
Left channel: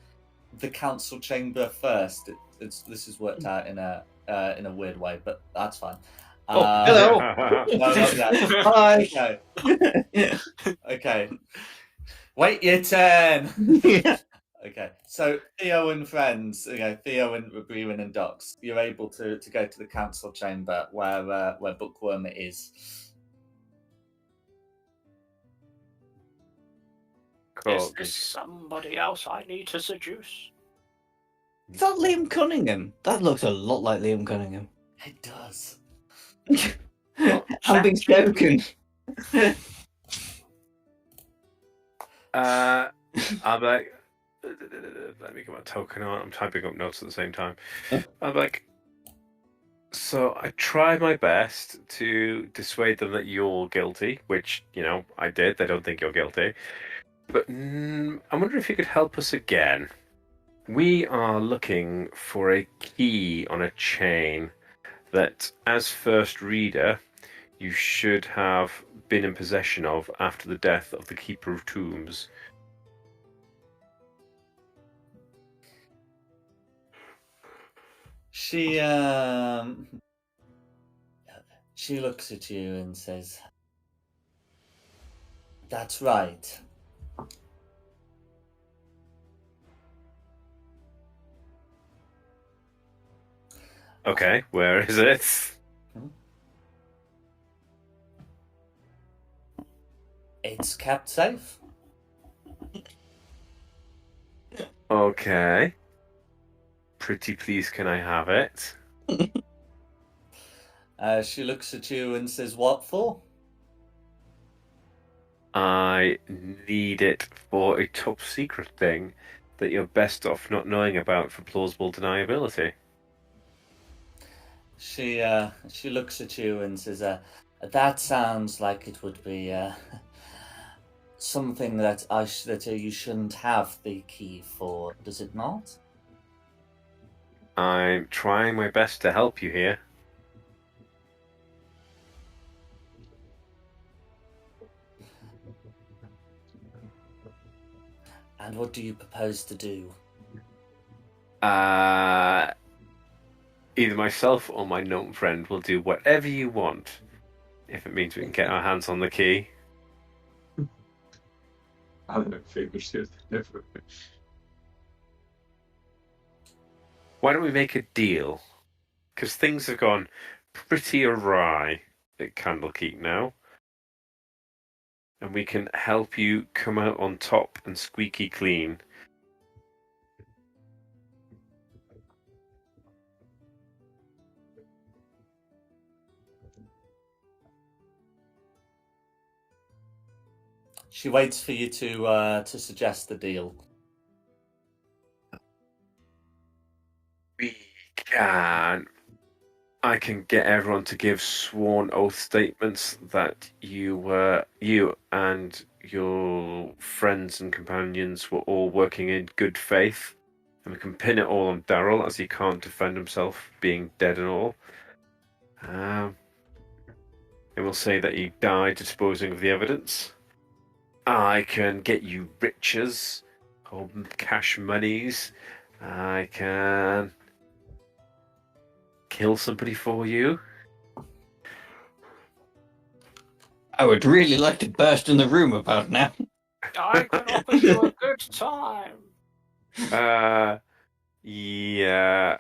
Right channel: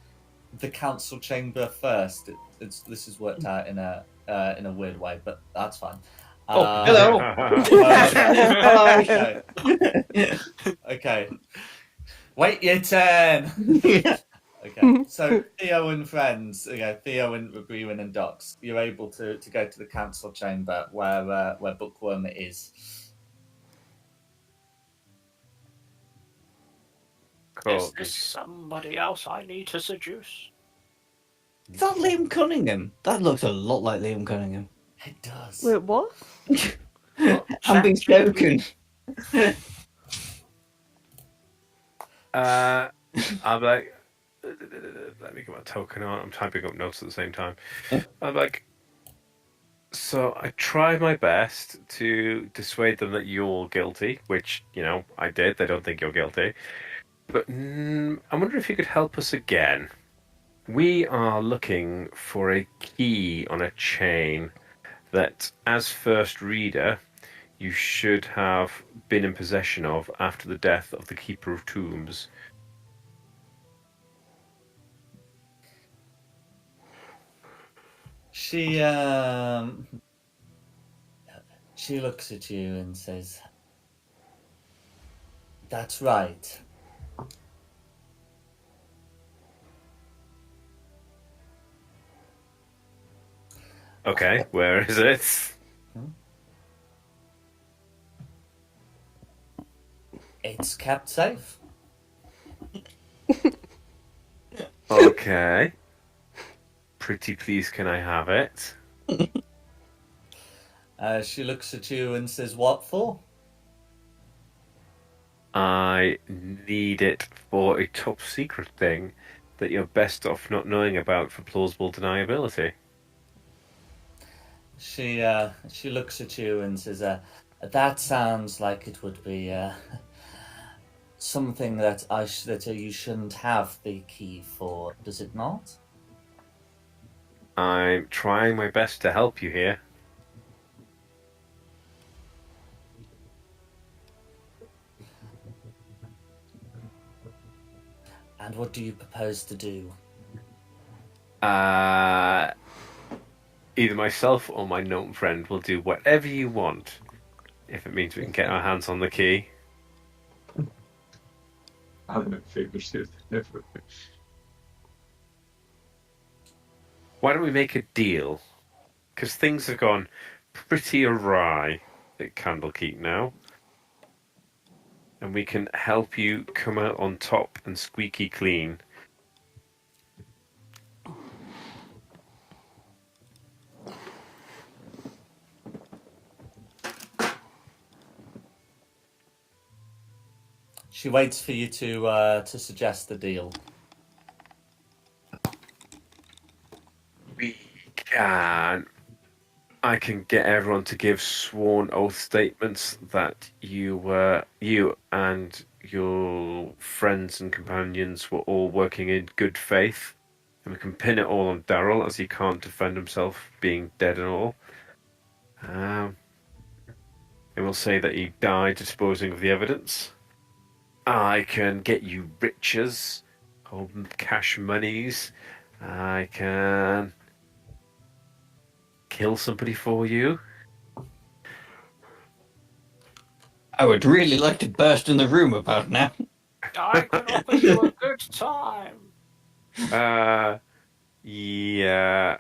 the council chamber first, this is worked out in a weird way, but that's fine. Hello. Okay. Wait your turn. Okay, so Theo and friends, Theo and Brewen and Docs, you're able to go to the council chamber where Bookworm is. Cool. Is this somebody else I need to seduce? Is that Liam Cunningham? That looks a lot like Liam Cunningham. It does. Wait, what? I'm being spoken. I'm like, let me get my token on. I'm typing up notes at the same time. I'm like, so I tried my best to dissuade them that you're guilty, which, I did. They don't think you're guilty. But I wonder if you could help us again. We are looking for a key on a chain that, as first reader, you should have been in possession of after the death of the Keeper of Tombs. She looks at you and says, "That's right. Okay, where is it? It's kept safe." Okay. Pretty please, can I have it? She looks at you and says, "What for?" I need it for a top secret thing that you're best off not knowing about for plausible deniability. She looks at you and says, "That sounds like it would be something that you shouldn't have the key for, does it not?" I'm trying my best to help you here. And what do you propose to do? Either myself or my gnome friend will do whatever you want, if it means we can get our hands on the key. I don't think we should. Why don't we make a deal? Because things have gone pretty awry at Candlekeep now. And we can help you come out on top and squeaky clean. She waits for you to suggest the deal. We can I can get everyone to give sworn oath statements that you and your friends and companions were all working in good faith. And we can pin it all on Daryl, as he can't defend himself, being dead and all. And we'll say that he died disposing of the evidence. I can get you riches, or cash monies. I can kill somebody for you. I would really like to burst in the room about now. I can offer you a good time. Yeah.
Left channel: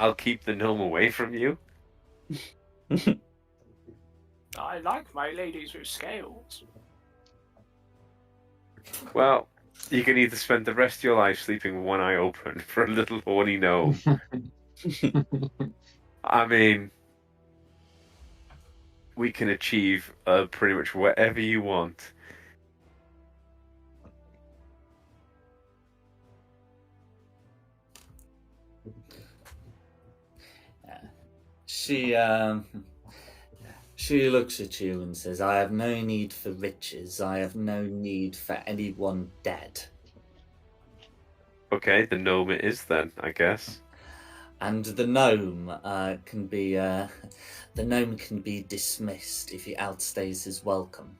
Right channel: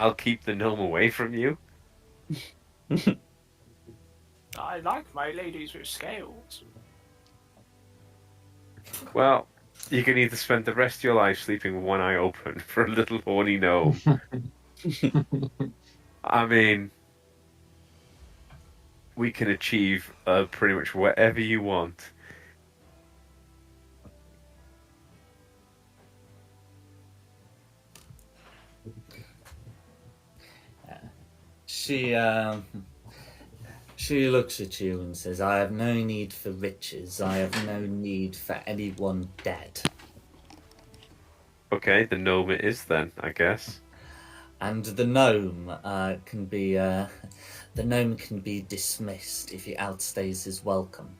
I'll keep the gnome away from you. I like my ladies with scales. Well, you can either spend the rest of your life sleeping with one eye open for a little horny gnome. I mean, we can achieve pretty much whatever you want. She looks at you and says, "I have no need for riches. I have no need for anyone dead." Okay, the gnome it is then, I guess. And the gnome can be dismissed if he outstays his welcome.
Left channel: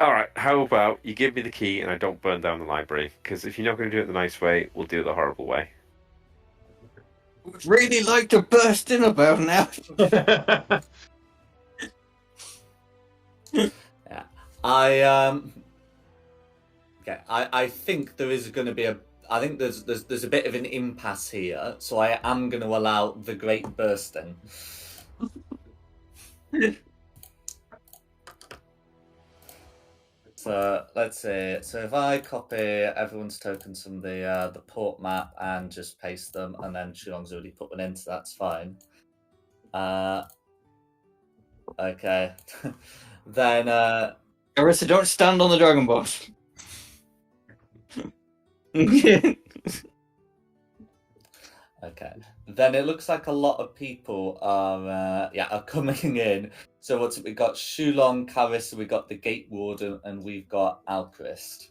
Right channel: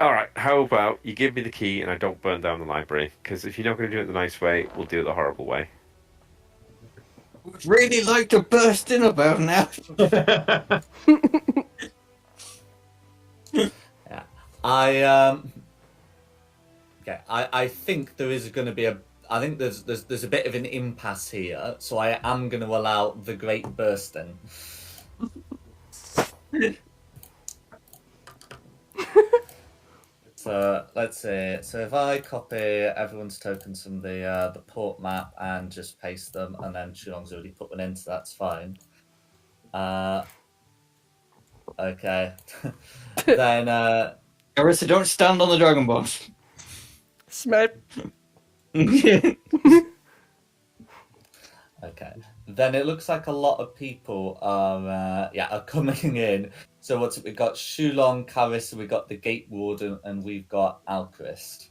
All right, how about you give me the key and I don't burn down the library? Because if you're not going to do it the nice way, we'll do it the horrible way. Would really like to burst in about now. Yeah, I think there is going to be I think there's a bit of an impasse here, so I am going to allow the great bursting. So let's see. So if I copy everyone's tokens from the port map and just paste them, and then Shulong's already put one in, so that's fine. Okay. Then Arissa, don't stand on the dragon boss. Smack. Okay. Then it looks like a lot of people are coming in. So what's it? We got Shulong, Carissa, we got the Gate Warden, and we've got Alchrist.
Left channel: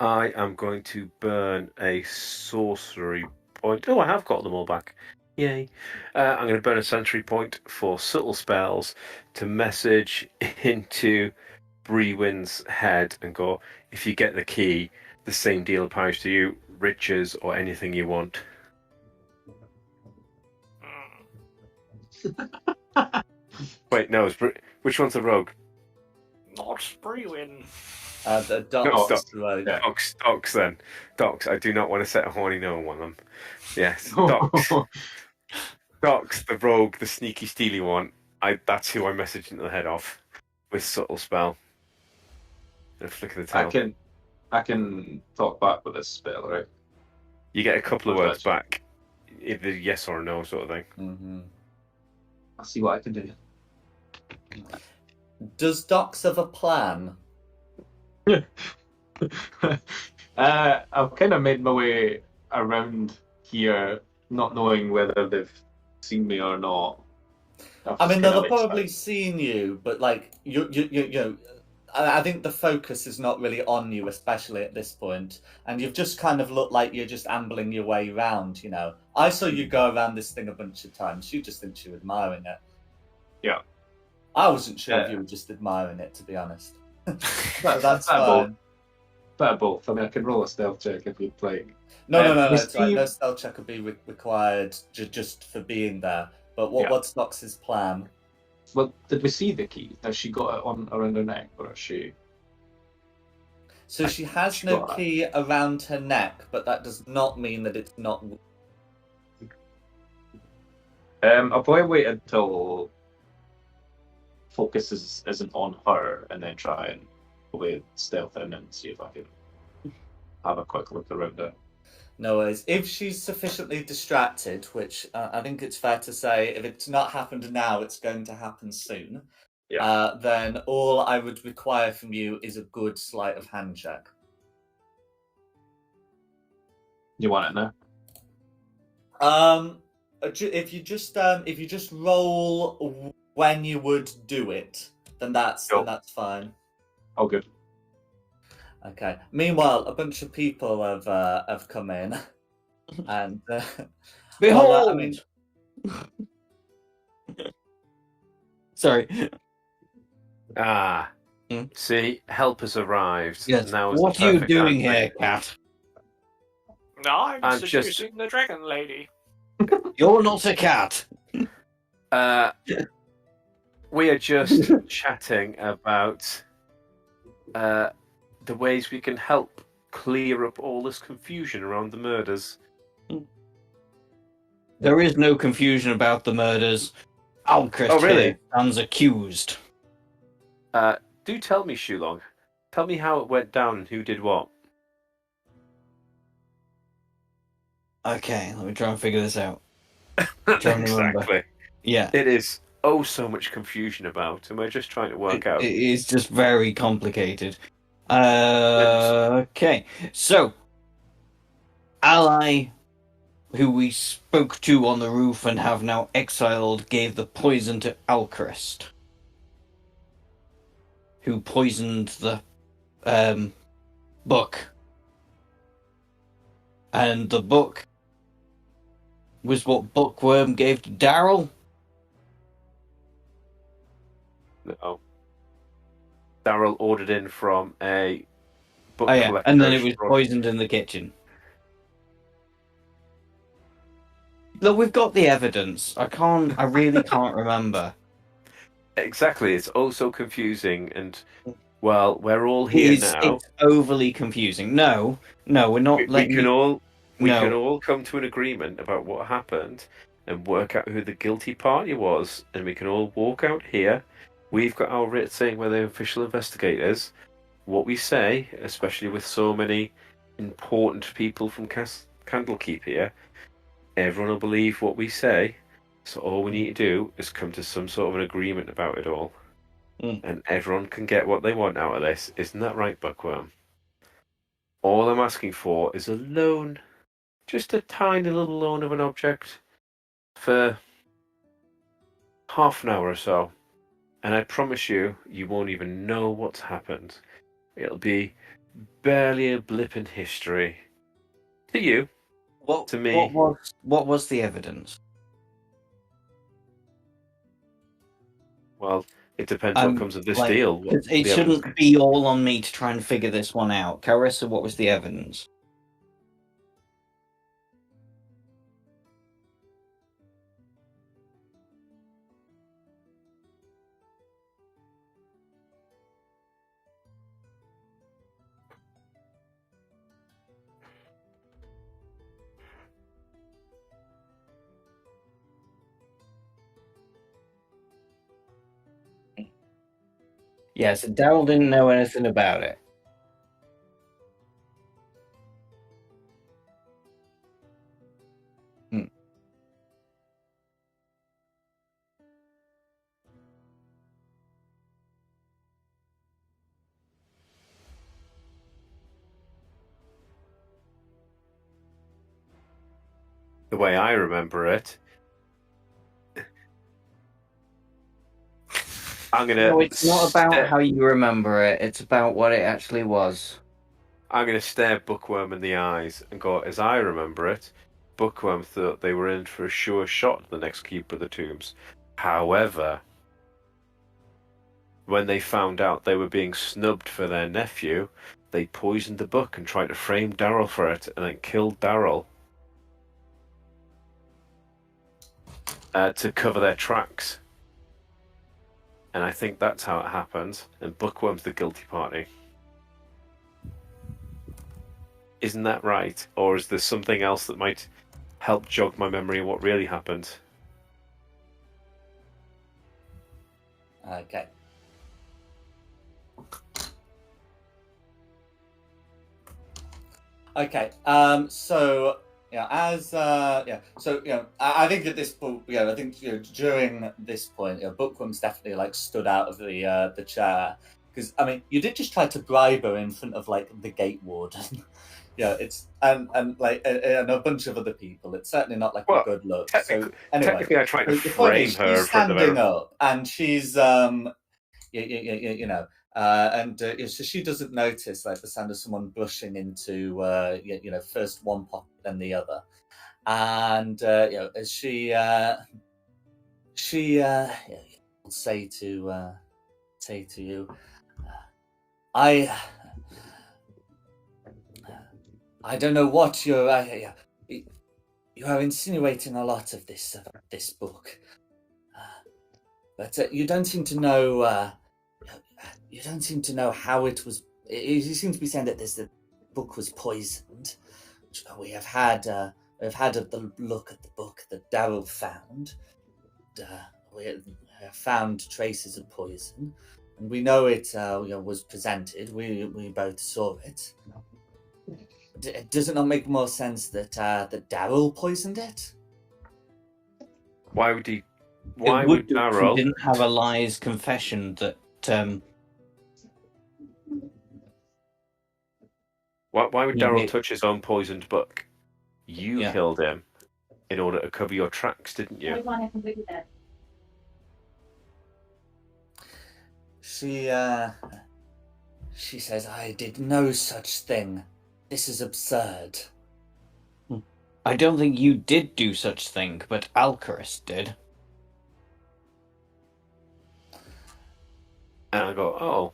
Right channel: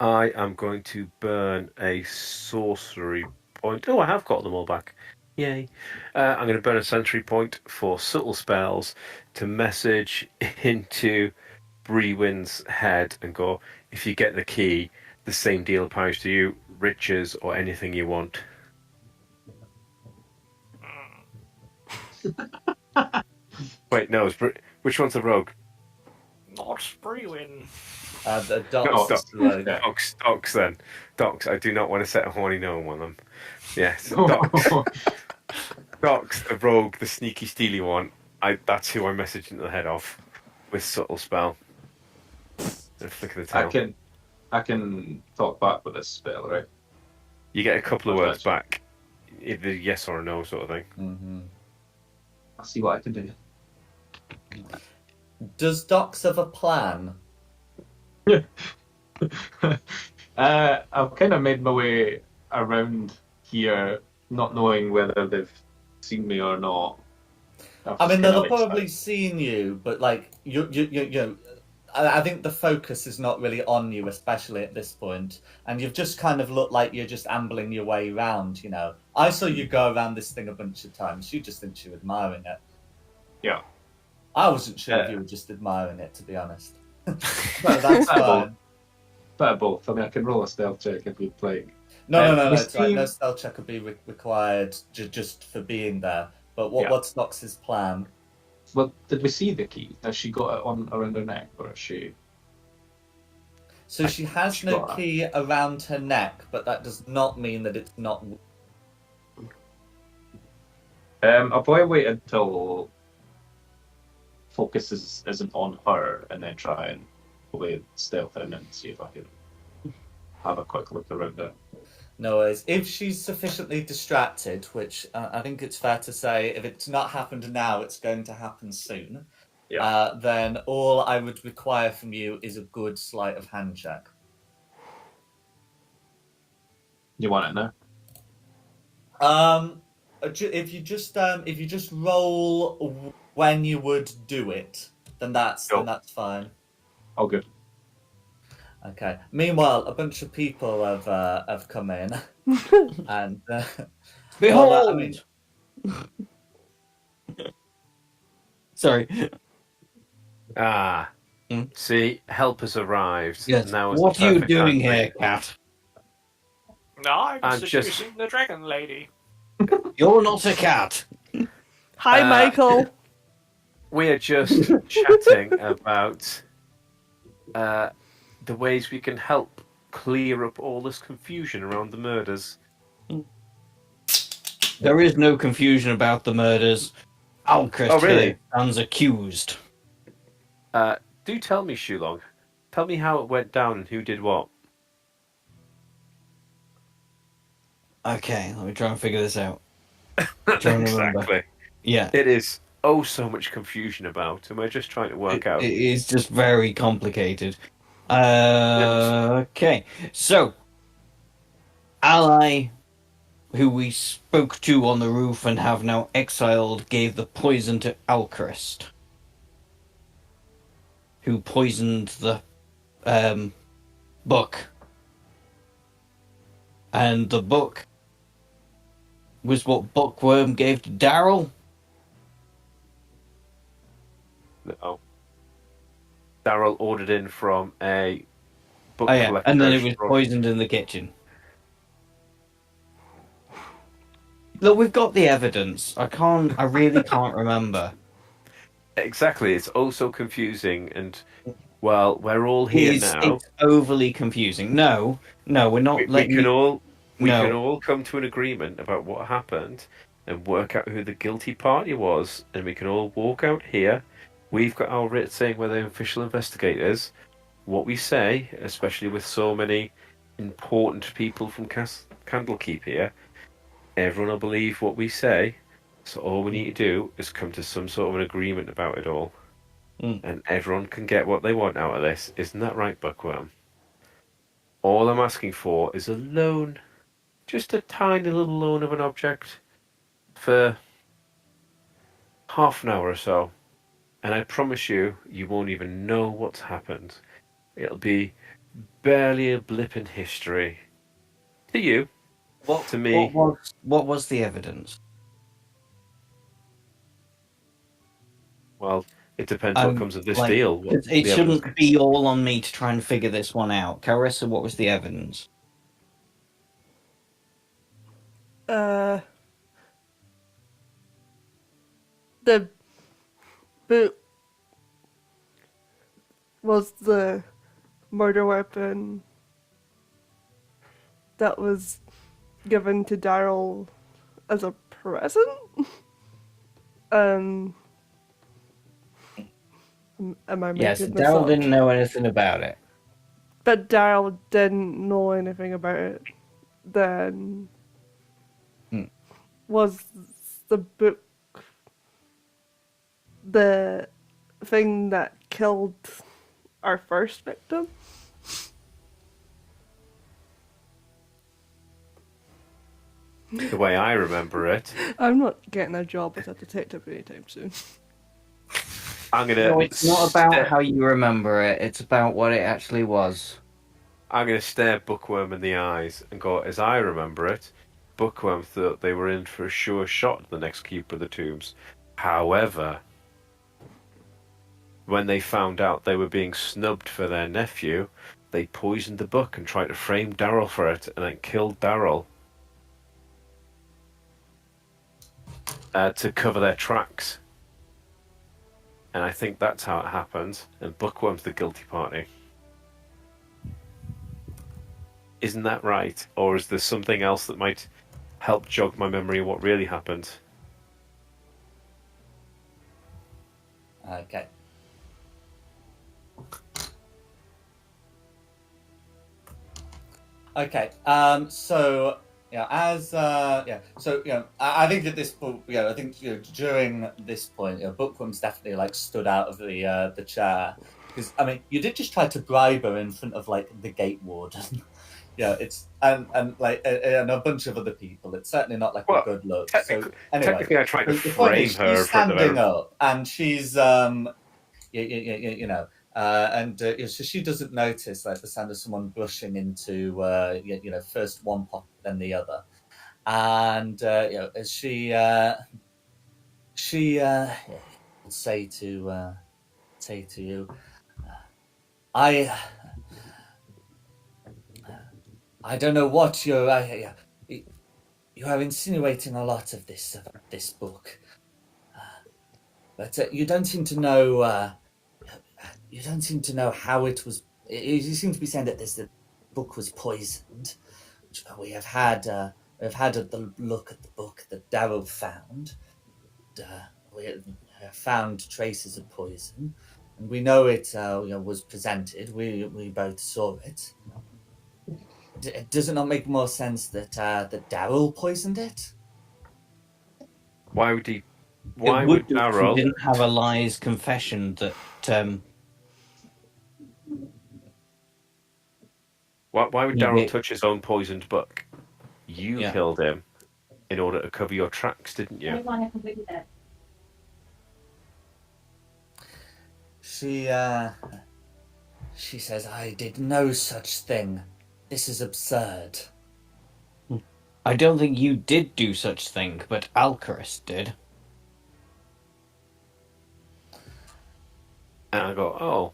I am going to burn a sorcery point. Oh, I have got them all back. Yay. I'm going to burn a sentry point for subtle spells to message into Brewin's head and go, if you get the key, the same deal applies to you, riches or anything you want. Wait, no, which one's the rogue? Not Brewin. The Docs. Docs then. Docs, I do not want to set a horny gnome on them. Yes, Docs. Docs, the rogue, the sneaky steely one. That's who I messaged into the head of with subtle spell. And a flick of the tail. I can talk back with this spell, right? You get a couple of words back, either yes or no sort of thing. Mm-hmm. I'll see what I can do. Does Docs have a plan? I've kind of made my way around here, not knowing whether they've seen me or not. I mean, they'll have probably seen you, but like you know, I think the focus is not really on you, especially at this point. And you've just kind of looked like you're just ambling your way around. You know, I saw you go around this thing a bunch of times. You just think you're admiring it. Yeah. I wasn't sure if you were just admiring it, to be honest. But that's Bit of fine. Bit of both. I mean, I can roll a stealth check if you'd like. No, it's right. No stealth check will be required just for being there. But what's Dox's plan? Well, did we see the key? Has she got it on around her neck, or is she? So she has no key around her neck, but that does not mean that it's not. I'll probably wait until focus isn't on her, and then try and play stealth in and see if I can have a quick look around it. No worries. If she's sufficiently distracted, which I think it's fair to say, if it's not happened now, it's going to happen soon. Yeah. Then all I would require from you is a good sleight of hand check. You want it now? if you just roll when you would do it, then that's fine. Oh, good. Okay. Meanwhile, a bunch of people have come in, and Behold! well, I mean, Sorry. Ah, Hmm? see, help has arrived. Yes. Now is What the are you perfect doing time. here, cat? I'm just- seducing the dragon lady. You're not a cat. Hi, Michael. We are just chatting about the ways we can help clear up all this confusion around the murders. There is no confusion about the murders. Alchrist Oh, really? here stands accused. Do tell me, Shulong. Tell me how it went down and who did what. Okay, let me try and figure this out. Trying to remember. Exactly. Yeah. It is so much confusion about, and we're just trying to work out. It is just very complicated. Okay, so Ally, who we spoke to on the roof and have now exiled, gave the poison to Alchrist, who poisoned the book. And the book was what Bookworm gave to Daryl. No. Daryl ordered in from a book Oh yeah, collector. and then it was poisoned in the kitchen. Look, we've got the evidence. I really can't remember. Exactly, it's also confusing, and well, we're all here now. It's overly confusing. No, we're not We letting can you... all come to an agreement about what happened and work out who the guilty party was, and we can all walk out here. We've got our writ saying we're the official investigators. What we say, especially with so many important people from Candlekeep here, everyone will believe what we say. So all we need to do is come to some sort of an agreement about it all. And everyone can get what they want out of this. Isn't that right, Bookworm? All I'm asking for is a loan. Just a tiny little loan of an object for half an hour or so. And I promise you, you won't even know what's happened. It'll be barely a blip in history. To you. To me. What was the evidence? Well, it depends what comes of this like, deal. It shouldn't be all on me to try and figure this one out. Carissa, what was the evidence? The boot was the murder weapon that was given to Daryl as a present. Am I making Yes, this Daryl up? didn't know anything about it. But Daryl didn't know anything about it. Then was the book the thing that killed our first victim? The way I remember it. I'm not getting a job as a detective anytime soon. I'm gonna. No, it's not about how you remember it. It's about what it actually was. I'm gonna stare Bookworm in the eyes and go, as I remember it, Bookworm thought they were in for a sure shot at the next Keeper of the Tombs. However, when they found out they were being snubbed for their nephew, they poisoned the book and tried to frame Daryl for it, and then killed Daryl to cover their tracks. And I think that's how it happened, and Bookworm's the guilty party. Isn't that right? Or is there something else that might help jog my memory of what really happened? Okay. Okay. So yeah, So I think at this point, I think during this point, Bookworm's definitely like stood out of the chair because I mean, you did just try to bribe her in front of like the gate warden. it's and a bunch of other people. It's certainly not like Well, a good look. So anyway, technically, I tried to the point is, frame her she's in front of standing everyone. up, and she's you know, so she doesn't notice like the sound of someone blushing into first one pocket then the other, and as she will say to you, I don't know what you're. You are insinuating a lot of this about this book, but you don't seem to know. You don't seem to know how it was. You seem to be saying that the book was poisoned. Which we have had. We've had a look at the book that Darrow found. We have found traces of poison, and we know it was presented. We both saw it. Does it not make more sense that Darrow poisoned it? Why would he? It Why would would if we Darrell? didn't have a lies confession that Why would Yeah, Darrell yeah. touch his own poisoned book? You Yeah. killed him in order to cover your tracks, didn't you? She says, I did no such thing. This is absurd. I don't think you did do such thing, but Alcaris did. And I go, oh,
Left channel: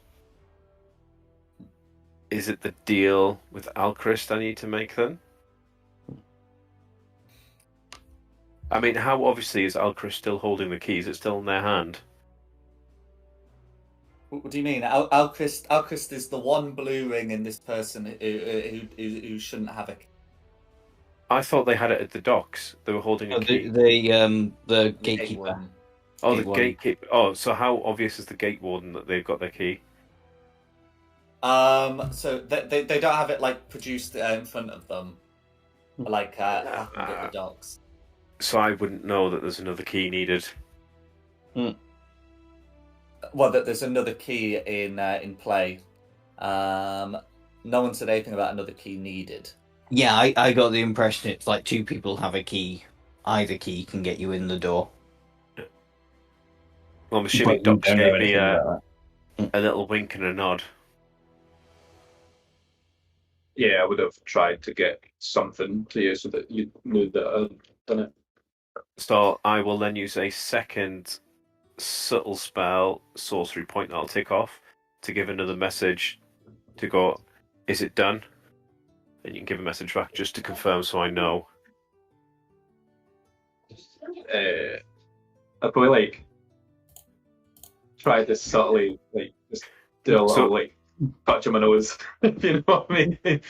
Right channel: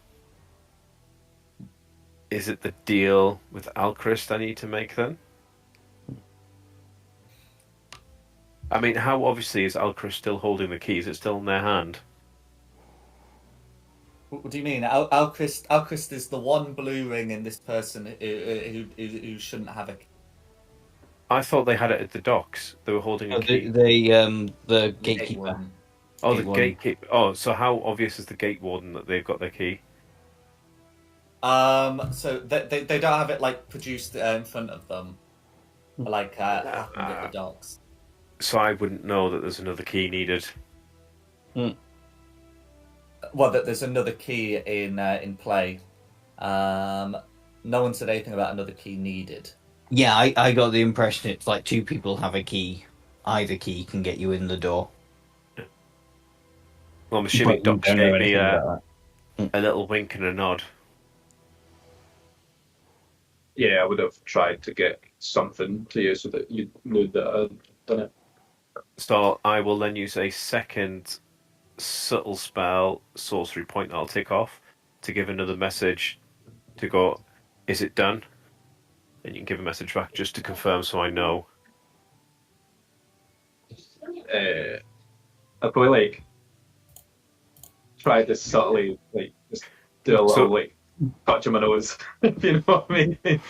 is it the deal with Alchrist I need to make then? I mean, how obviously is Alchrist still holding the keys? It's still in their hand. What do you mean? Alchrist is the one blue ring in this person who shouldn't have a key. I thought they had it at the docks. They were holding a key. The gatekeeper. Warden. Oh, the Gate warden. gatekeeper. Oh, so how obvious is the gate warden that they've got their key? So they don't have it like produced in front of them, like happened at the docks. So I wouldn't know that there's another key needed. Well, that there's another key in play. No one said anything about another key needed. Yeah, I got the impression it's like two people have a key. Either key can get you in the door. Well, I'm assuming But we Doc don't know gave me anything a about little wink and a nod. Yeah, I would have tried to get something to you so that you knew that I'd done it. So I will then use a second subtle spell, sorcery point that I'll tick off to give another message to go, is it done? And you can give a message back just to confirm so I know. I'd probably like try to subtly like just do a little So- like touch on my nose, if you know what I mean.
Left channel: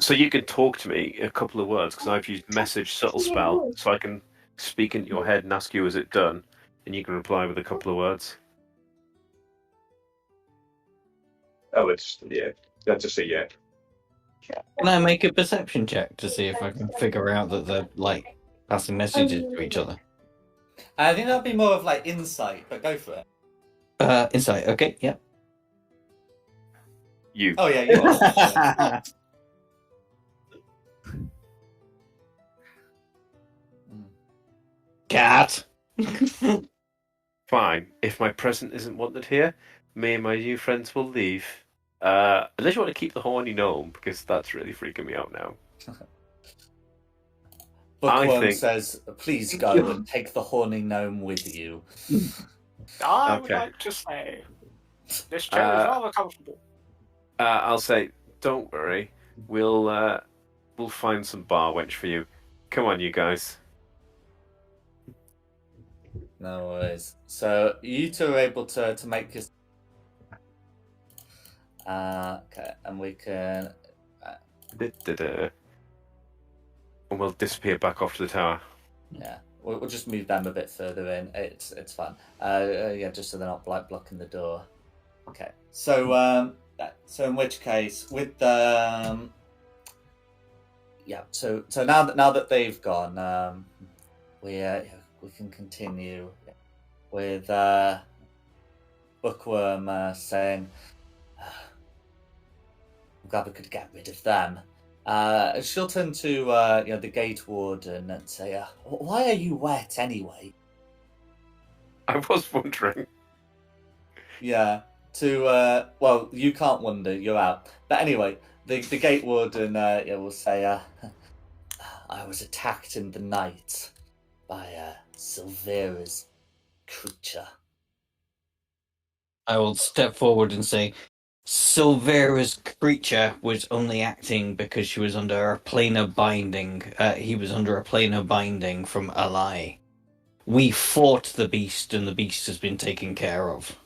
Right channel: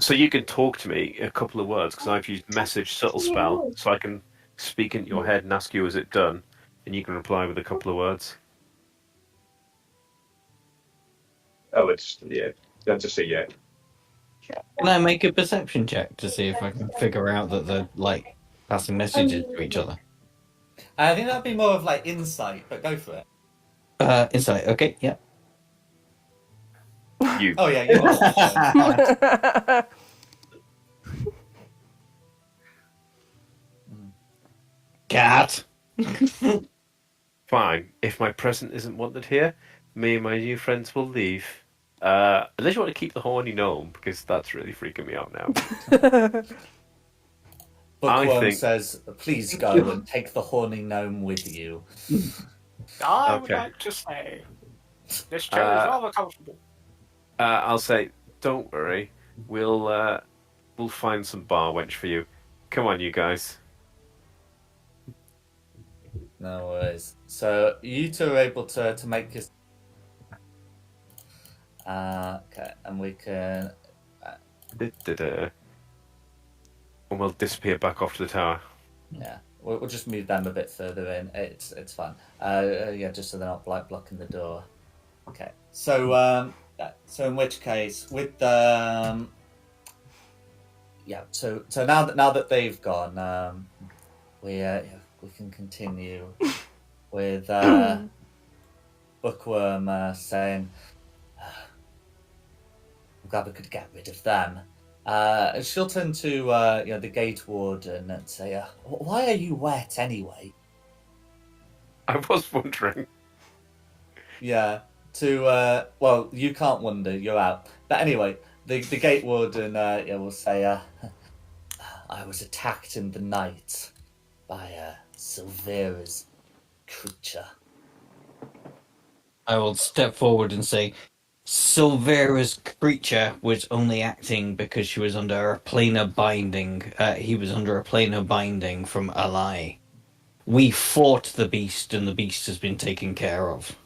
So you can talk to me a couple of words because I've used message subtle spell, so I can speak into your head and ask you, is it done? And you can reply with a couple of words. I would I'd just say yeah. Can I make a perception check to see if I can figure out that they're like passing messages to each other? I think that'd be more of like insight, but go for it. Insight. Okay, yeah. You. Oh yeah, you are. Cat. Fine. If my present isn't wanted here, me and my new friends will leave. Unless you want to keep the horny gnome, because that's really freaking me out now. Bookworm think- says, "Please go and take the horny gnome with you." I would Okay. like to say this chair is rather comfortable. I'll say, don't worry. We'll find some bar wench for you. Come on, you guys. No worries. So you two are able to make this. Okay, and we can. Da-da-da. And we'll disappear back off to the tower. Yeah, we'll just move them a bit further in. It's fine. Yeah, just so they're not blocking the door. Okay. So so in which case, with the yeah. So now that they've gone, we can continue with Bookworm saying, "I'm glad we could get rid of them. She'll turn to the gate warden and say, "Why are you wet anyway?" I was wondering. Yeah. Well, you can't wonder. You're out. But anyway, the gate warden will say, "I was attacked in the night by Silvera's creature." I will step forward and say, Silvera's creature was only acting because she was under a planar binding. He was under a planar binding from Ally. We fought the beast, and the beast has been taken care of.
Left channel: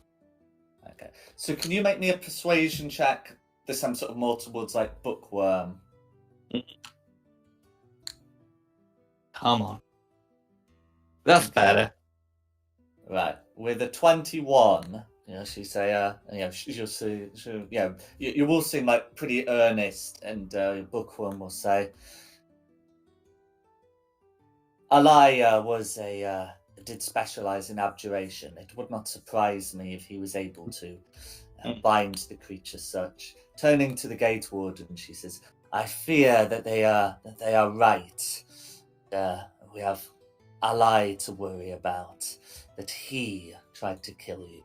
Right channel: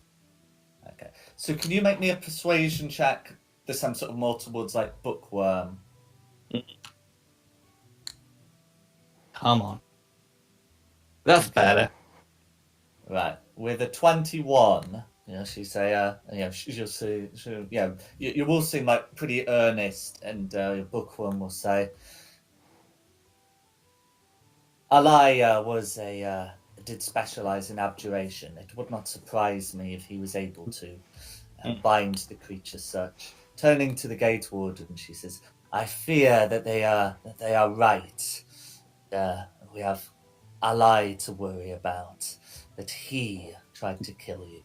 Okay. So can you make me a persuasion check? This time sort of more towards like bookworm. Come on. That's better. Right. With a 21, she say, she'll see, you will seem like pretty earnest, and bookworm will say, Alai did specialize in abjuration. It would not surprise me if he was able to bind the creature such. Turning to the gate warden, she says, "I fear that they are right. We have Alai to worry about. That he tried to kill you."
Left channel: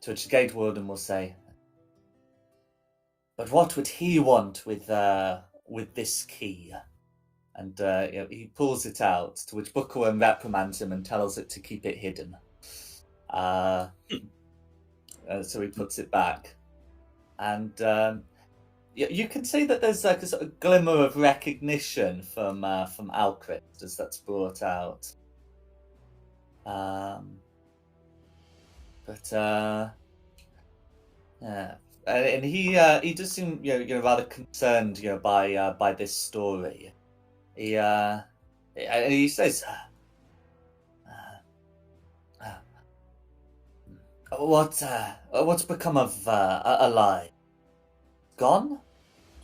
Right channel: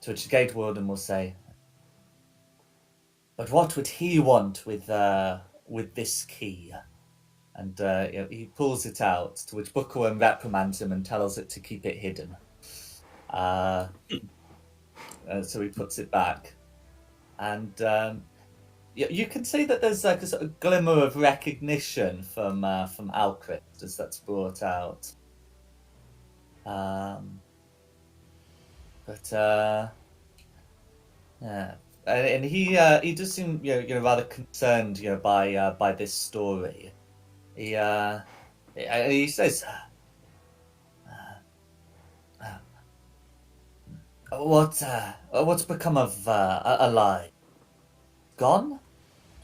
To which the gate warden will say, "But what would he want with this key?" And he pulls it out, to which Bookworm reprimands him and tells it to keep it hidden. So he puts it back. And you can see that there's like a sort of glimmer of recognition from Alcryst as that's brought out. Yeah. And he does seem rather concerned by this story. He says, "What's become of Ally? Gone?"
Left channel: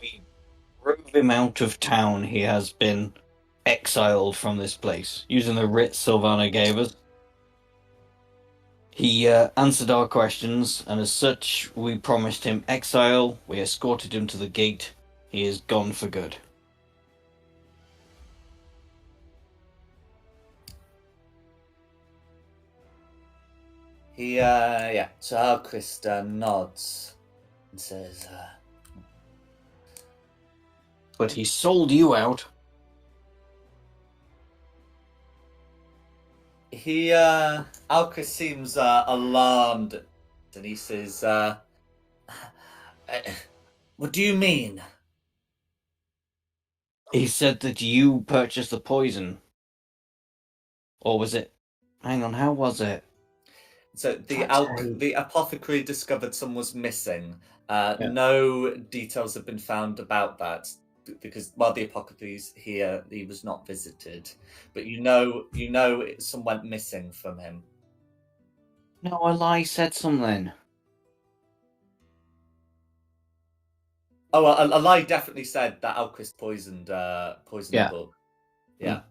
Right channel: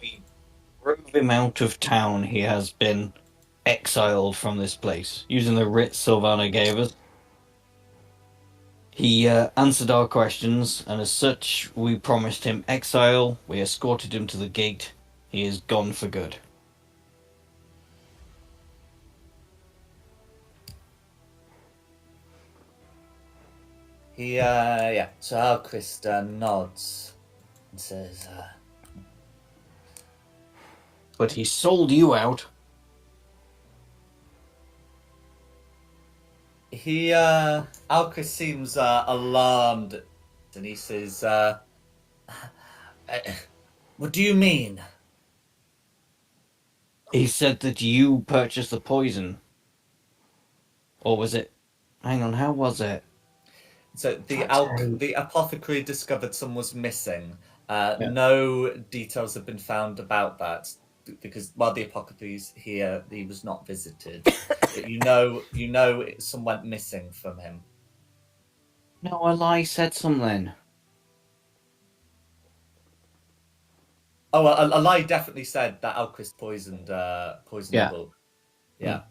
We drove him out of town. He has been exiled from this place, using the writ Sylvana gave us. He answered our questions, and as such, we promised him exile. We escorted him to the gate. He is gone for good. So Alcryst nods and says, But he sold you out. Alcryst seems alarmed, and he says, "What do you mean?" He said that you purchased the poison. Or was it... Hang on, how was it? So the apothecary discovered someone was missing. Yeah. No details have been found about that, because while the apothecary's here, he was not visited. But you know someone went missing from him. No, Ally said something. Oh, a lie definitely said that Alcryst poisoned the book. Yeah.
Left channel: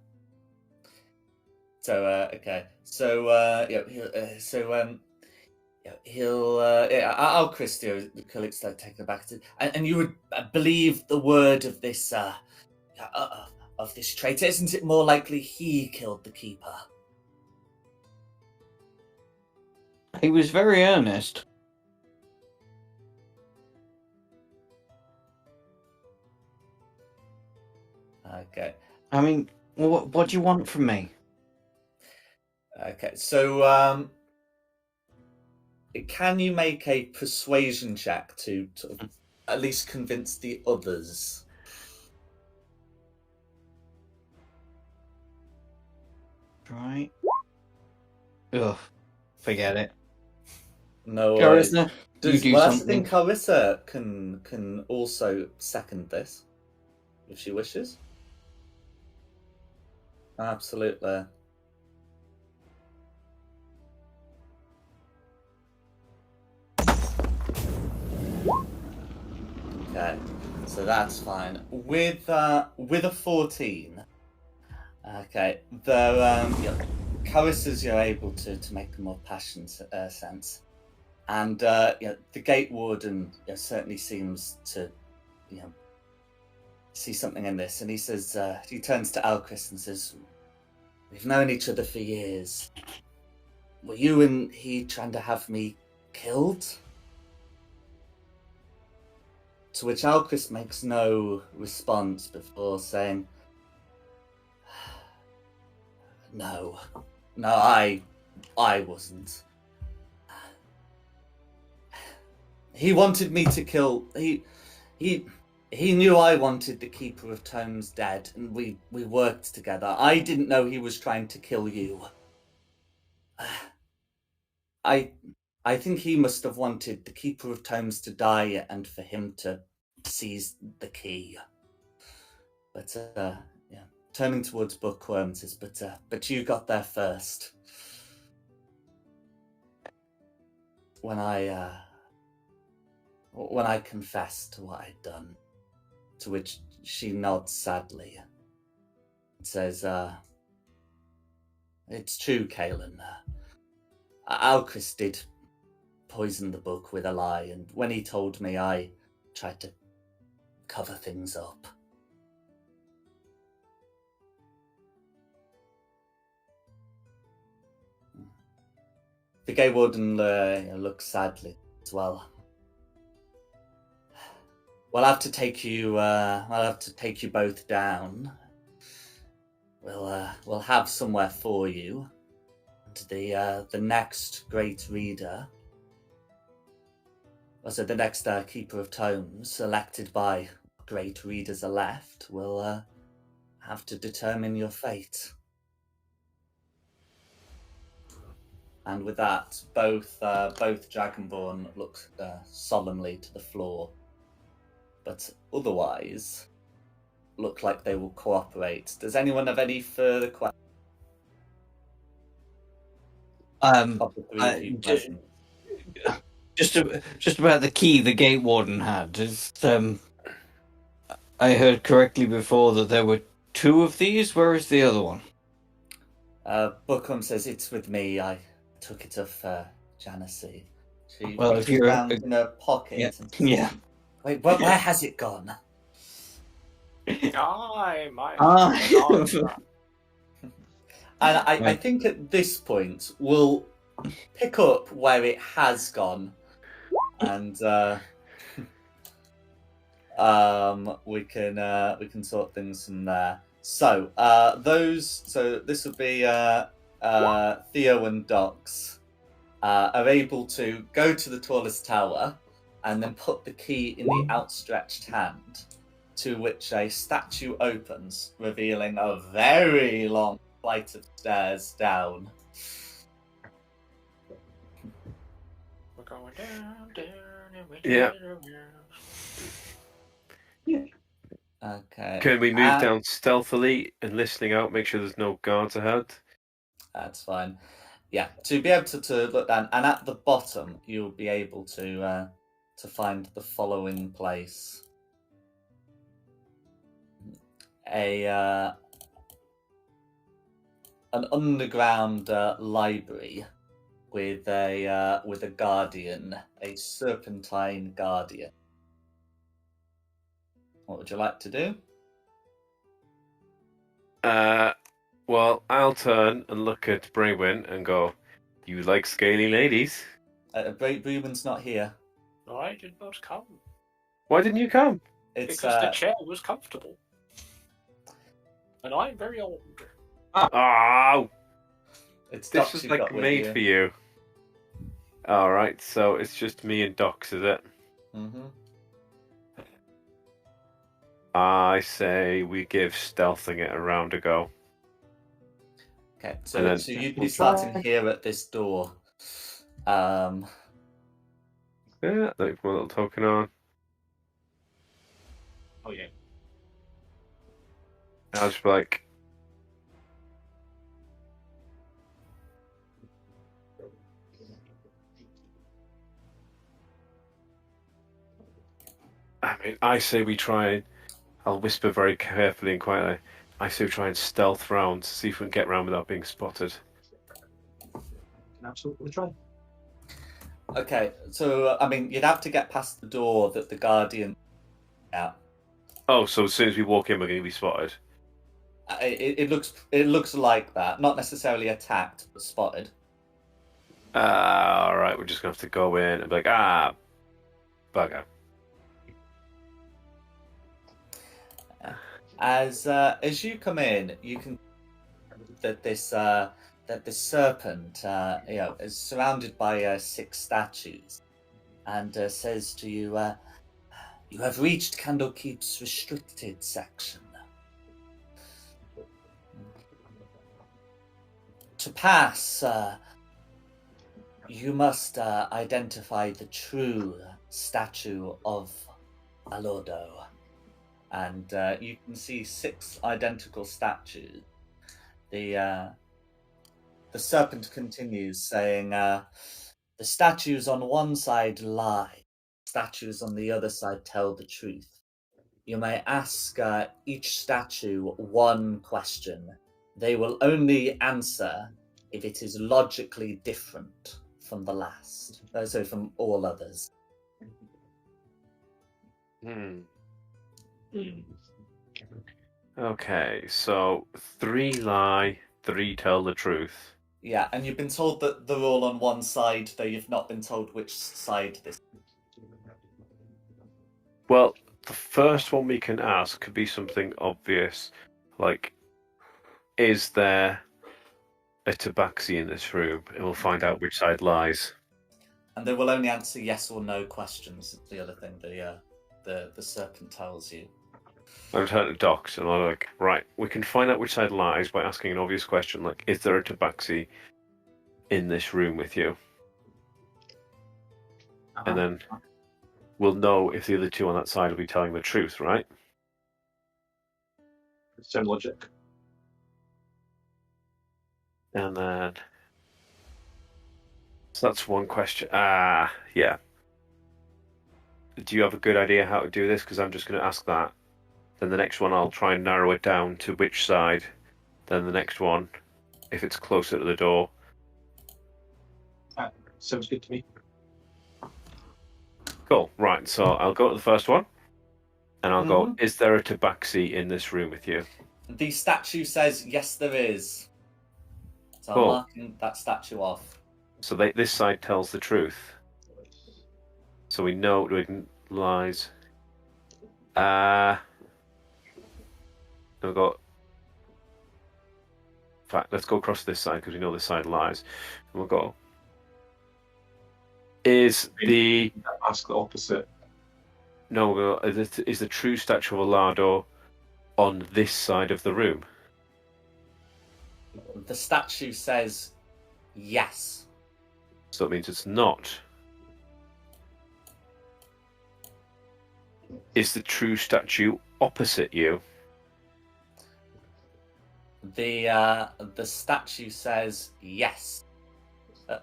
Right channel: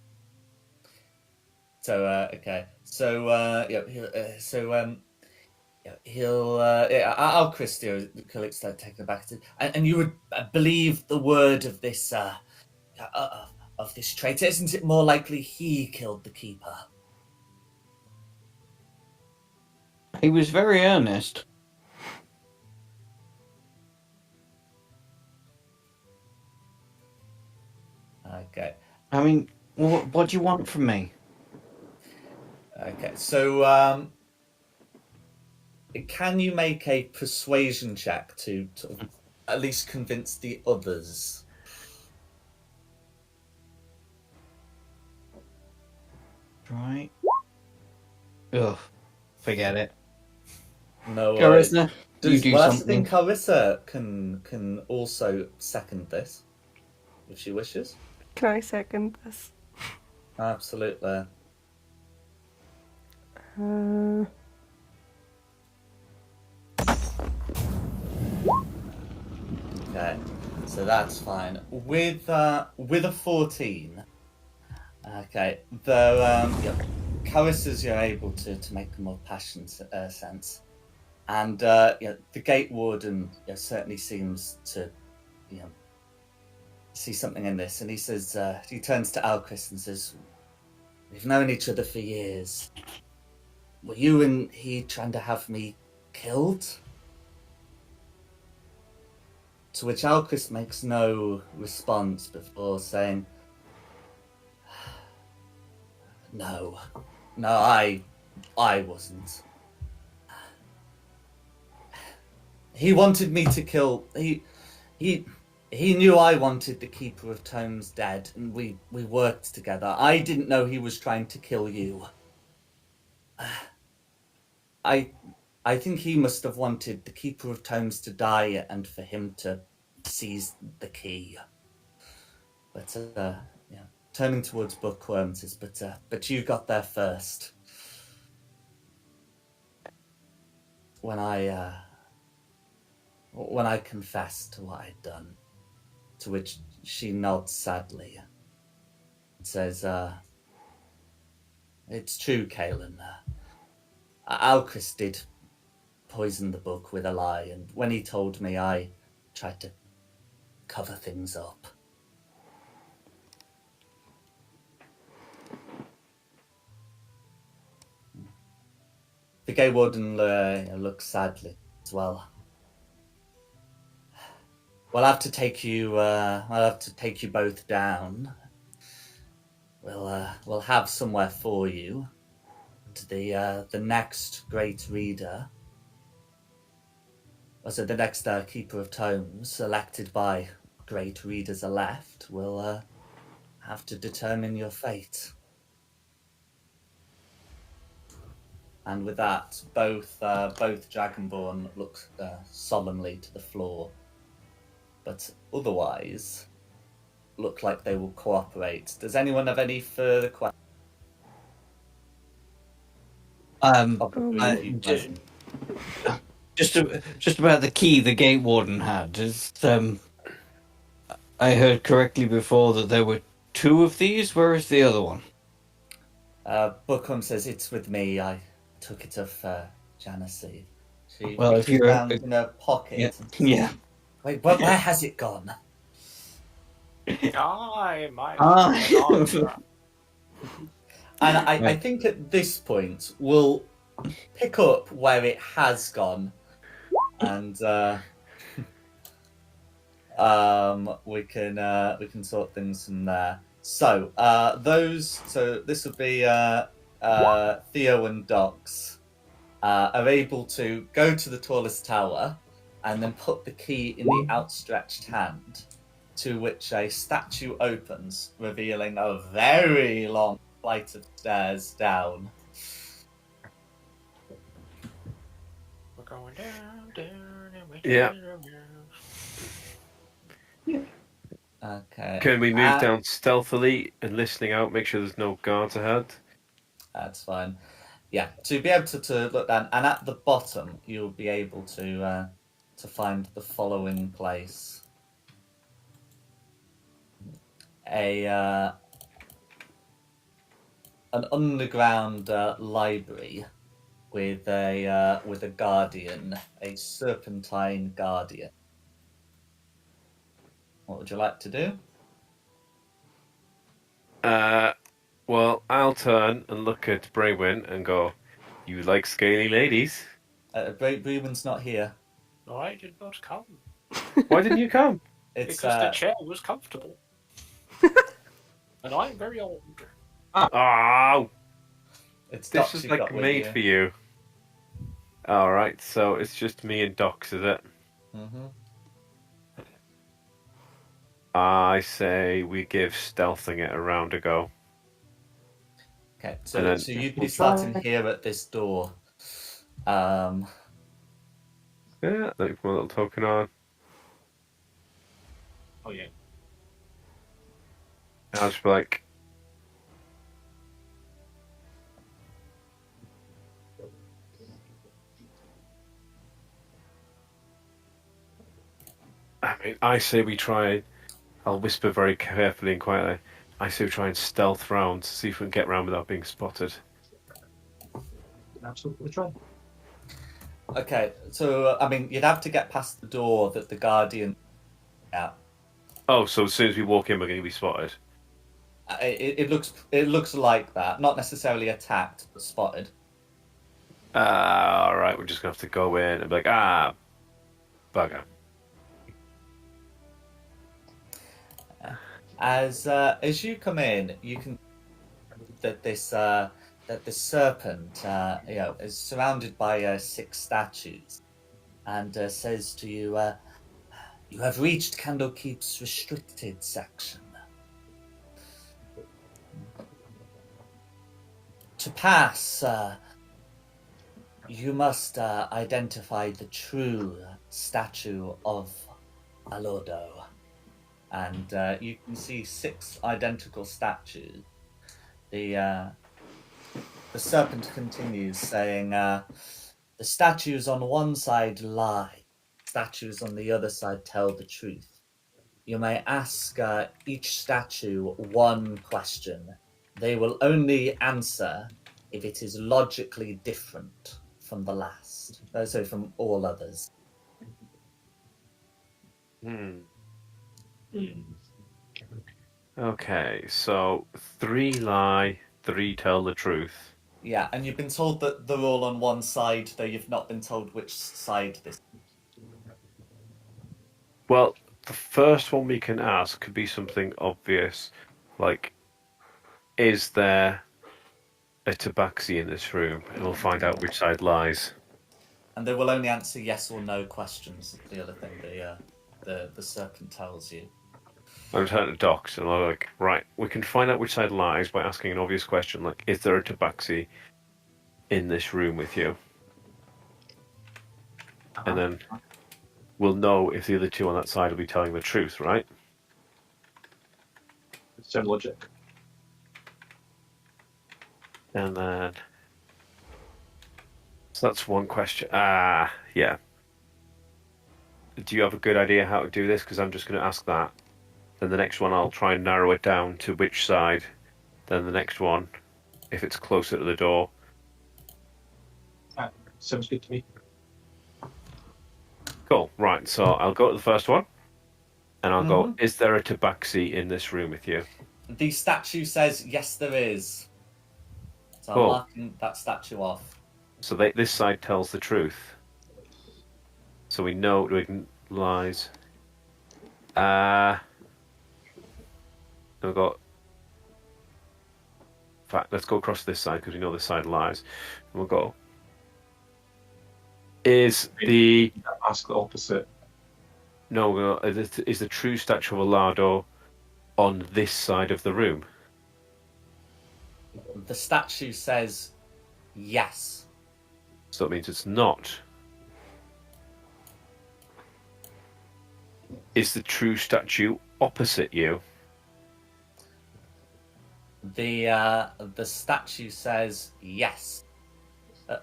So okay. So Alchrist collects that taken back to, and you would believe the word of this traitor. Isn't it more likely he killed the keeper? He was very earnest. Okay. I mean, what do you want from me? Okay, so can you make a persuasion check to sort of at least convince the others? Right. Ugh. Forget it. No. Carissa, you do I something. think Carissa can also second this, if she wishes. Can I second this? Absolutely. Okay, so that's fine. With a 14, okay, Carissa's able to make a more passionate sense, and the gate warden certainly seems to see something in this. And he says, he turns to Alchris and says, "We've known each other for years. Were you and he trying to have me killed?" To which Alchris makes no response before saying, No, I wasn't. He wanted me to kill. He knew I wanted the Keeper of Tomes dead, and we worked together. I didn't know he was trying to kill you. I think he must have wanted the Keeper of Tomes to die and for him to seize the key. But turning towards Bookworm says, "But you got there first. When I confessed to what I'd done." To which she nods sadly and says, "It's true, Kaelin. Alchris did poison the book with a lie, and when he told me, I tried to cover things up." The Gay Warden looks sadly as well. We'll have to take you. I'll have to take you both down. We'll have somewhere for you. The next great reader. Also, the next Keeper of Tomes, selected by great readers elect, will have to determine your fate. And with that, both Dragonborn look solemnly to the floor, but otherwise look like they will cooperate. Does anyone have any further questions? Just about the key the Gate Warden had. I heard correctly before that there were 2 of these. Where is the other one? Bookham says, "It's with me. I took it off Janice." She Well, if reaches you're down in her pocket. Yeah. And Yeah. Wait, where has it gone? I might. And I think at this point we'll pick up where it has gone, and we can sort things from there. So this would be Theo and Dox are able to go to the tallest tower and then put the key in the outstretched hand, to which a statue opens, revealing a very long flight of stairs down. We're going down, and we're Yeah. Okay. Can we move down stealthily and listening out, make sure there's no guards ahead? That's fine. Yeah, to be able to look down, and at the bottom you'll be able to find the following place: an underground library with a guardian, a serpentine guardian. What would you like to do? Well, I'll turn and look at Braywin and go, "You like scaly ladies? Brewen's not here. I did not come. Why didn't you come?" It's Because the chair was comfortable. And I'm very old. Oh, it's this Dox was you've like got with made you. for you. All right, so it's just me and Dox, is it? Mm-hmm. I say we give stealthing it a round a go. Okay, And so then- you'd be starting here at this door. Yeah, like my little token on. Oh yeah. I'll just be like, I say we try. I'll whisper very carefully and quietly. I say we try and stealth round, see if we can get round without being spotted. Absolutely try. Okay, so I mean, you'd have to get past the door that the guardian. Yeah. Oh, so as soon as we walk in, we're going to be spotted. It looks like that. Not necessarily attacked, but spotted. All right, we're just going to have to go in and be like, bugger. As you come in, you can that this serpent, is surrounded by 6 statues, and says to you, "You have reached Candlekeep's restricted section. To pass, you must identify the true statue of Alodo." And you can see 6 identical statues. The serpent continues, saying, "The statues on one side lie, statues on the other side tell the truth. You may ask each statue one question. They will only answer if it is logically different from the last, so from all others." Okay, so 3 lie, 3 tell the truth. Yeah, and you've been told that they're all on one side, though you've not been told which side this. Well, the first one we can ask could be something obvious, like, is there a tabaxi in this room? And we'll find out which side lies. And they will only answer yes or no questions. The other thing the serpent tells you. I'm turning to Docs, and I'm like, right, we can find out which side lies by asking an obvious question, like, is there a tabaxi in this room with you? And then we'll know if the other 2 on that side will be telling the truth, right? Sound logic. And then... So that's one question. Yeah. Do you have a good idea how to do this? Because I'm just going to ask that. Then the next one, I'll try and narrow it down to which side. Then the next one, if it's closer to the door. Sounds good to me. Cool. Right, so I'll go to the first one. And I'll go, is there a tabaxi in this room with you? The statue says, yes, there is. So Cool. I'm marking that statue off. So this side tells the truth. So we know it lies. We've got... In fact, let's go across this side because we know this side lies. And we'll go... Is the... Ask the opposite. No, is the true statue of Alado on this side of the room? The statue says yes. So that means it's not. Is the true statue opposite you? The statue says yes.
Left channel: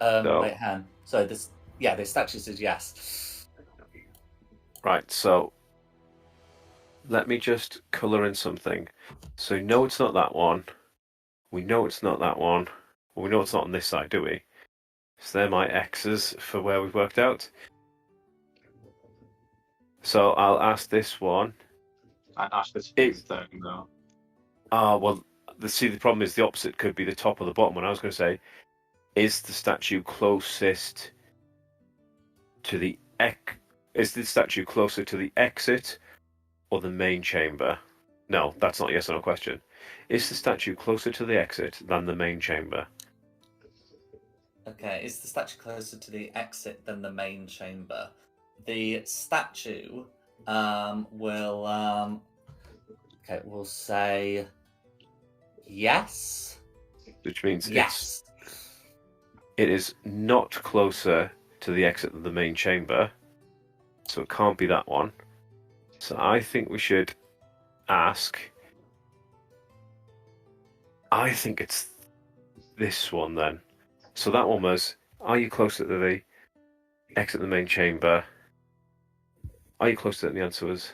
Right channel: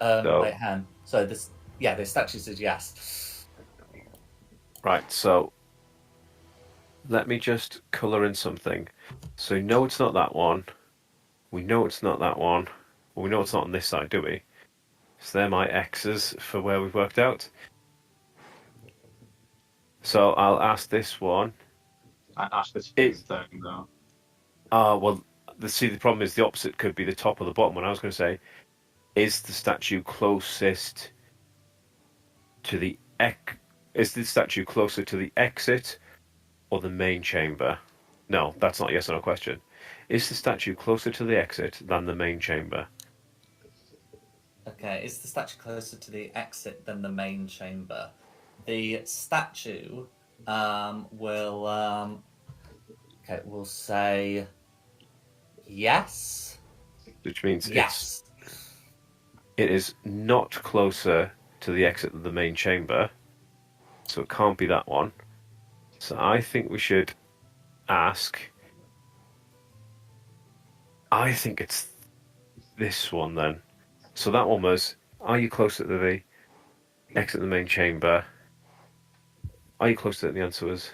No. Wait, hang on. So the statue says yes. Right, so let me just colour in something. So we know it's not that one. We know it's not that one. Well, we know it's not on this side, do we? So they're my X's for where we've worked out. So I'll ask this one. I asked this is down now. Well, the problem is the opposite could be the top or the bottom one. I was going to say, is the statue closest to the Is the statue closer to the exit or the main chamber? No, that's not a yes or no question. Is the statue closer to the exit than the main chamber? Okay, is the statue closer to the exit than the main chamber? The statue will say yes. Which means yes. It is not closer to the exit than the main chamber. So it can't be that one. So I think we should ask. I think it's this one then. So that one was, are you closer to the exit of the main chamber? Are you closer to it? The answer was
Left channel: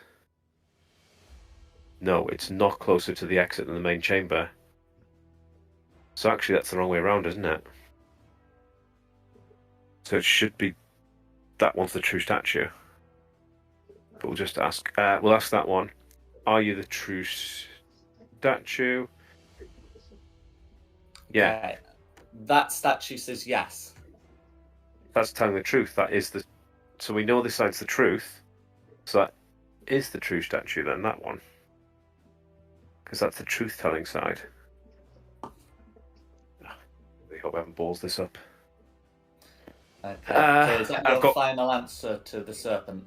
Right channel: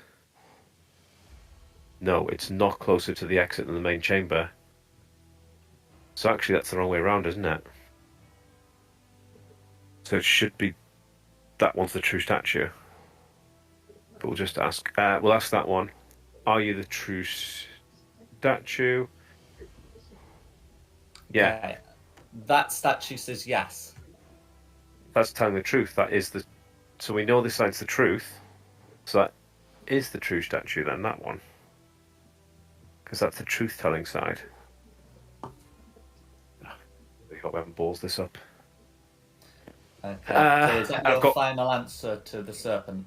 no, it's not closer to the exit than the main chamber. So actually that's the wrong way around, isn't it? So it should be that one's the true statue. But we'll just ask. We'll ask that one. Are you the true statue? Yeah, Okay. That statue says yes. that's telling the truth. That is the. So we know this side's the truth. So that is the true statue then, that one. Because that's the truth-telling side. I hope I haven't balls this up. Okay. So is that I've your got final answer to the serpent?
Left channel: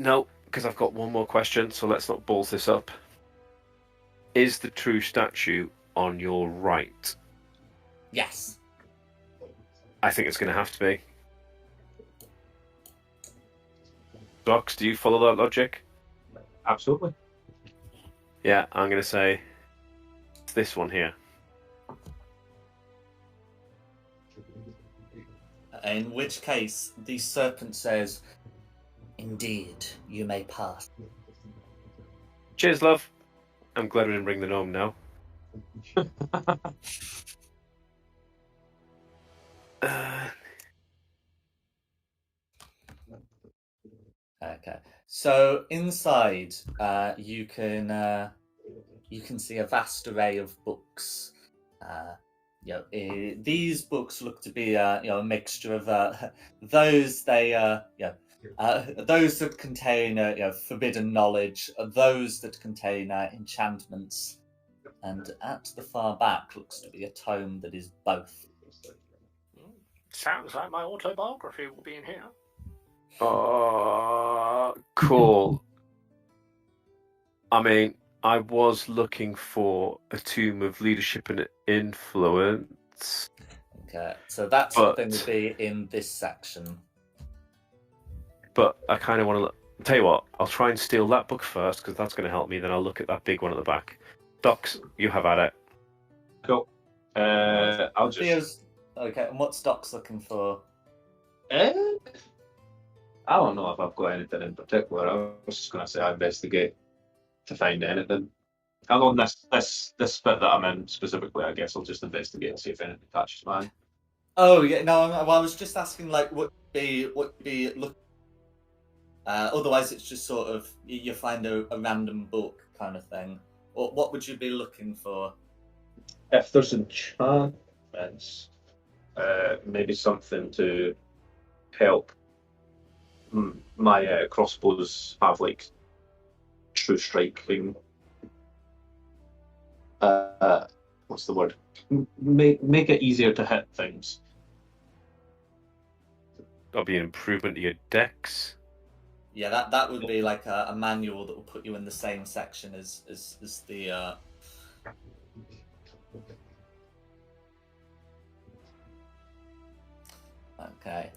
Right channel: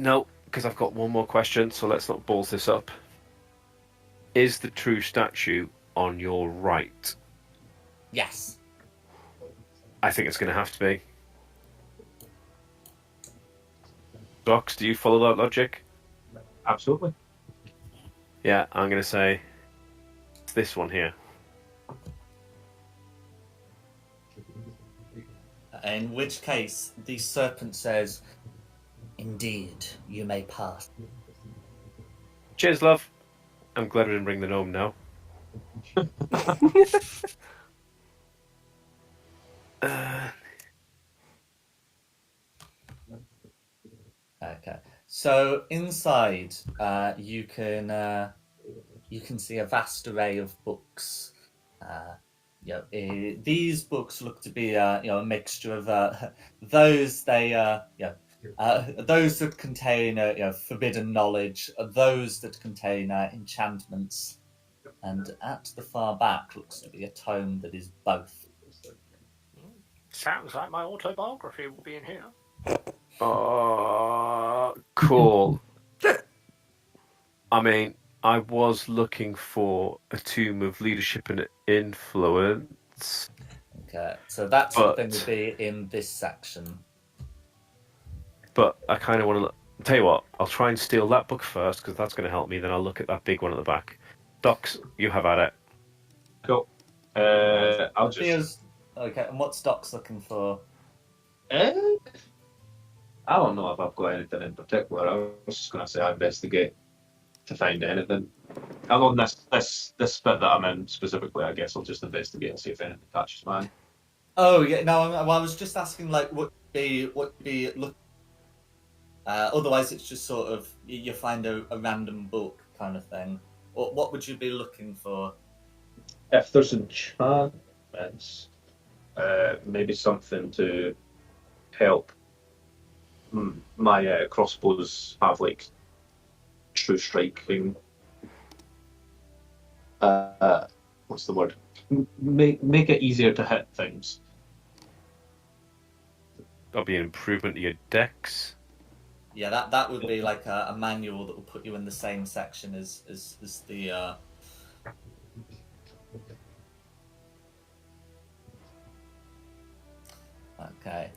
no, because I've got one more question. So let's not balls this up. Is the true statue on your right? Yes. I think it's going to have to be. Docs, do you follow that logic? Absolutely. Yeah, I'm going to say it's this one here. In which case, the serpent says, "Indeed, you may pass." Cheers, love. I'm glad we didn't bring the gnome now. Okay. So inside, you can see a vast array of books. These books look to be a mixture of those those that contain forbidden knowledge, those that contain enchantments, and at the far back looks to be a tome that is both. Sounds like my autobiography will be in here. Oh, cool. I mean, I was looking for a tomb of leadership and influence. Okay, so that sort of thing would be in this section. But I kind of want to tell you what. I'll try and steal that book first because that's going to help me. Then I'll look at that big one at the back. Docs, you have at it. Cool. I'll just. Okay, and what's Doc's looking for? I don't know if I've got anything in particular. I was just going to say I investigate to find anything. I'm on this bit that I'm in specifically. I guess I'll just investigate and see if anything catches my eye. Oh yeah, no. I was just asking like what would be look. Otherwise, it's just sort of you find a random book kind of thing. Or what would you be looking for? If there's enchantments, maybe something to help my crossbows have like true striking. What's the word? Make it easier to hit things. That'll be an improvement to your dex. Yeah, that would be like a manual that will put you in the same section as the. Okay.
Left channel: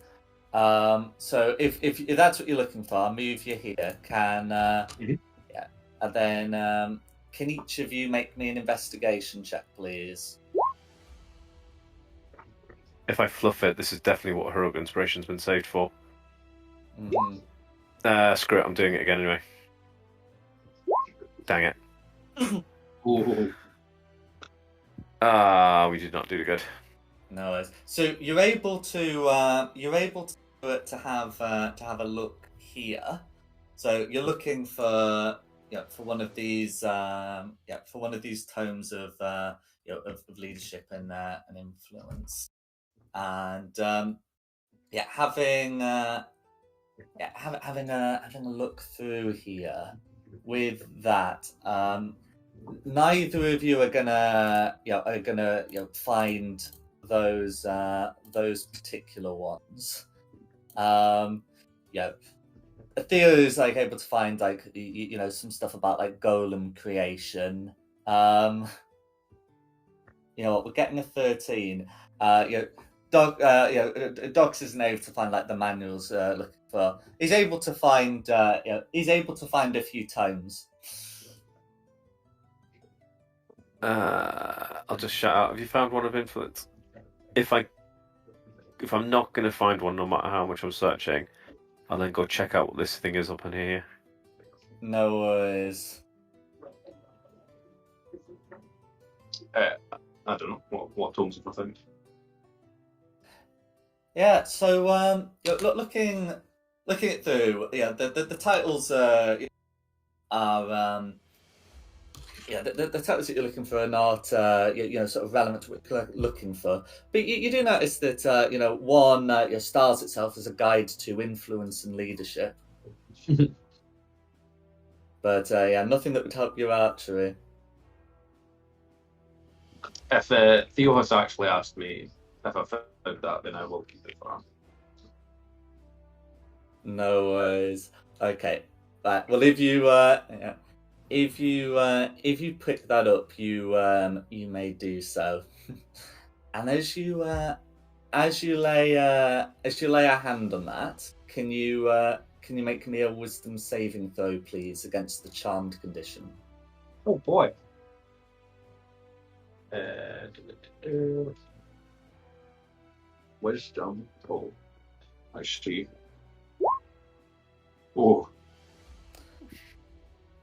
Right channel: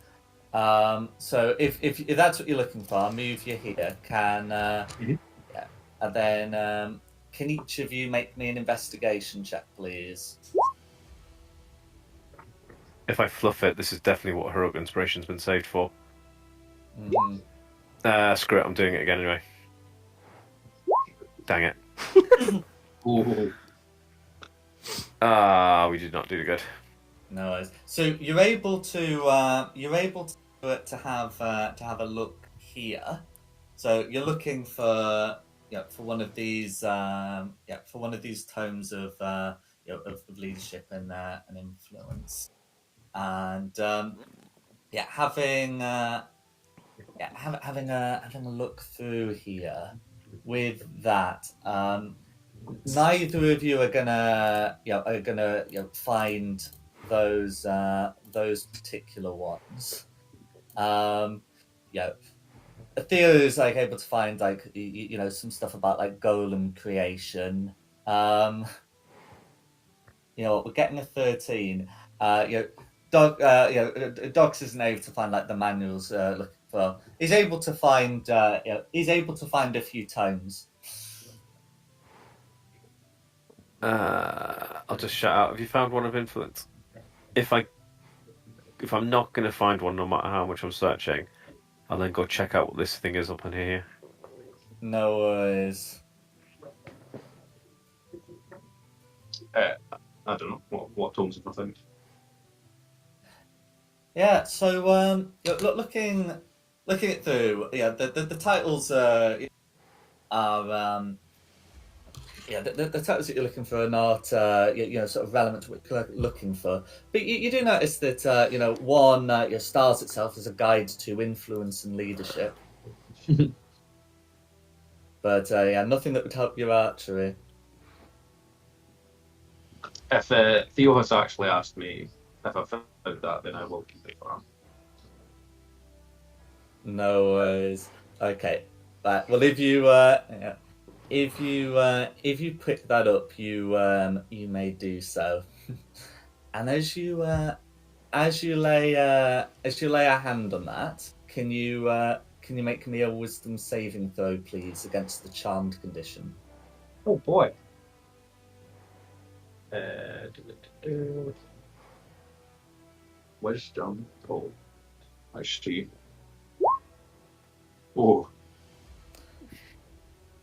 So if that's what you're looking for, I'll move you here. Yeah, and then can each of you make me an investigation check, please? If I fluff it, this is definitely what heroic inspiration's been saved for. Mm-hmm. Screw it, I'm doing it again anyway. Dang it. We did not do good. No worries. So you're able to have a look here. So you're looking for for one of these tomes of of leadership and influence, and having a look through here with that. Neither of you are gonna find those particular ones. Theo is like able to find like some stuff about like golem creation. We're getting a 13. Docs isn't able to find like the manuals looking for. He's able to find a few tomes. I'll just shout out. Have you found one of influence? If I'm not going to find one, no matter how much I'm searching, I'll then go check out what this thing is up in here. No worries. I don't know what tomes have I found. Yeah. So looking it through, the titles are the titles that you're looking for are not sort of relevant to what you're looking for. But you do notice that one stars itself as a guide to influence and leadership. But nothing that would help your archery. If Theo has actually asked me if I found that, then I will keep it for him. No worries. Okay. Right. Well, if you pick that up, you may do so. And as you lay a hand on that, can you make me a wisdom saving throw, please, against the charmed condition? Oh boy. Wisdom. Oh, I see. Oh,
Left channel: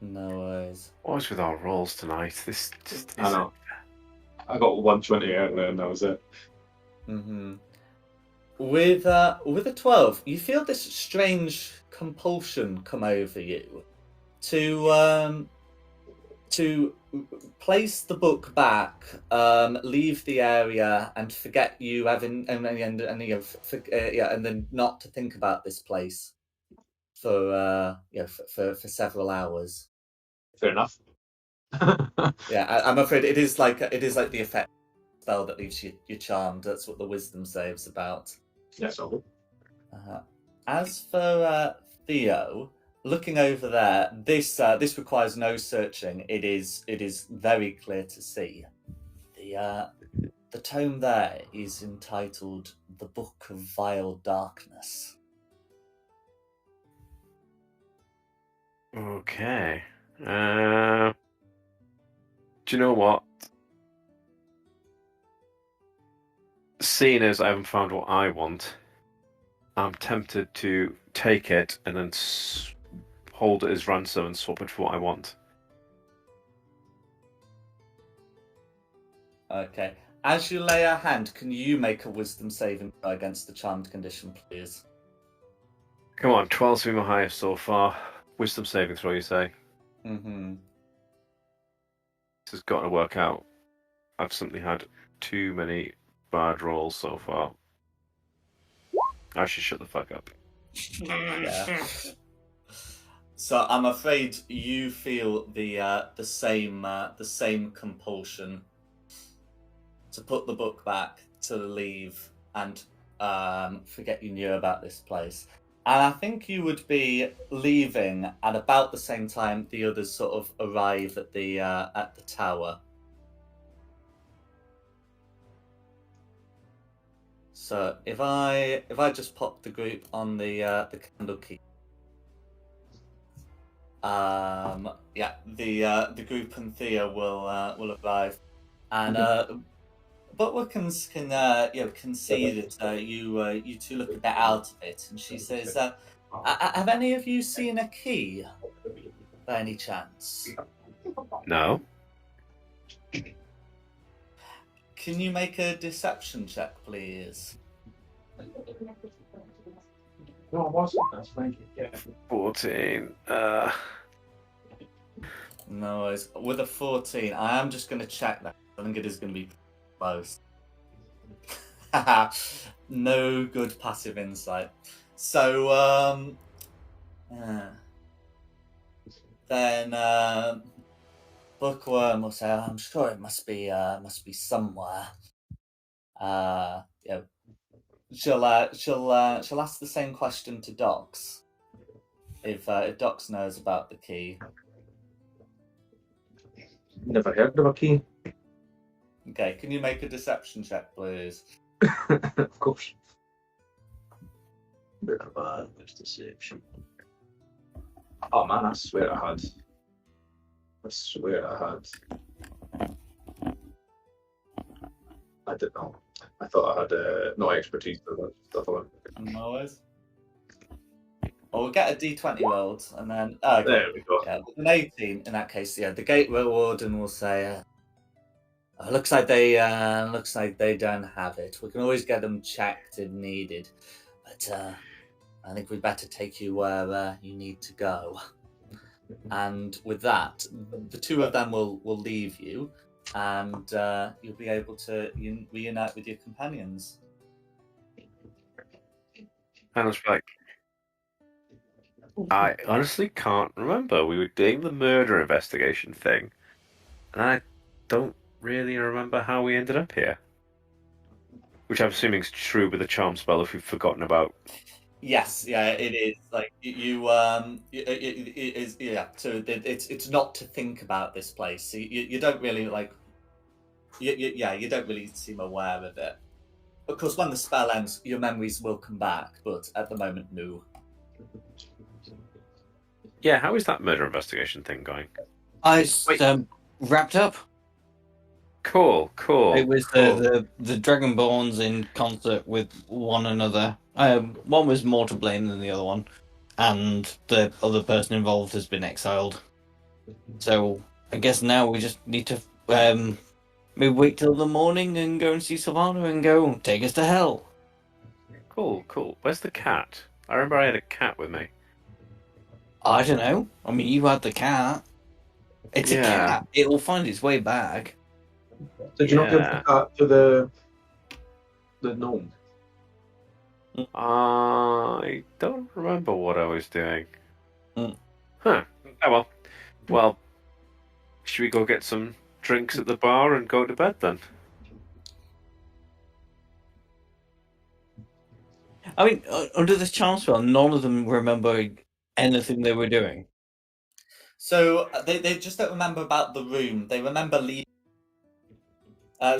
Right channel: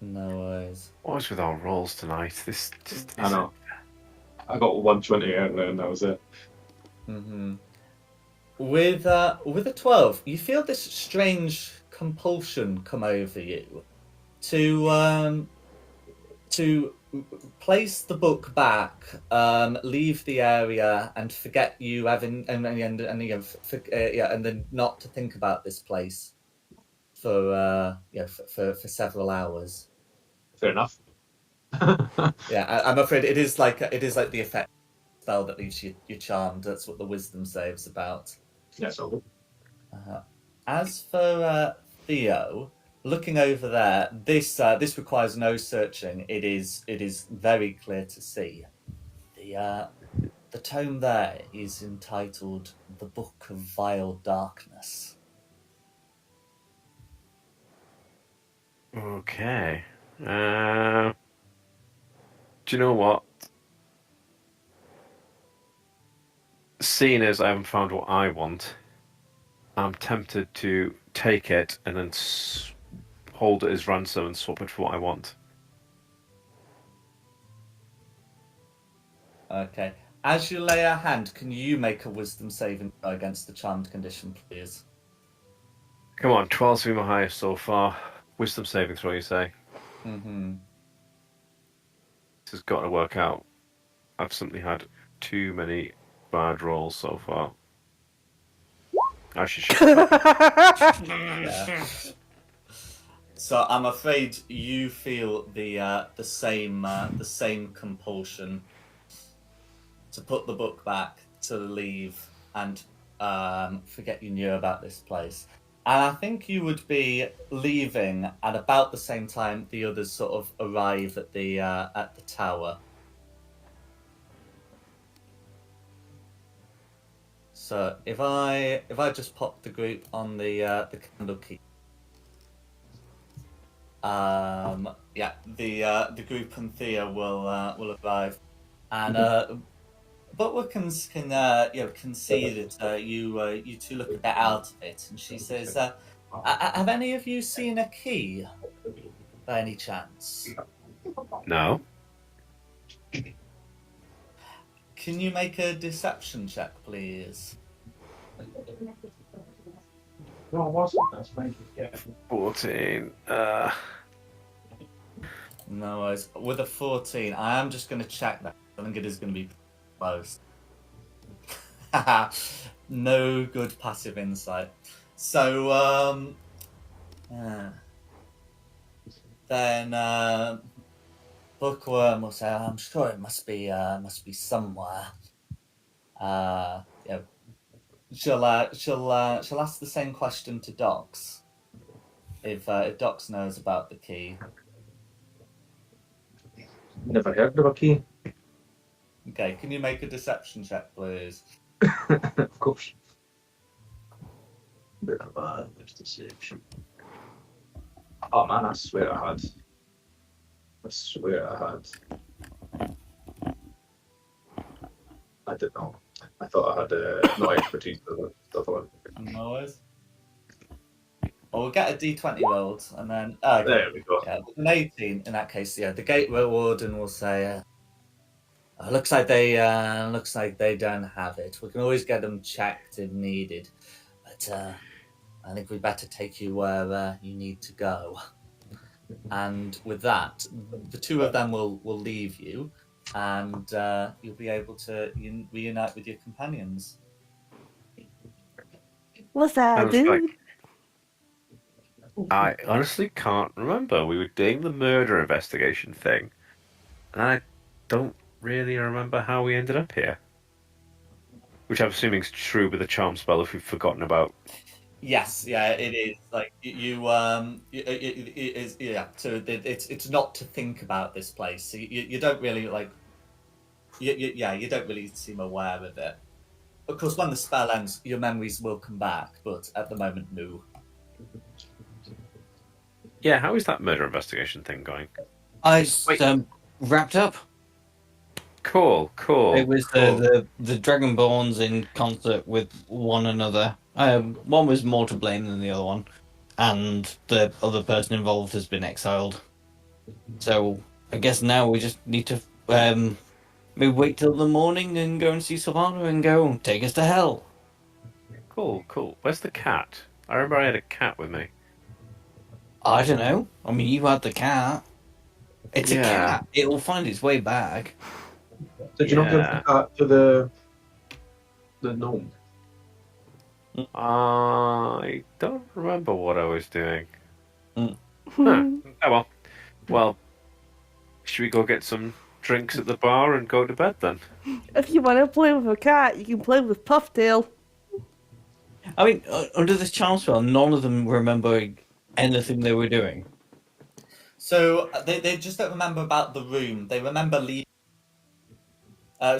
No worries. What's with our rolls tonight? This just I know. I got 120 out there, and that was it. Mm-hmm. With a 12, you feel this strange compulsion come over you to place the book back, leave the area, and forget you having and then not to think about this place for several hours. Fair enough. Yeah, I'm afraid it is like the effect spell that leaves you charmed. That's what the wisdom save's about. Yes, I will. As for Theo, looking over there, this requires no searching. It is very clear to see. The tome there is entitled "The Book of Vile Darkness." Okay. Do you know what? Seeing as I haven't found what I want, I'm tempted to take it and then hold it as ransom and swap it for what I want. Okay. As you lay a hand, can you make a wisdom saving throw against the charmed condition, please? Come on, 12's been my highest so far. Wisdom saving throw, you say? Mm-hmm. This has got to work out. I've simply had too many bad rolls so far. I should. Yeah. So I'm afraid you feel the same compulsion to put the book back, to leave, and forget you knew about this place. And I think you would be leaving at about the same time the others sort of arrive at the tower. So if I just pop the group on the candle key, the group and Thea will arrive, and Butler can see that you two look a bit out of it, and she says, "Have any of you seen a key, by any chance? No. Can you make a deception check, please?" No, I wasn't. That's fine. Yeah. 14. No worries. With a 14, I am just going to check that. I think it is going to be close. No good passive insight. So, then Bookworm will say, "I'm sure it must be somewhere." She'll ask the same question to Docs if Docs knows about the key. Never heard of a key. Okay, can you make a deception check, please? Of course. Bit of a deception. Oh man, I swear I had. I didn't know. I thought I had no expertise with that stuff. No worries. Well, we'll get a D20 rolled, and then There we go. yeah, an 18 in that case. Yeah, the gateway warden will say, looks like they don't have it. We can always get them checked if needed, but I think we'd better take you where you need to go." And with that, the two of them will leave you, and you'll be able to reunite with your companions. What's that, Sounds dude? like I honestly can't remember. We were doing the murder investigation thing, and I don't really remember how we ended up here. Which I'm assuming is true with the charm spell if we've forgotten about. Yes, yeah, it is. Like it is. Yeah, so it's not to think about this place. So you don't really like. You don't really seem aware of it. Of course, when the spell ends, your memories will come back, but at the moment, no. Yeah, how is that murder investigation thing going? It's Wait. wrapped up. Cool. It was the Dragonborns in concert with one another. One was more to blame than the other one, and the other person involved has been exiled. So I guess now we just need to maybe wait till the morning and go and see Sylvana and go take us to hell. Cool. Where's the cat? I remember I had a cat with me. I don't know. I mean, you had the cat. It's a cat. It'll find its way back. Did you not give the cat to the gnome? I don't remember what I was doing. Mm. Oh well. Well, should we go get some drinks at the bar and go to bed then? If you want to play with a cat, you can play with Pufftail. I mean, under this charm spell, none of them remember anything they were doing. So they just don't remember about the room. They remember leaving.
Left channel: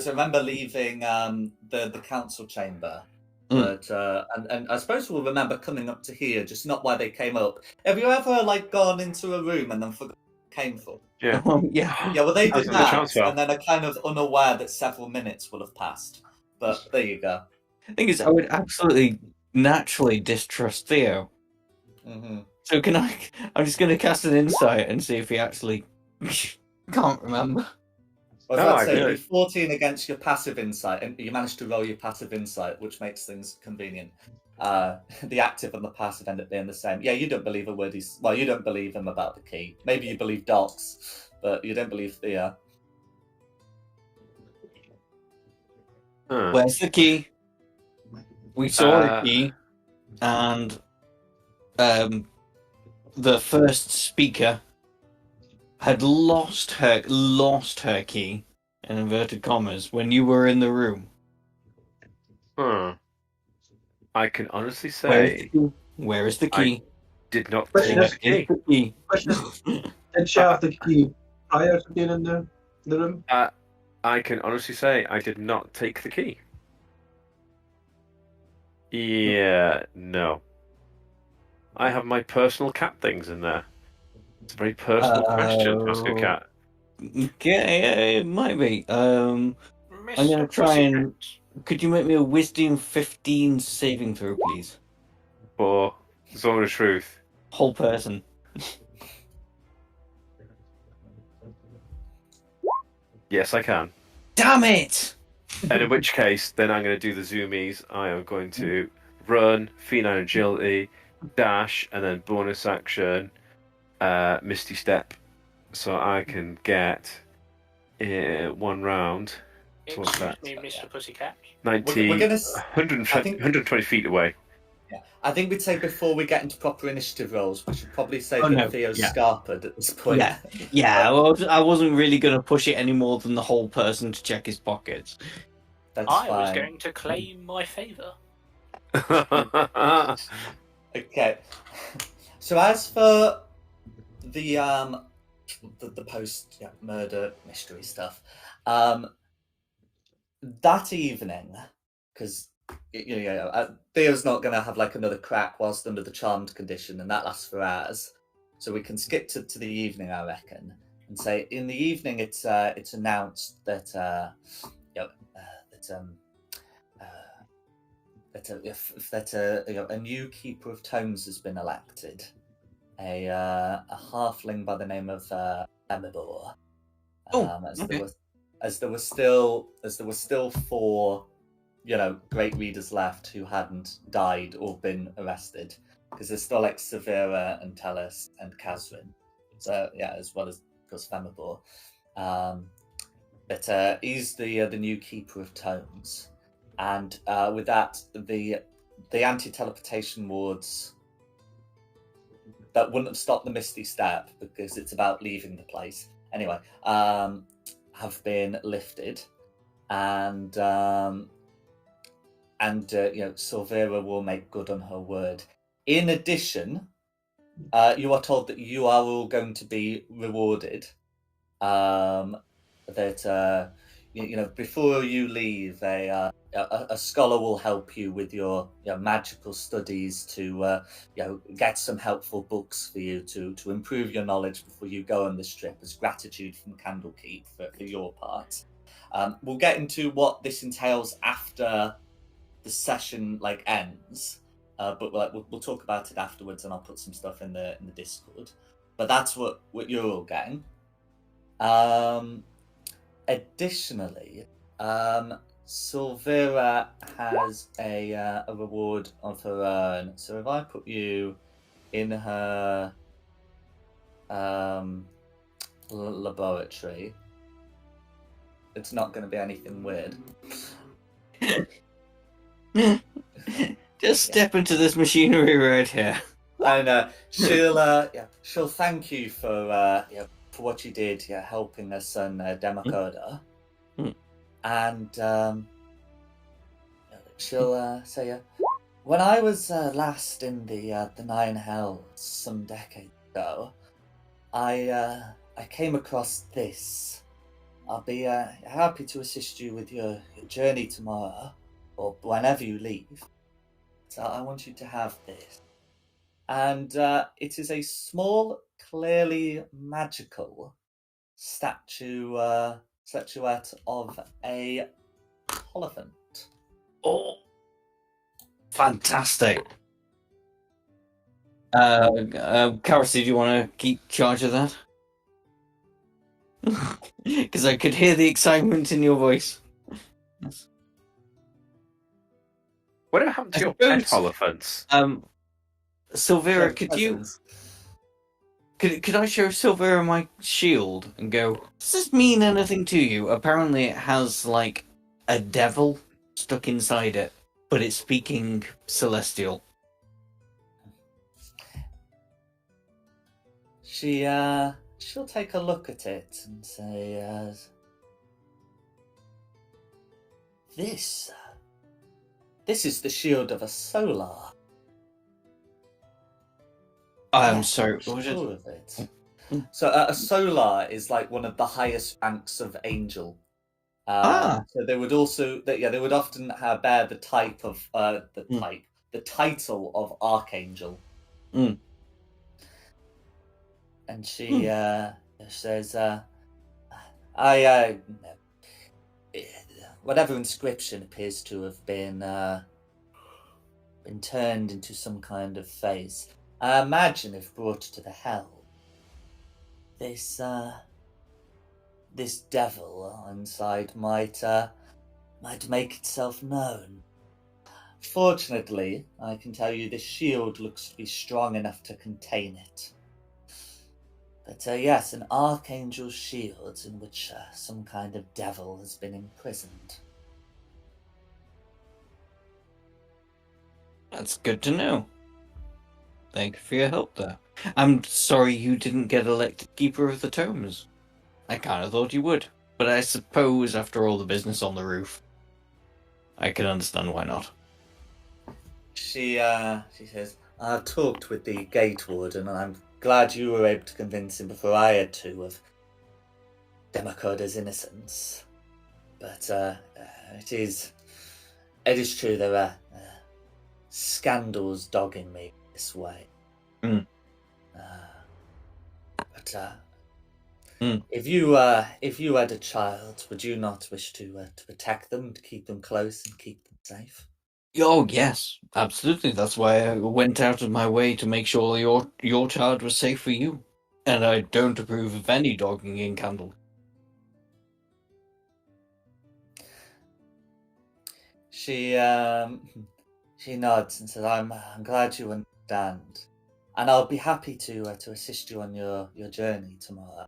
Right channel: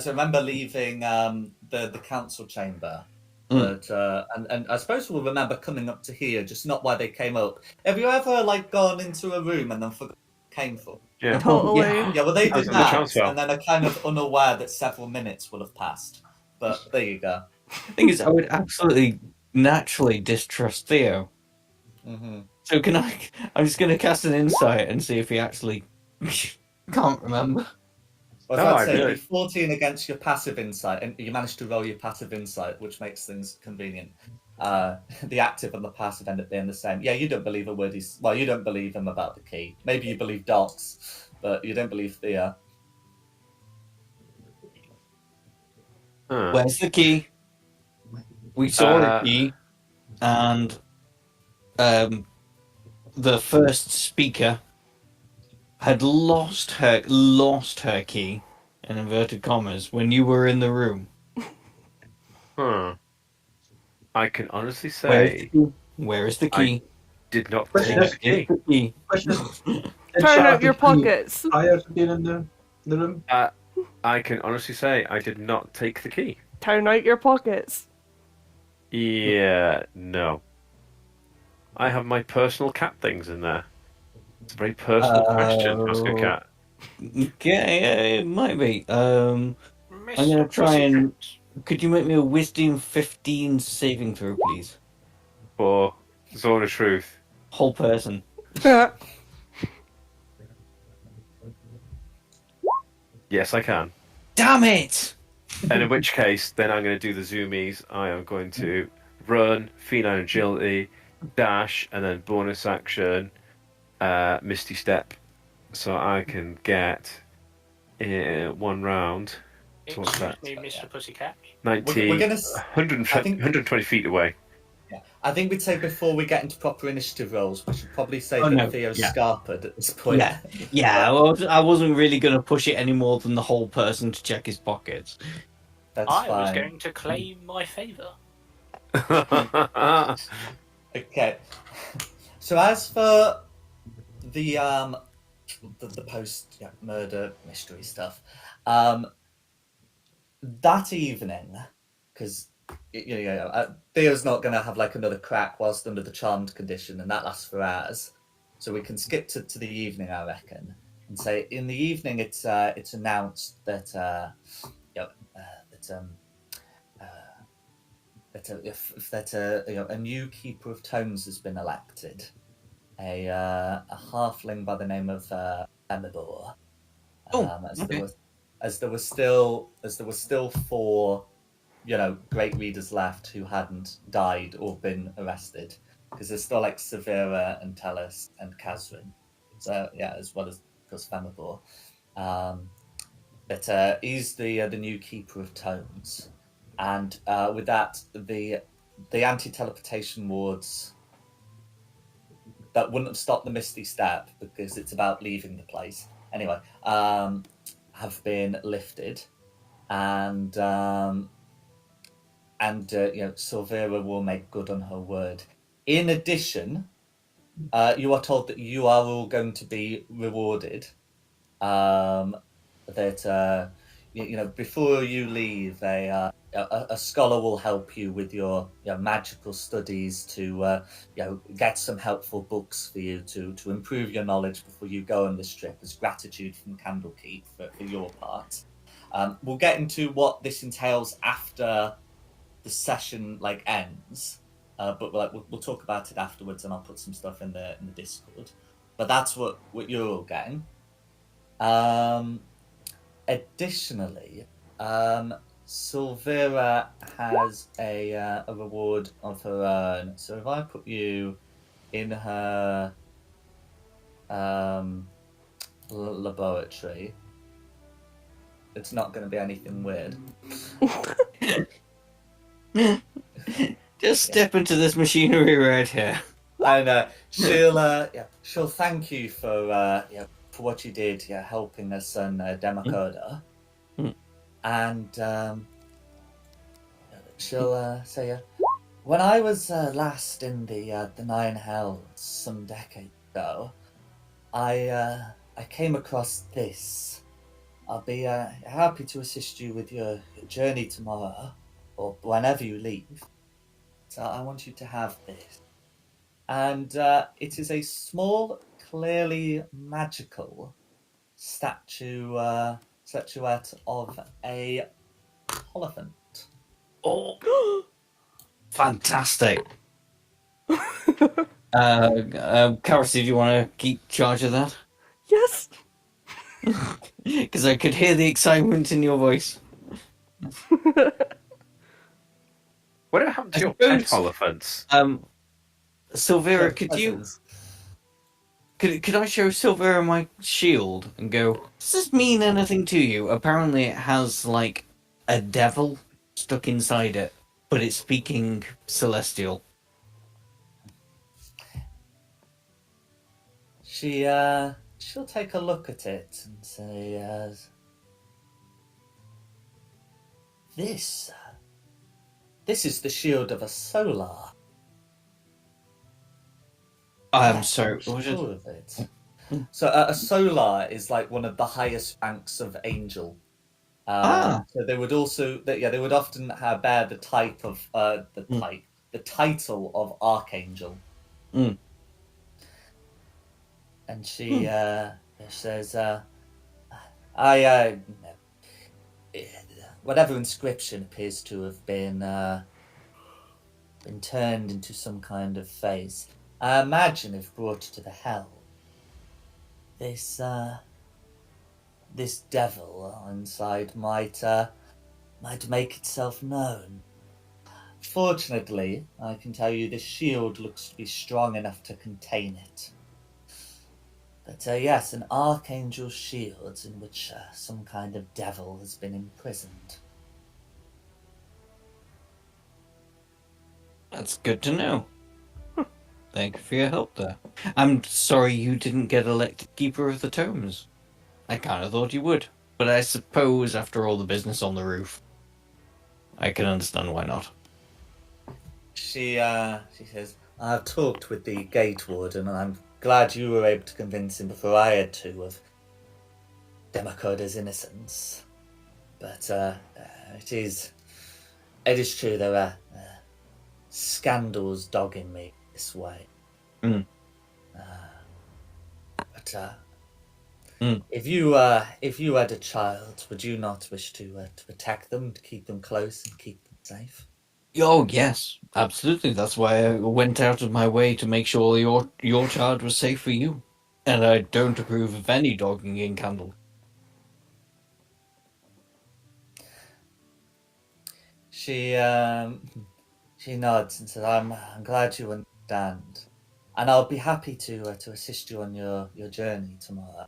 Remember leaving the council chamber. But and I suppose we'll remember coming up to here, just not why they came up. Have you ever like gone into a room and then forgot what came from? Yeah. Totally. Yeah, well they That's did on the chance that, spell. and then are kind of unaware that several minutes will have passed. But there you go. The thing is, I would absolutely naturally distrust Theo. Mm-hmm. So can I? I'm just going to cast an insight and see if he actually can't remember. I was No, about to I say, really- 14 against your passive insight, and you managed to roll your passive insight, which makes things convenient. The active and the passive end up being the same. Yeah, you don't believe a word he's... Well, you don't believe him about the key. Maybe you believe Docs, but you don't believe Thea. Where's the key? We saw a key, and the first speaker had lost her key, in inverted commas, when you were in the room. I can honestly say Where is the key? did not Question take is- the key. The key. Question: Turn out your pockets. Prior to being in the room. I can honestly say I did not take the key. Turn out your pockets. Yeah, no. I have my personal cat things in there. It's a very personal question to ask a cat. Okay, it might be. I'm gonna try and. Could you make me a Wisdom 15 saving throw, please? For Zone of Truth. Whole person. Yes, I can. Damn it! And in which case, then I'm going to do the zoomies. I am going to run, feline agility, dash, and then bonus action, Misty Step. So I can get one round. So what's that? Excuse me, Mr. Pussycat. 90, We're gonna... 120 feet away. Yeah. I think we'd say before we get into proper initiative rolls, we should probably say that Theo's scarpered at this point. Yeah. Well, I wasn't really going to push it any more than the whole person to check his pockets. That's I fine. was going to claim my favour. Okay. So as for the post murder mystery stuff, that evening, because Theo's not going to have like another crack whilst under the charmed condition, and that lasts for hours. So we can skip to the evening, I reckon, and say in the evening it's announced that a new keeper of tomes has been elected, a halfling by the name of Emibor. As there were still four, great readers left who hadn't died or been arrested, because there's still like Severa and Tellus and Kazrin. So yeah, as well as Gus Femibor. But he's the new keeper of tomes, and with that, the anti-teleportation wards that wouldn't have stopped the Misty Step because it's about leaving the place anyway. Have been lifted, and Silvera will make good on her word. In addition, you are told that you are all going to be rewarded. That before you leave, a scholar will help you with your magical studies to get some helpful books for you to improve your knowledge before you go on this trip as gratitude from Candlekeep for your part. We'll get into what this entails after the session ends, but we'll talk about it afterwards, and I'll put some stuff in the Discord. But that's what you're all getting. Additionally, Silvera has a reward of her own. So if I put you in her laboratory, it's not going to be anything weird. Just step into this machinery right here. And she'll thank you for what you did, helping her son Demacoda. And she'll say, when I was last in the Nine Hells some decades ago, I came across this. I'll be happy to assist you with your journey tomorrow, or whenever you leave. So I want you to have this. And it is a small, clearly magical statuette of a Holophant. Oh, fantastic! Karis, do you want to keep charge of that? Yes. Because I could hear the excitement in your voice. What happened to I your pet suppose- Holophants? Silvera, could I show Silvera my shield and go, does this mean anything to you? Apparently it has, a devil stuck inside it, but it's speaking celestial. She'll take a look at it and say, this is the shield of a solar. I'm sorry, I'm what sure of it. So a solar is one of the highest ranks of angel. So they would also, they would often bear the type of the title of archangel. And she says, whatever inscription appears to have been turned into some kind of face. I imagine if brought to the hell, this devil inside might make itself known. Fortunately, I can tell you this shield looks to be strong enough to contain it. But yes, an archangel's shield in which some kind of devil has been imprisoned. That's good to know. Thank you for your help there. I'm sorry you didn't get elected Keeper of the Tomes. I kind of thought you would. But I suppose after all the business on the roof, I can understand why not. She says, I've talked with the gate warden and I'm glad you were able to convince him before I had to of Demacoda's innocence. But it is true there are scandals dogging me this way. If you had a child, would you not wish to protect them, to keep them close and keep them safe? Oh yes, absolutely. That's why I went out of my way to make sure your child was safe for you. And I don't approve of any dogging in Candle. She nods and says, I'm glad you understand. and I'll be happy to assist you on your journey tomorrow,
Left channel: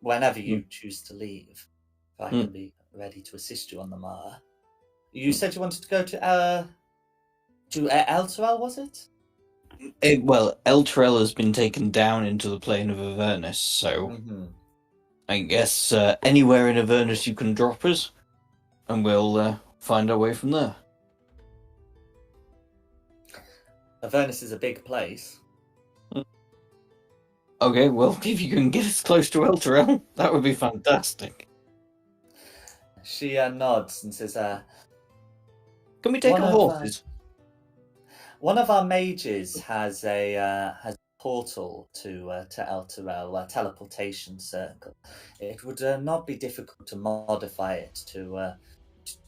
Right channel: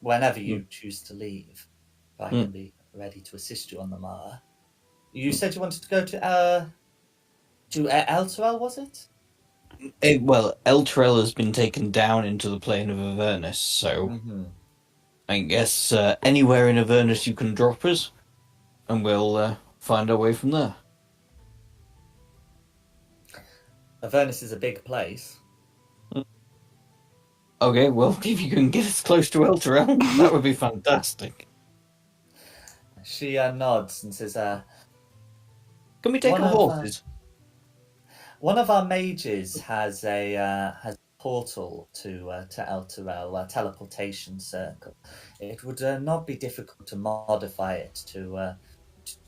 whenever you choose to leave. I can be ready to assist you on the morrow. You said you wanted to go to Elturel, was it? Well, Elturel has been taken down into the plane of Avernus, so I guess anywhere in Avernus you can drop us, and we'll find our way from there. Avernus is a big place. Okay, well, if you can get us close to Elturel, that would be fantastic. She nods and says, Can we take our horses? One of our mages has a portal to Elturel, a teleportation circle. It would not be difficult to modify it to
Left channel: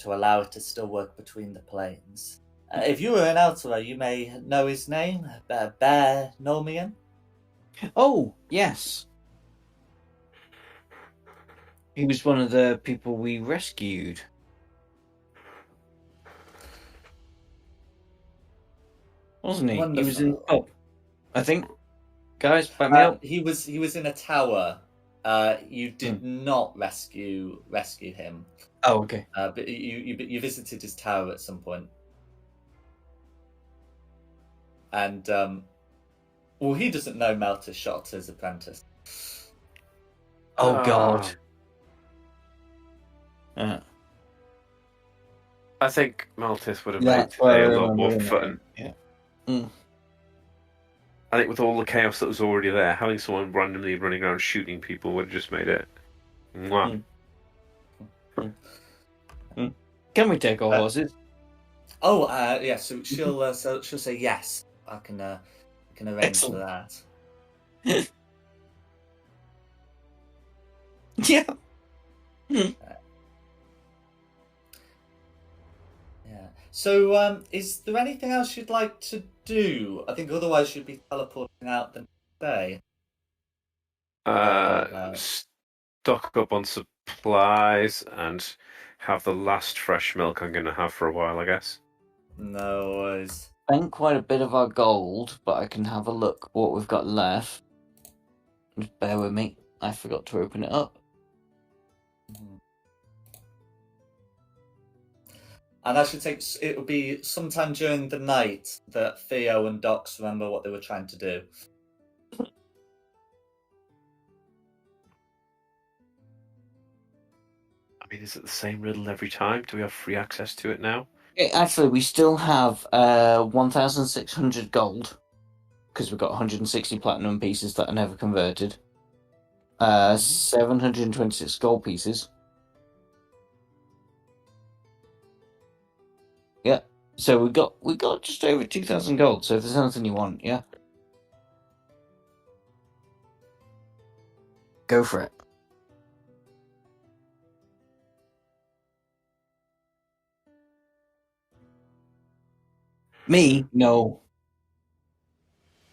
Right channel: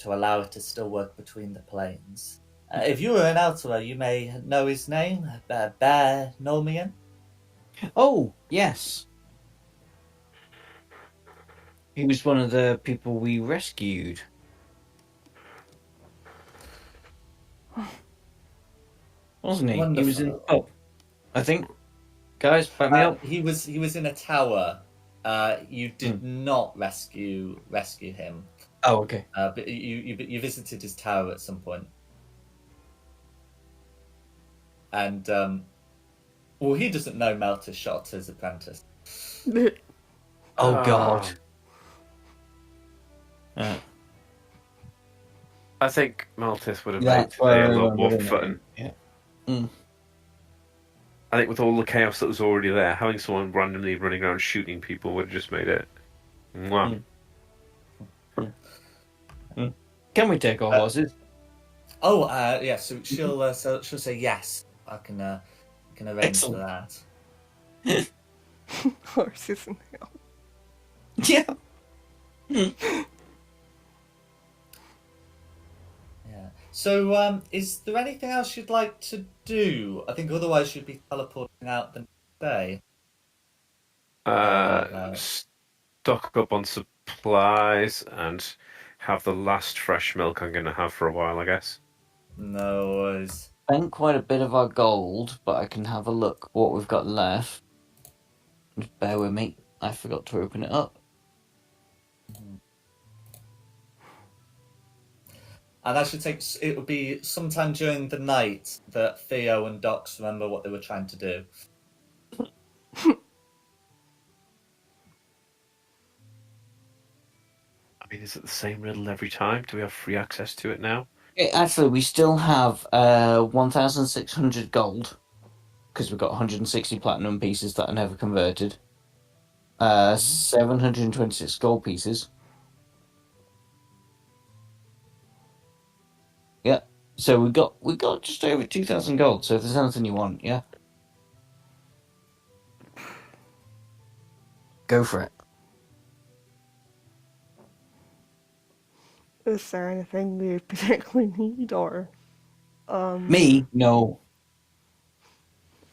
allow it to still work between the planes. If you were in Elturel, you may know his name, Bear Nomian. Oh, yes. He was one of the people we rescued. Wasn't he? Wonderful. He was in the pub, I think. Guys, back me up. He was in a tower. You did not rescue him. Oh, okay. But you visited his tower at some point. And well, he doesn't know Melter shot his apprentice. Oh God. I think Malthus would have That's made why I today a lot more remember fun. Yeah. I think with all the chaos that was already there, having someone randomly running around shooting people would have just made it. Mwah. Can we take our horses? Oh, yeah. So she'll say yes. I can arrange Excellent. for that. Horses and hell. Yeah. Yeah. So, is there anything else you'd like to do? I think otherwise you'd be teleporting out the next day. Stock up on supplies and have the last fresh milk I'm going to have for a while, I guess. No worries. Spent quite a bit of our gold, but I can have a look what we've got left. Just bear with me. I forgot to open it up. And I should think it will be sometime during the night that Theo and Docs remember what they were trying to do. I mean, is it the same riddle every time? Do we have free access to it now? Actually, we still have 1,600 gold, because we've got 160 platinum pieces that are never converted. 726 gold pieces. Yeah, so we got just over 2,000 gold. So if there's anything you want, yeah, go for it. Is there anything we particularly need, or Me? No.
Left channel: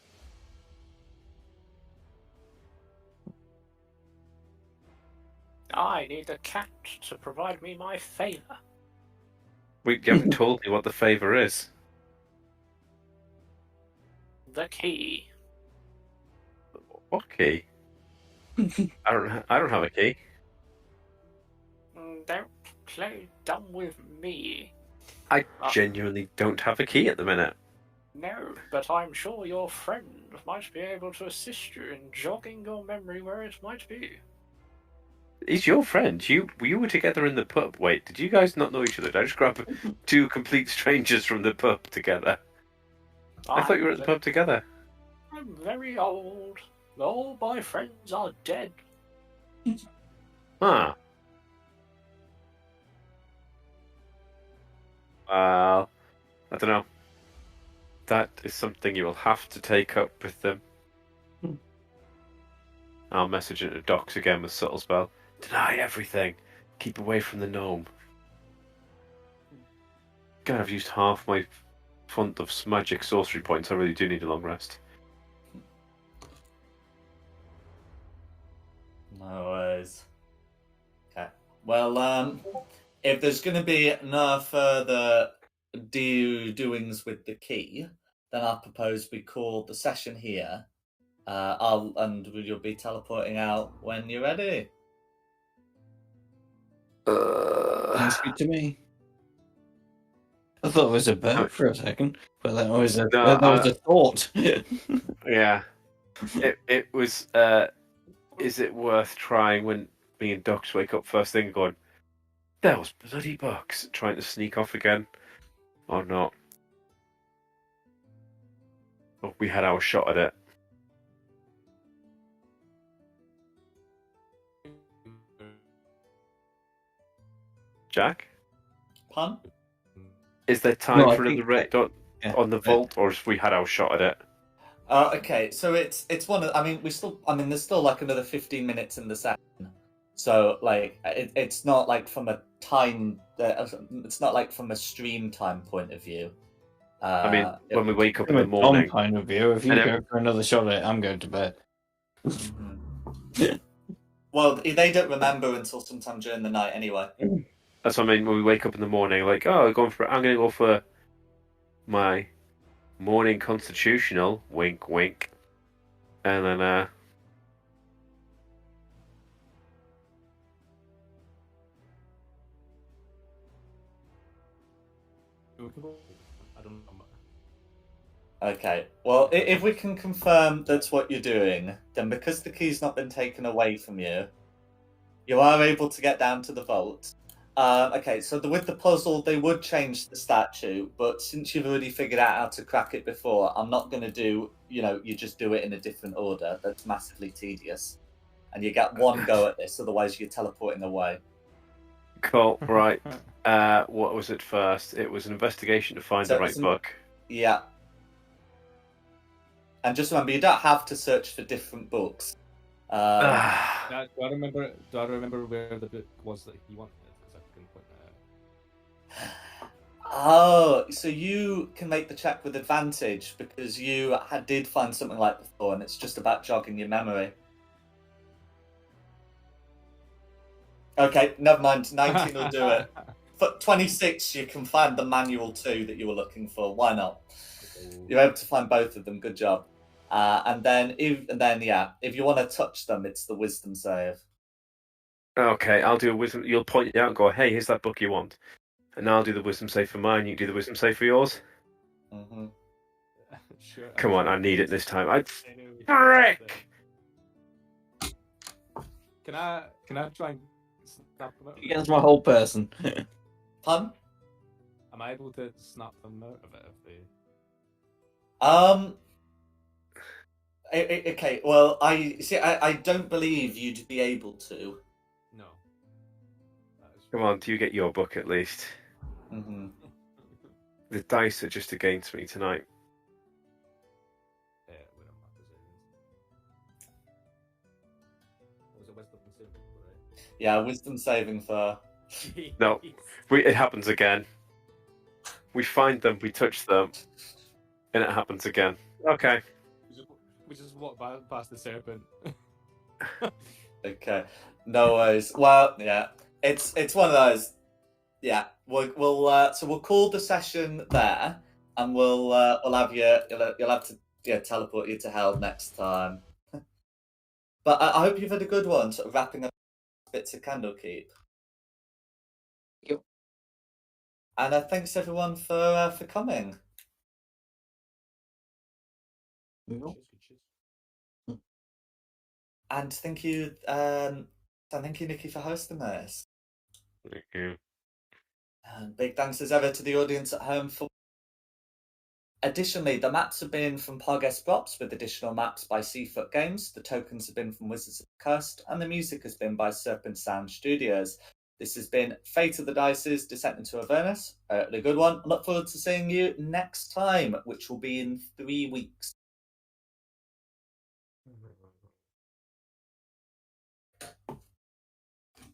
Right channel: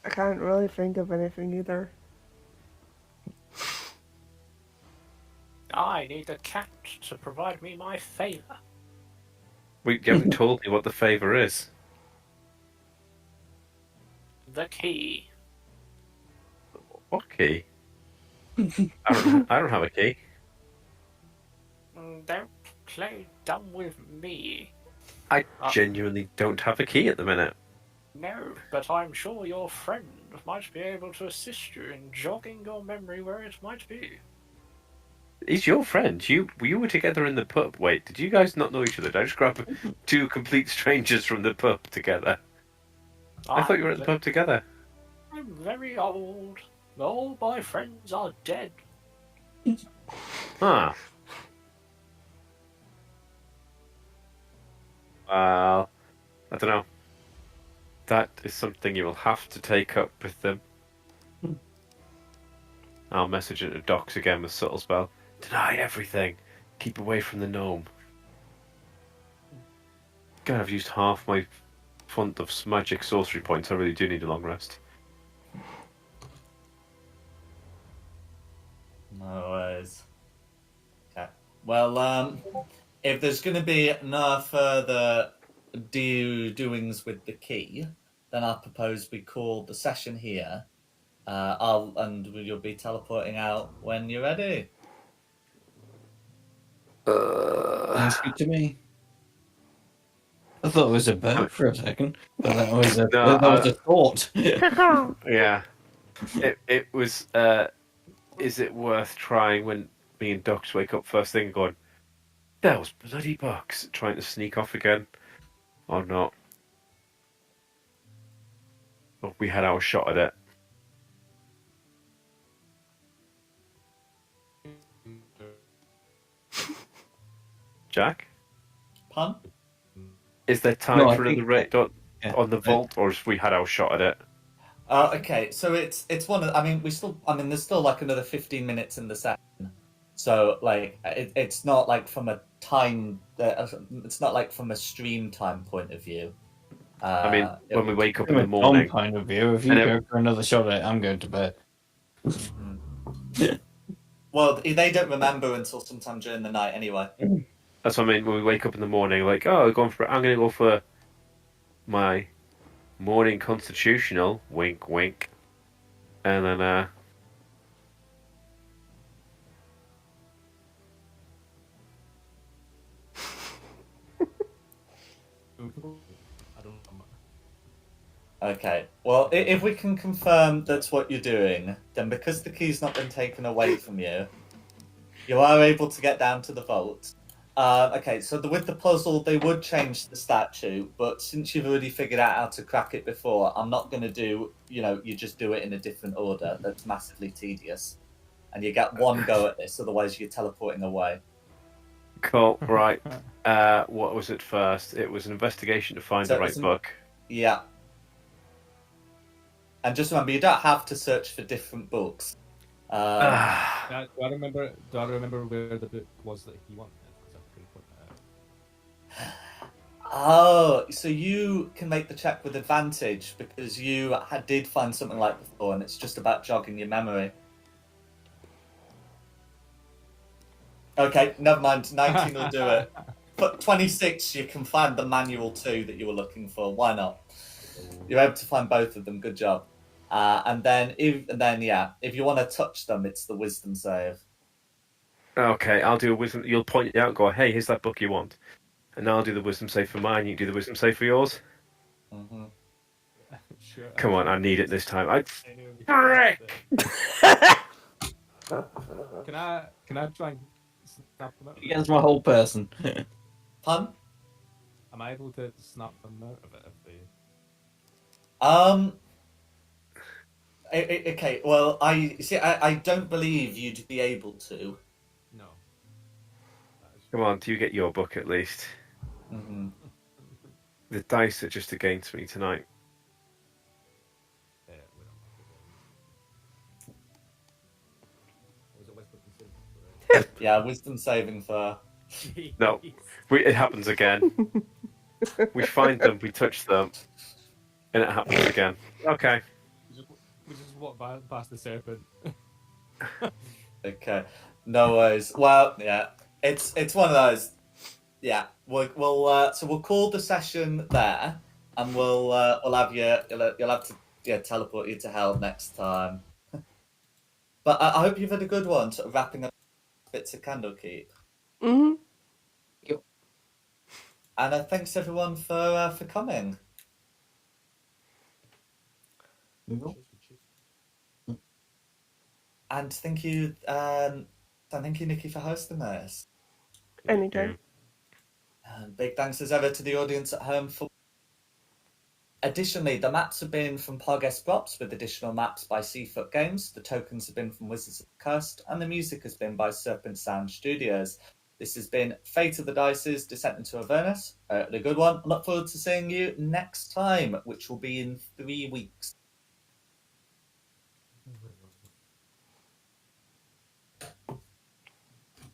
I can't really think of anything either. I need the cat to provide me my favour. You haven't told me what the favour is. The key. What key? I don't have a key. Don't play dumb with me. I genuinely don't have a key at the minute. No, but I'm sure your friend might be able to assist you in jogging your memory where it might be. He's your friend. You were together in the pub. Wait, did you guys not know each other? Did I just grab two complete strangers from the pub together? I thought you were at the pub together. I'm very old. All my friends are dead. Huh. Well, I don't know. That is something you will have to take up with them. I'll message into Docs again with subtle spell. Deny everything. Keep away from the gnome. God, I've used half my font of magic sorcery points. I really do need a long rest. No worries. Okay. Well, if there's going to be no further doings with the key, then I propose we call the session here. You'll be teleporting out when you're ready. Sounds good to me. I thought it was a burp for a second, but that was a thought. Yeah. It was. Is it worth trying when me and Docs wake up first thing and going, those bloody bugs, trying to sneak off again, or not? Or we had our shot at it. Jack, Pun? is there time No, I for think another raid on the vault, or have we had our shot at it? Okay, so it's one of. I mean, there's still like another 15 minutes in the session, so like it's not like from a time. It's not like from a stream time point of view. I mean, when we wake up in From the a Tom morning, point of view, if you And go for another shot at it, I'm going to bed. Well, they don't remember until sometime during the night, anyway. that's what I mean. When we wake up in the morning, like, oh, I'm going to go for my morning constitutional. Wink, wink, and then I don't know. Okay. Well, if we can confirm that's what you're doing, then because the key's not been taken away from you, you are able to get down to the vault. Okay, so with the puzzle, they would change the statue, but since you've already figured out how to crack it before, I'm not going to do, you just do it in a different order. That's massively tedious. And you get one go at this, otherwise you're teleporting away. cool. Right. What was it first? It was an investigation to find So the right book. Yeah. And just remember, you don't have to search for different books. Do I remember where the book was that he wanted? Because I couldn't point that out. Oh, so you can make the check with advantage because you did find something like before, and it's just about jogging your memory. Okay, never mind. 19 will do it. But 26, you can find the manual too that you were looking for. Why not? You're able to find both of them. Good job. And then if you want to touch them, it's the wisdom save. Okay, I'll do a wisdom. You'll point it out and go, hey, here's that book you want. And I'll do the wisdom save for mine. You can do the wisdom save for yours. Mm-hmm. Sure. Come on, I need it this time. Frick! Can I try and snap them out? Against my whole person. Pun? Am I able to snap them out of it if they? Okay. Well, I don't believe you'd be able to. No. Come on, do you get your book at least? Mm-hmm. The dice are just against me tonight. Yeah, was it wisdom saving? Yeah, wisdom saving for. No. It happens again. We find them, we touch them, and it happens again. Okay. We just walk past the serpent. Okay, no worries. Well, yeah, it's one of those. Yeah, we'll call the session there, and we'll have you'll have to teleport you to hell next time. But I hope you've had a good one. Sort of wrapping up bits of Candlekeep. Mm-hmm. And thanks everyone for coming. And thank you, Nikki, for hosting this. Anytime. And big thanks as ever to the audience at home for. Additionally, the maps have been from Pargues Props with additional maps by Seafoot Games. The tokens have been from Wizards of the Coast, and the music has been by Serpent Sound Studios. This has been Fate of the Dice's Descent into Avernus. A good one. I look forward to seeing you next time, which will be in 3 weeks.